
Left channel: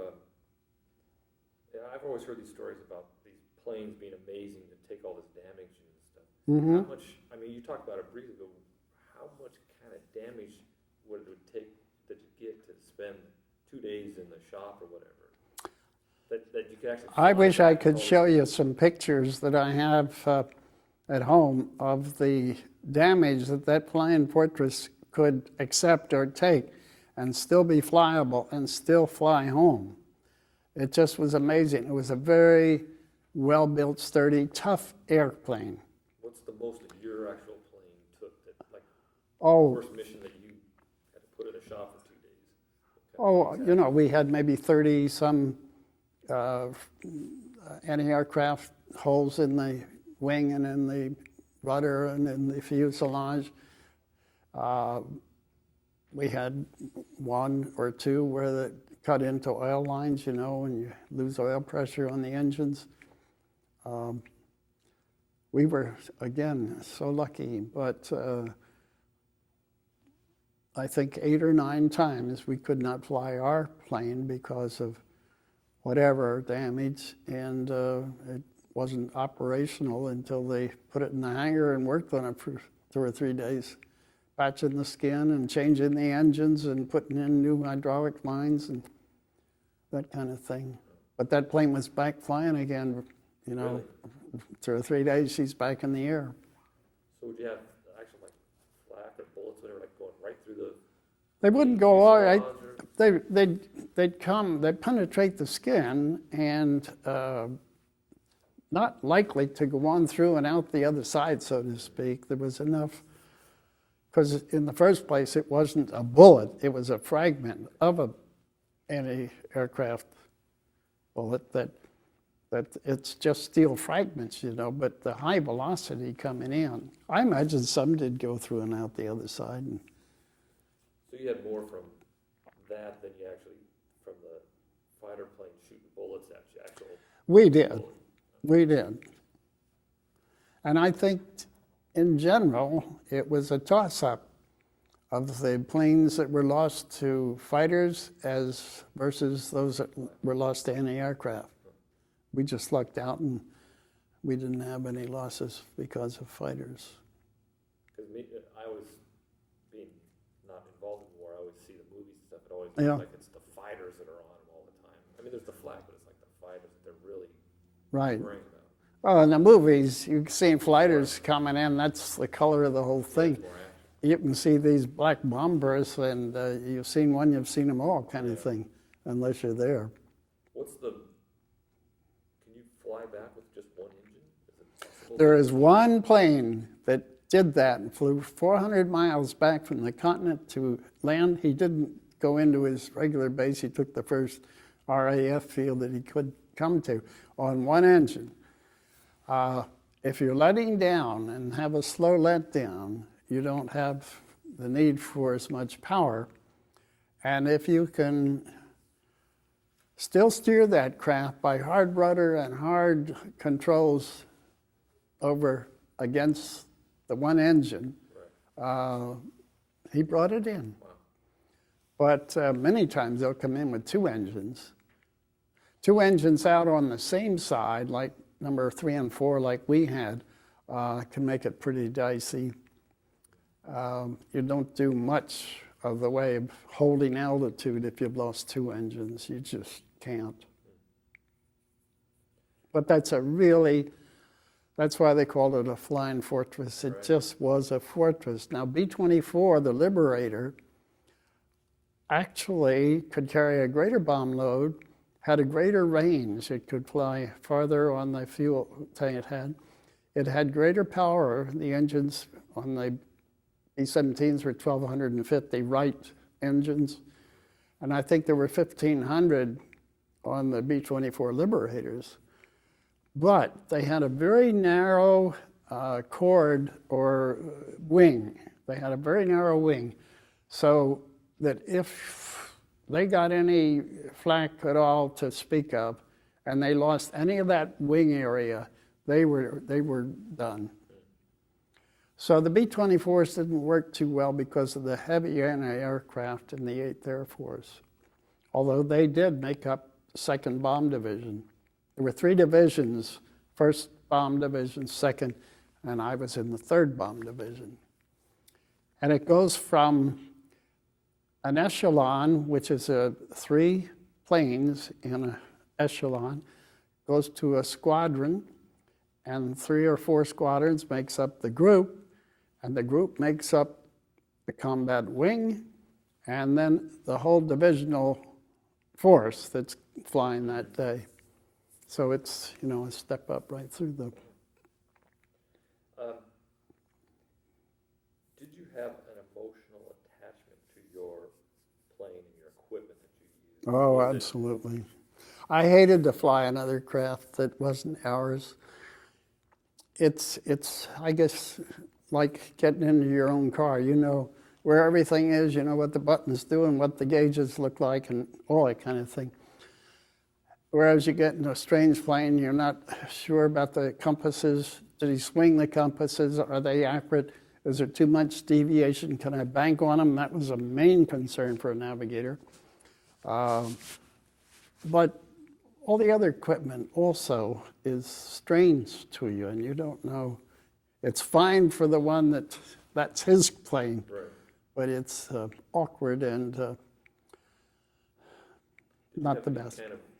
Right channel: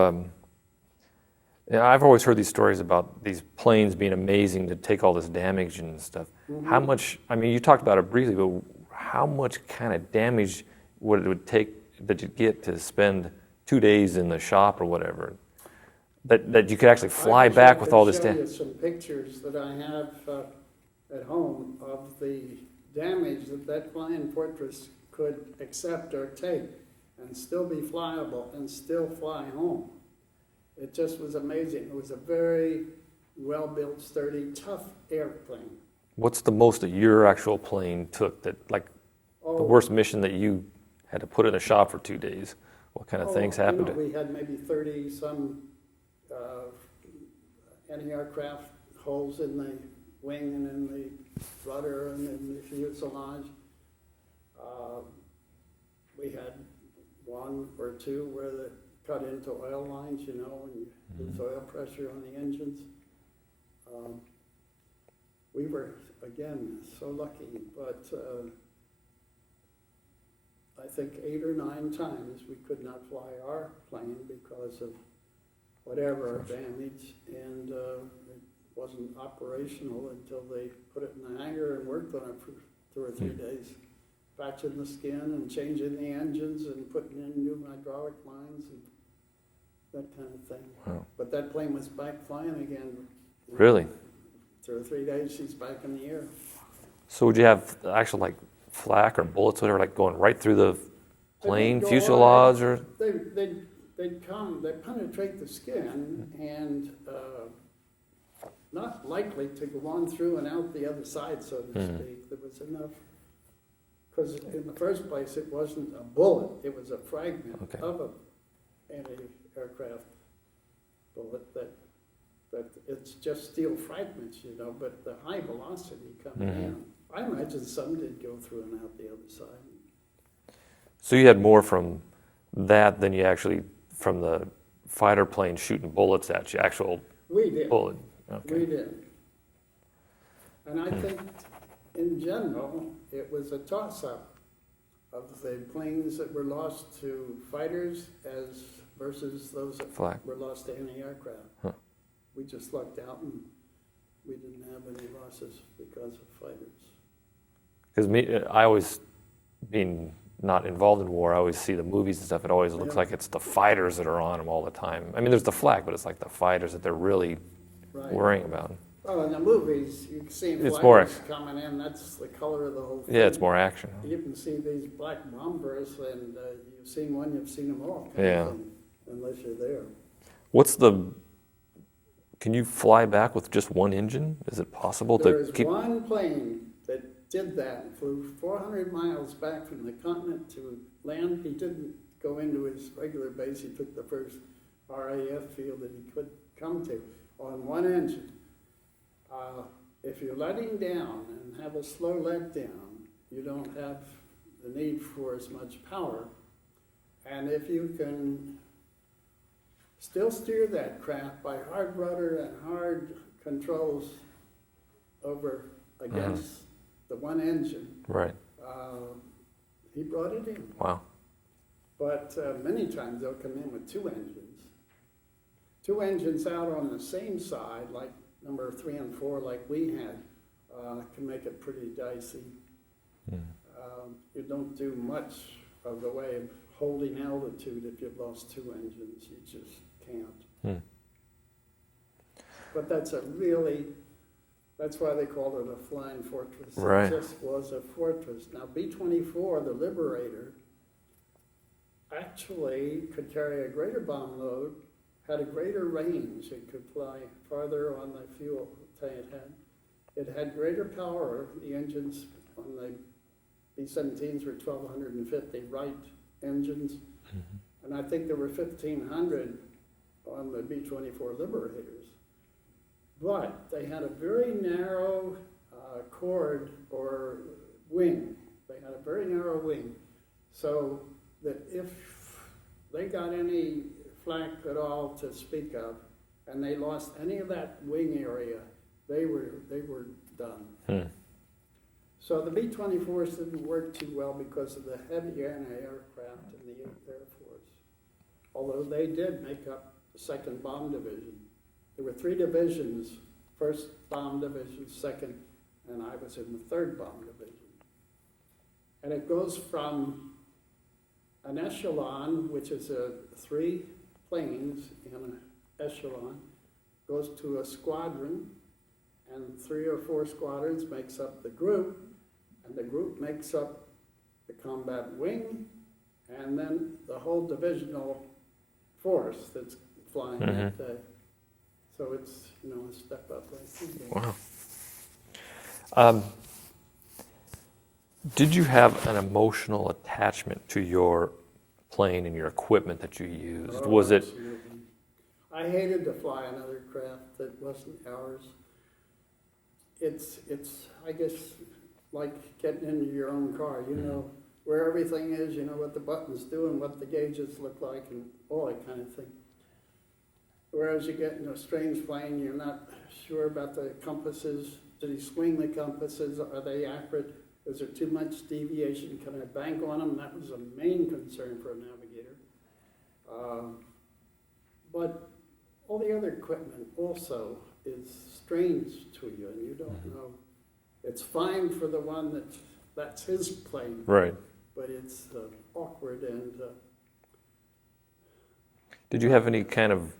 I've always heard these stories about these planes being amazing to take all this damage and stuff. How much, you talked about it briefly, but how much kind of damage would it take that you'd get to spend 2 days in the shop or whatever? That you could actually fly back with all this I wish I could damage? show you some pictures that I have at home of the damage that flying fortress could accept or take and still be flyable and still fly home. It just was amazing. It was a very well-built, sturdy, tough airplane. What's the most that your actual plane took that, the worst mission that you had to put in a shop for 2 days? What kind of things happened? We had maybe 30-some anti-aircraft holes in the wing and in the rudder and in the fuselage. We had 1 or 2 where they cut into oil lines, and you lose oil pressure on the engines. We were, again, so lucky, but I think 8 or 9 times we could not fly our plane because of whatever damage, and it wasn't operational until they put it in the hangar and worked on it for 2 or 3 days patching the skin and changing the engines and putting in new hydraulic lines and that kind of thing. Wow. But that plane was back flying again. You know, Really? 2 or 3 days, she's back in the air. So would you have actual like flak or bullets, whatever, like going right through the They plane wouldn't go all fuselage, or they'd penetrate the skin and not likely to go on through and out the other side, so to speak. There was enough, because in the first place, it wasn't a bullet, it was a fragment of a anti-aircraft bullet that it's just steel fragments, you know, but the high velocity coming in. I imagine some did go through and out the other side. So you had more from that than you actually from the fighter plane shooting bullets at you, actual We did. bullet. Okay. We did. And I think, in general, it was a toss-up of the planes that were lost to fighters versus those that were lost to anti-aircraft. Huh. We just lucked out and we didn't have any losses because of fighters. Because I always, being not involved in war, I always see the movies and stuff. It always looks like it's the fighters that are on them all the time. I mean, there's the flak, but it's like the fighters that they're really worrying about. Well, in the movies, you can see fighters coming in. That's the color of the whole thing. Yeah, it's more action. You can see these black bombers, and you've seen one, you've seen them all, kind of thing, unless you're there. Can you fly back with just one engine? Is it possible There is one plane that did that and flew 400 miles back from the continent to land. He didn't go into his regular base. He took the first RAF field that he could come to on one engine. If you're letting down and have a slow let down, you don't have the need for as much power. And if you can still steer that craft by hard rudder and hard controls over against the one engine, he brought it in. Wow. But many times they'll come in with two engines. Two engines out on the same side, like number 3 and 4, like we had, can make it pretty dicey. You don't do much of the way of holding altitude if you've lost two engines. You just can't. But that's why they called it a flying fortress. It just was a fortress. Now, B-24, the Liberator, actually could carry a greater bomb load, had a greater range. It could fly farther on the fuel tank it had. It had greater power. The engines on the B-17s were 1,250 Wright engines. And I think there were 1,500 on the B-24 Liberators. But they had a very narrow chord or wing. They had a very narrow wing, so that if they got any flak at all to speak of, and they lost any of that wing area, they were done. So the B-24s didn't work too well because of the heavy anti-aircraft in the 8th Air Force, although they did make up the 2nd Bomb Division. There were 3 divisions, 1st Bomb Division, 2nd, and I was in the 3rd Bomb Division. And it goes from an echelon, which is 3 planes in an echelon, goes to a squadron, and 3 or 4 squadrons makes up the group, and the group makes up the combat wing, and then the whole divisional force that's flying that day. So it's, a step up right through them. Wow. Did you have an emotional attachment to your plane and your equipment that you used? Oh, absolutely. I hated to fly another craft that wasn't ours. It's I guess, like getting into your own car. You know where everything is, you know what the buttons do and what the gauges look like and all that kind of thing. Whereas you get in a strange plane, you're not sure about the compasses. Did he swing the compasses? Are they accurate? Is there too much deviation? Can I bank on them? That was a main concern for a navigator. But all the other equipment also is strange to you, and you don't know. It's fine for the one that that's his plane, Right. but it's awkward and Did you not have the any best. kind of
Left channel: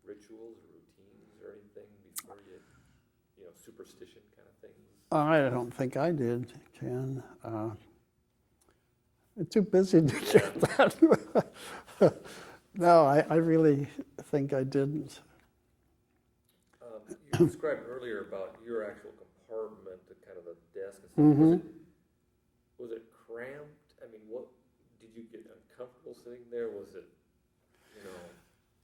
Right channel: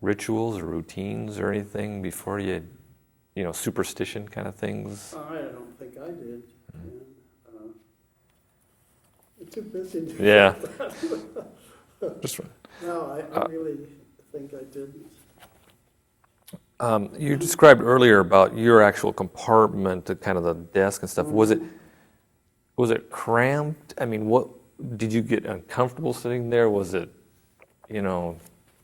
rituals or routines or anything before you know, superstition kind of things? I don't think I did, Ken. I'm too busy to Yeah. that. No, I really think I didn't. You described earlier about your actual compartment, the kind of the desk and stuff. Mm-hmm. Was it cramped? I mean, what did you get uncomfortable sitting there? Was it, you know?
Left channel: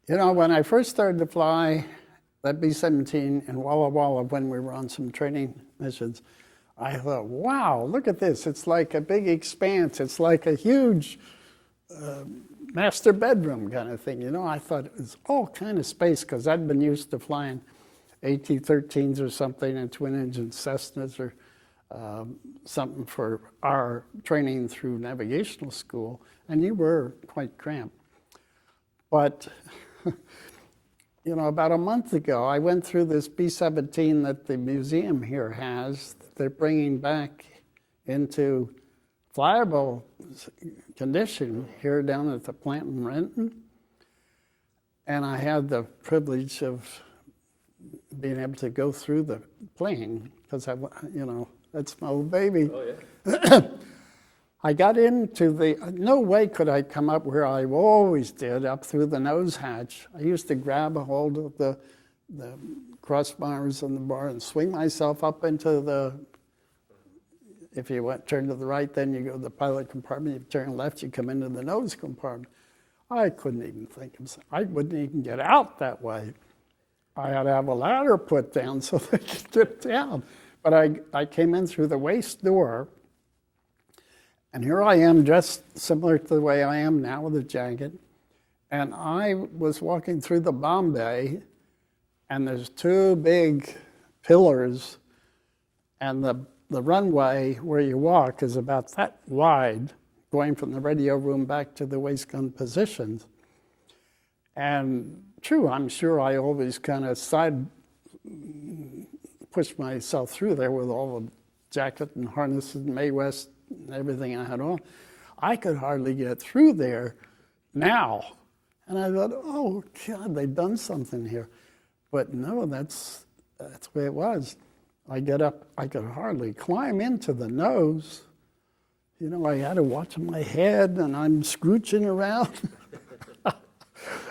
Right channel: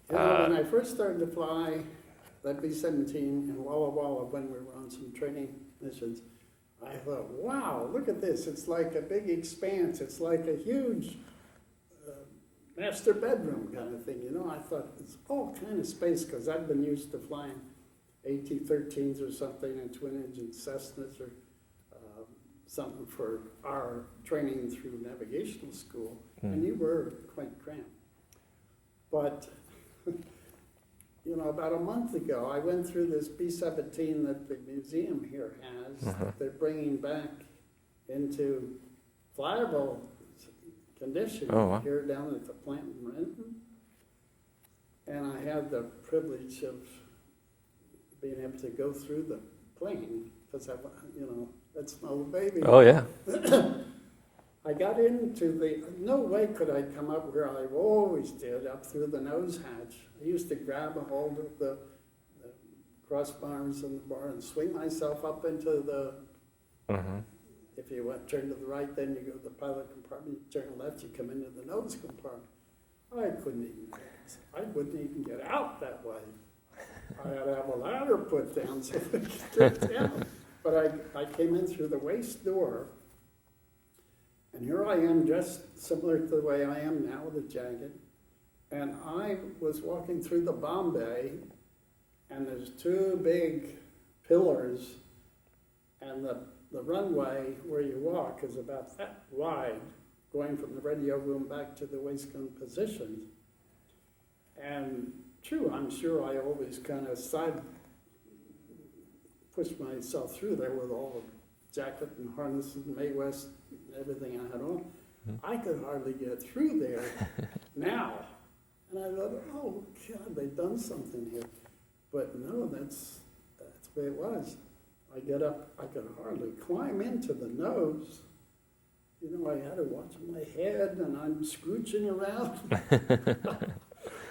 When I first started to fly that B-17 in Walla Walla when we were on some training missions, I thought, wow, look at this. It's like a big expanse. It's like a huge master bedroom kind of thing. I thought it was all kind of space because I'd been used to flying AT-13s or something and twin-engine Cessnas or something for our training through navigational school, and you were quite cramped. But, about a month ago, I went through this B-17 that the museum here has. That they're bringing back into flyable condition here down at the plant in Renton. And I had the privilege of being able to go through the plane because that's my old baby. Oh yeah. I got into no way could I come up where I always did, up through the nose hatch. I used to grab a hold of the crossbars on the bar and swing myself up into the, if you turn to the right, then you go to the pilot compartment. If you turn left, you come into the nose compartment. I couldn't even think I wouldn't even get out that way. I had to have a ladder put down so they could drip down. But I came in through the waist door, and here I am dressed similar to the way I am now with a jacket. And I was walking through the bomb bay, and there's two big pillars, and the runway where you walk is about that wide, going from the radio room back to the waist gun positions. And true, I'm sure I always kind of pushed myself through there with all the jacket and harness and Mae West and everything I had on. I could hardly get through there now. And I thought, oh God, they've done something here. But no, that's the way it was. I get up, I could hardly climb into the nose. I had to watch my head, and I'm scooching around.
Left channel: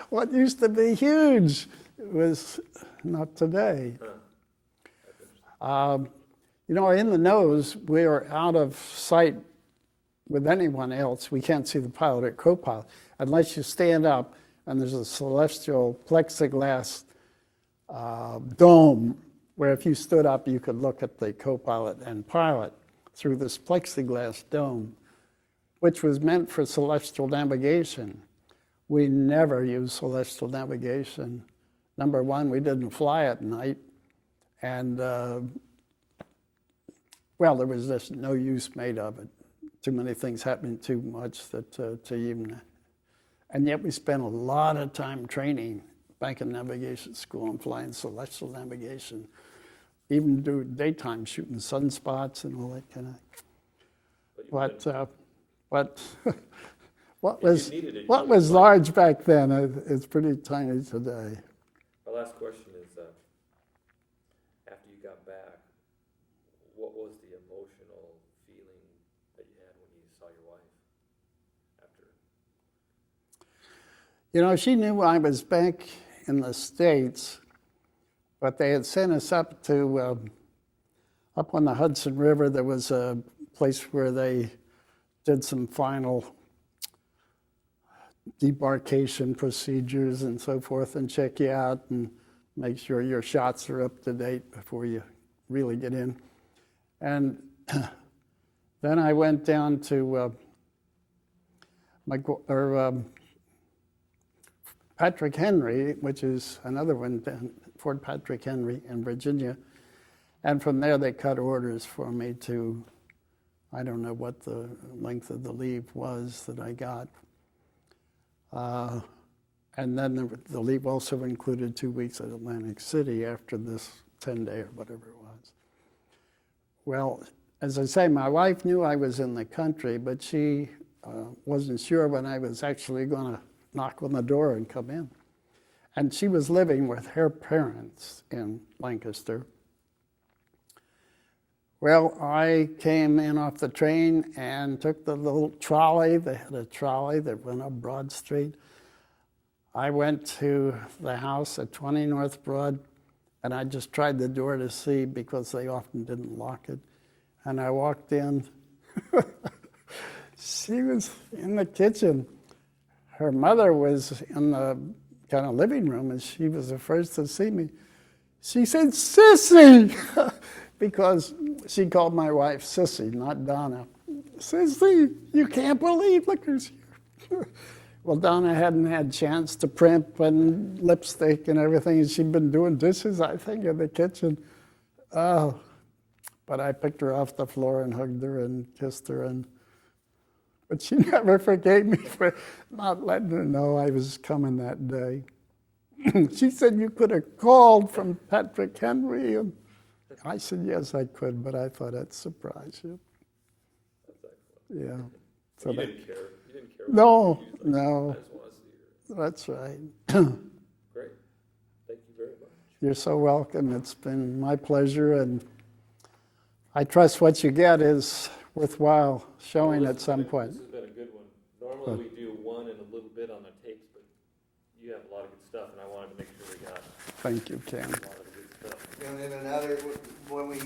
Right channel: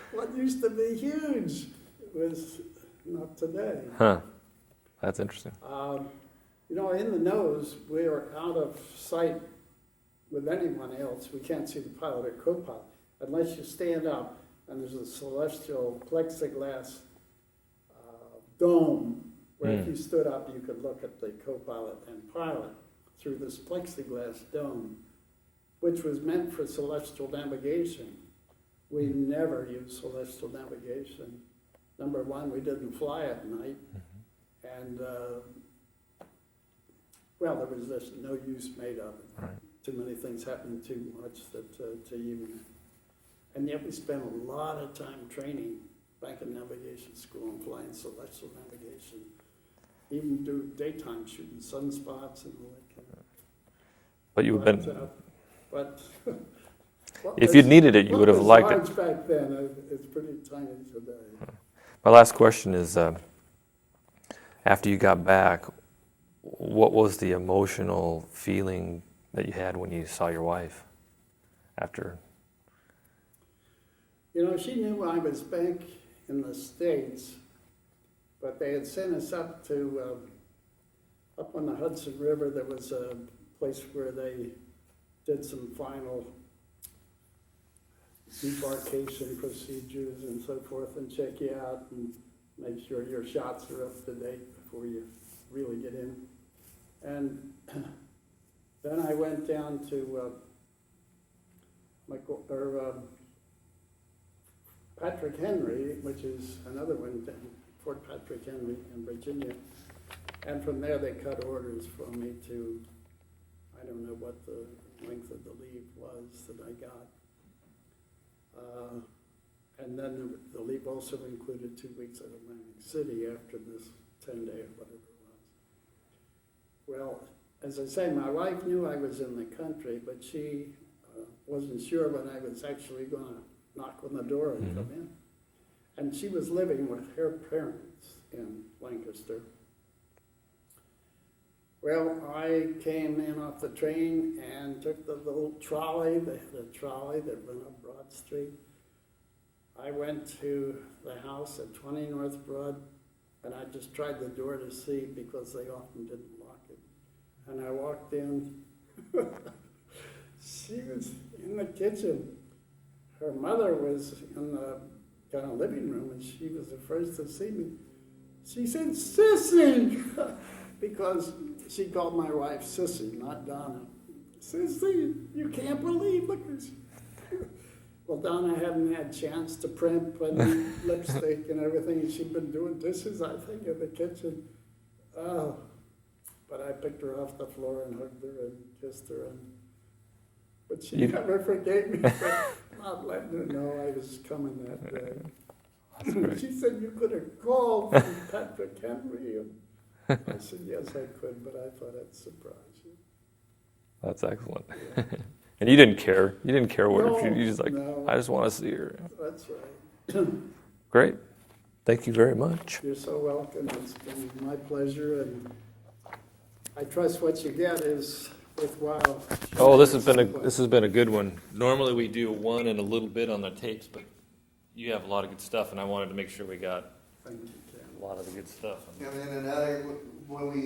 What used to be huge was not today. Huh. That's interesting. In the nose, we are out of sight with anyone else. We can't see the pilot or co-pilot unless you stand up and there's a celestial plexiglass dome where if you stood up, you could look at the co-pilot and pilot through this plexiglass dome, which was meant for celestial navigation. We never used celestial navigation. Number one, we didn't fly at night. And, there was just no use made of it. Right. Too many things happening too much that to even. And yet we spent a lot of time training back in navigation school and flying celestial navigation, even do daytime shooting sunspots and all that kind of. But you've been. If you'd needed it, you would have liked it. What was large back then, it's pretty tiny today. My last question is, after you got back, what was the emotional feeling that you had when you saw your wife after? She knew I was back in the States, but they had sent us up to, up on the Hudson River. There was a place where they did some final debarkation procedures and so forth and check you out and make sure your shots are up to date before you really get in. And then I went down to Patrick Henry, which is another one down Fort Patrick Henry in Virginia. And from there they cut orders for me to, I don't know what the length of the leave was that I got. And then the leave also included 2 weeks at Atlantic City after this 10-day or whatever it was. Well, as I say, my wife knew I was in the country, but she wasn't sure when I was actually going to knock on the door and come in. And she was living with her parents in Lancaster. Well, I came in off the train and took the little trolley. They had a trolley that went up Broad Street. I went to the house at 20 North Broad, and I just tried the door to see because they often didn't lock it. And I walked in. She was in the kitchen. Her mother was in the kind of living room, and she was the first to see me. She said, "Sissy," because she called my wife Sissy, not Donna. "Sissy, you can't believe, look who's here." Well, Donna hadn't had a chance to primp and lipstick and everything, and she'd been doing dishes, I think, in the kitchen. Oh, but I picked her off the floor and hugged her and kissed her, but she never forgave me for not letting her know I was coming that day. She said, "You could have called from Patrick Henry." And I said, "Yes, I could, but I thought I'd surprise you." That's excellent. Yeah. And you didn't care. You didn't care what No, you just like, no. I just want to see her. That's right. Great. Thank you very much. You're so welcome. It's been my pleasure, and I trust what you get is worthwhile showing Oh, this at has some been point. this has been a good one. Normally we do one and a little bit on the tapes, but you have a lot of good stuff, and I wanted to make sure we got Thank you, Ken. a lot of the good stuff. And then another, when we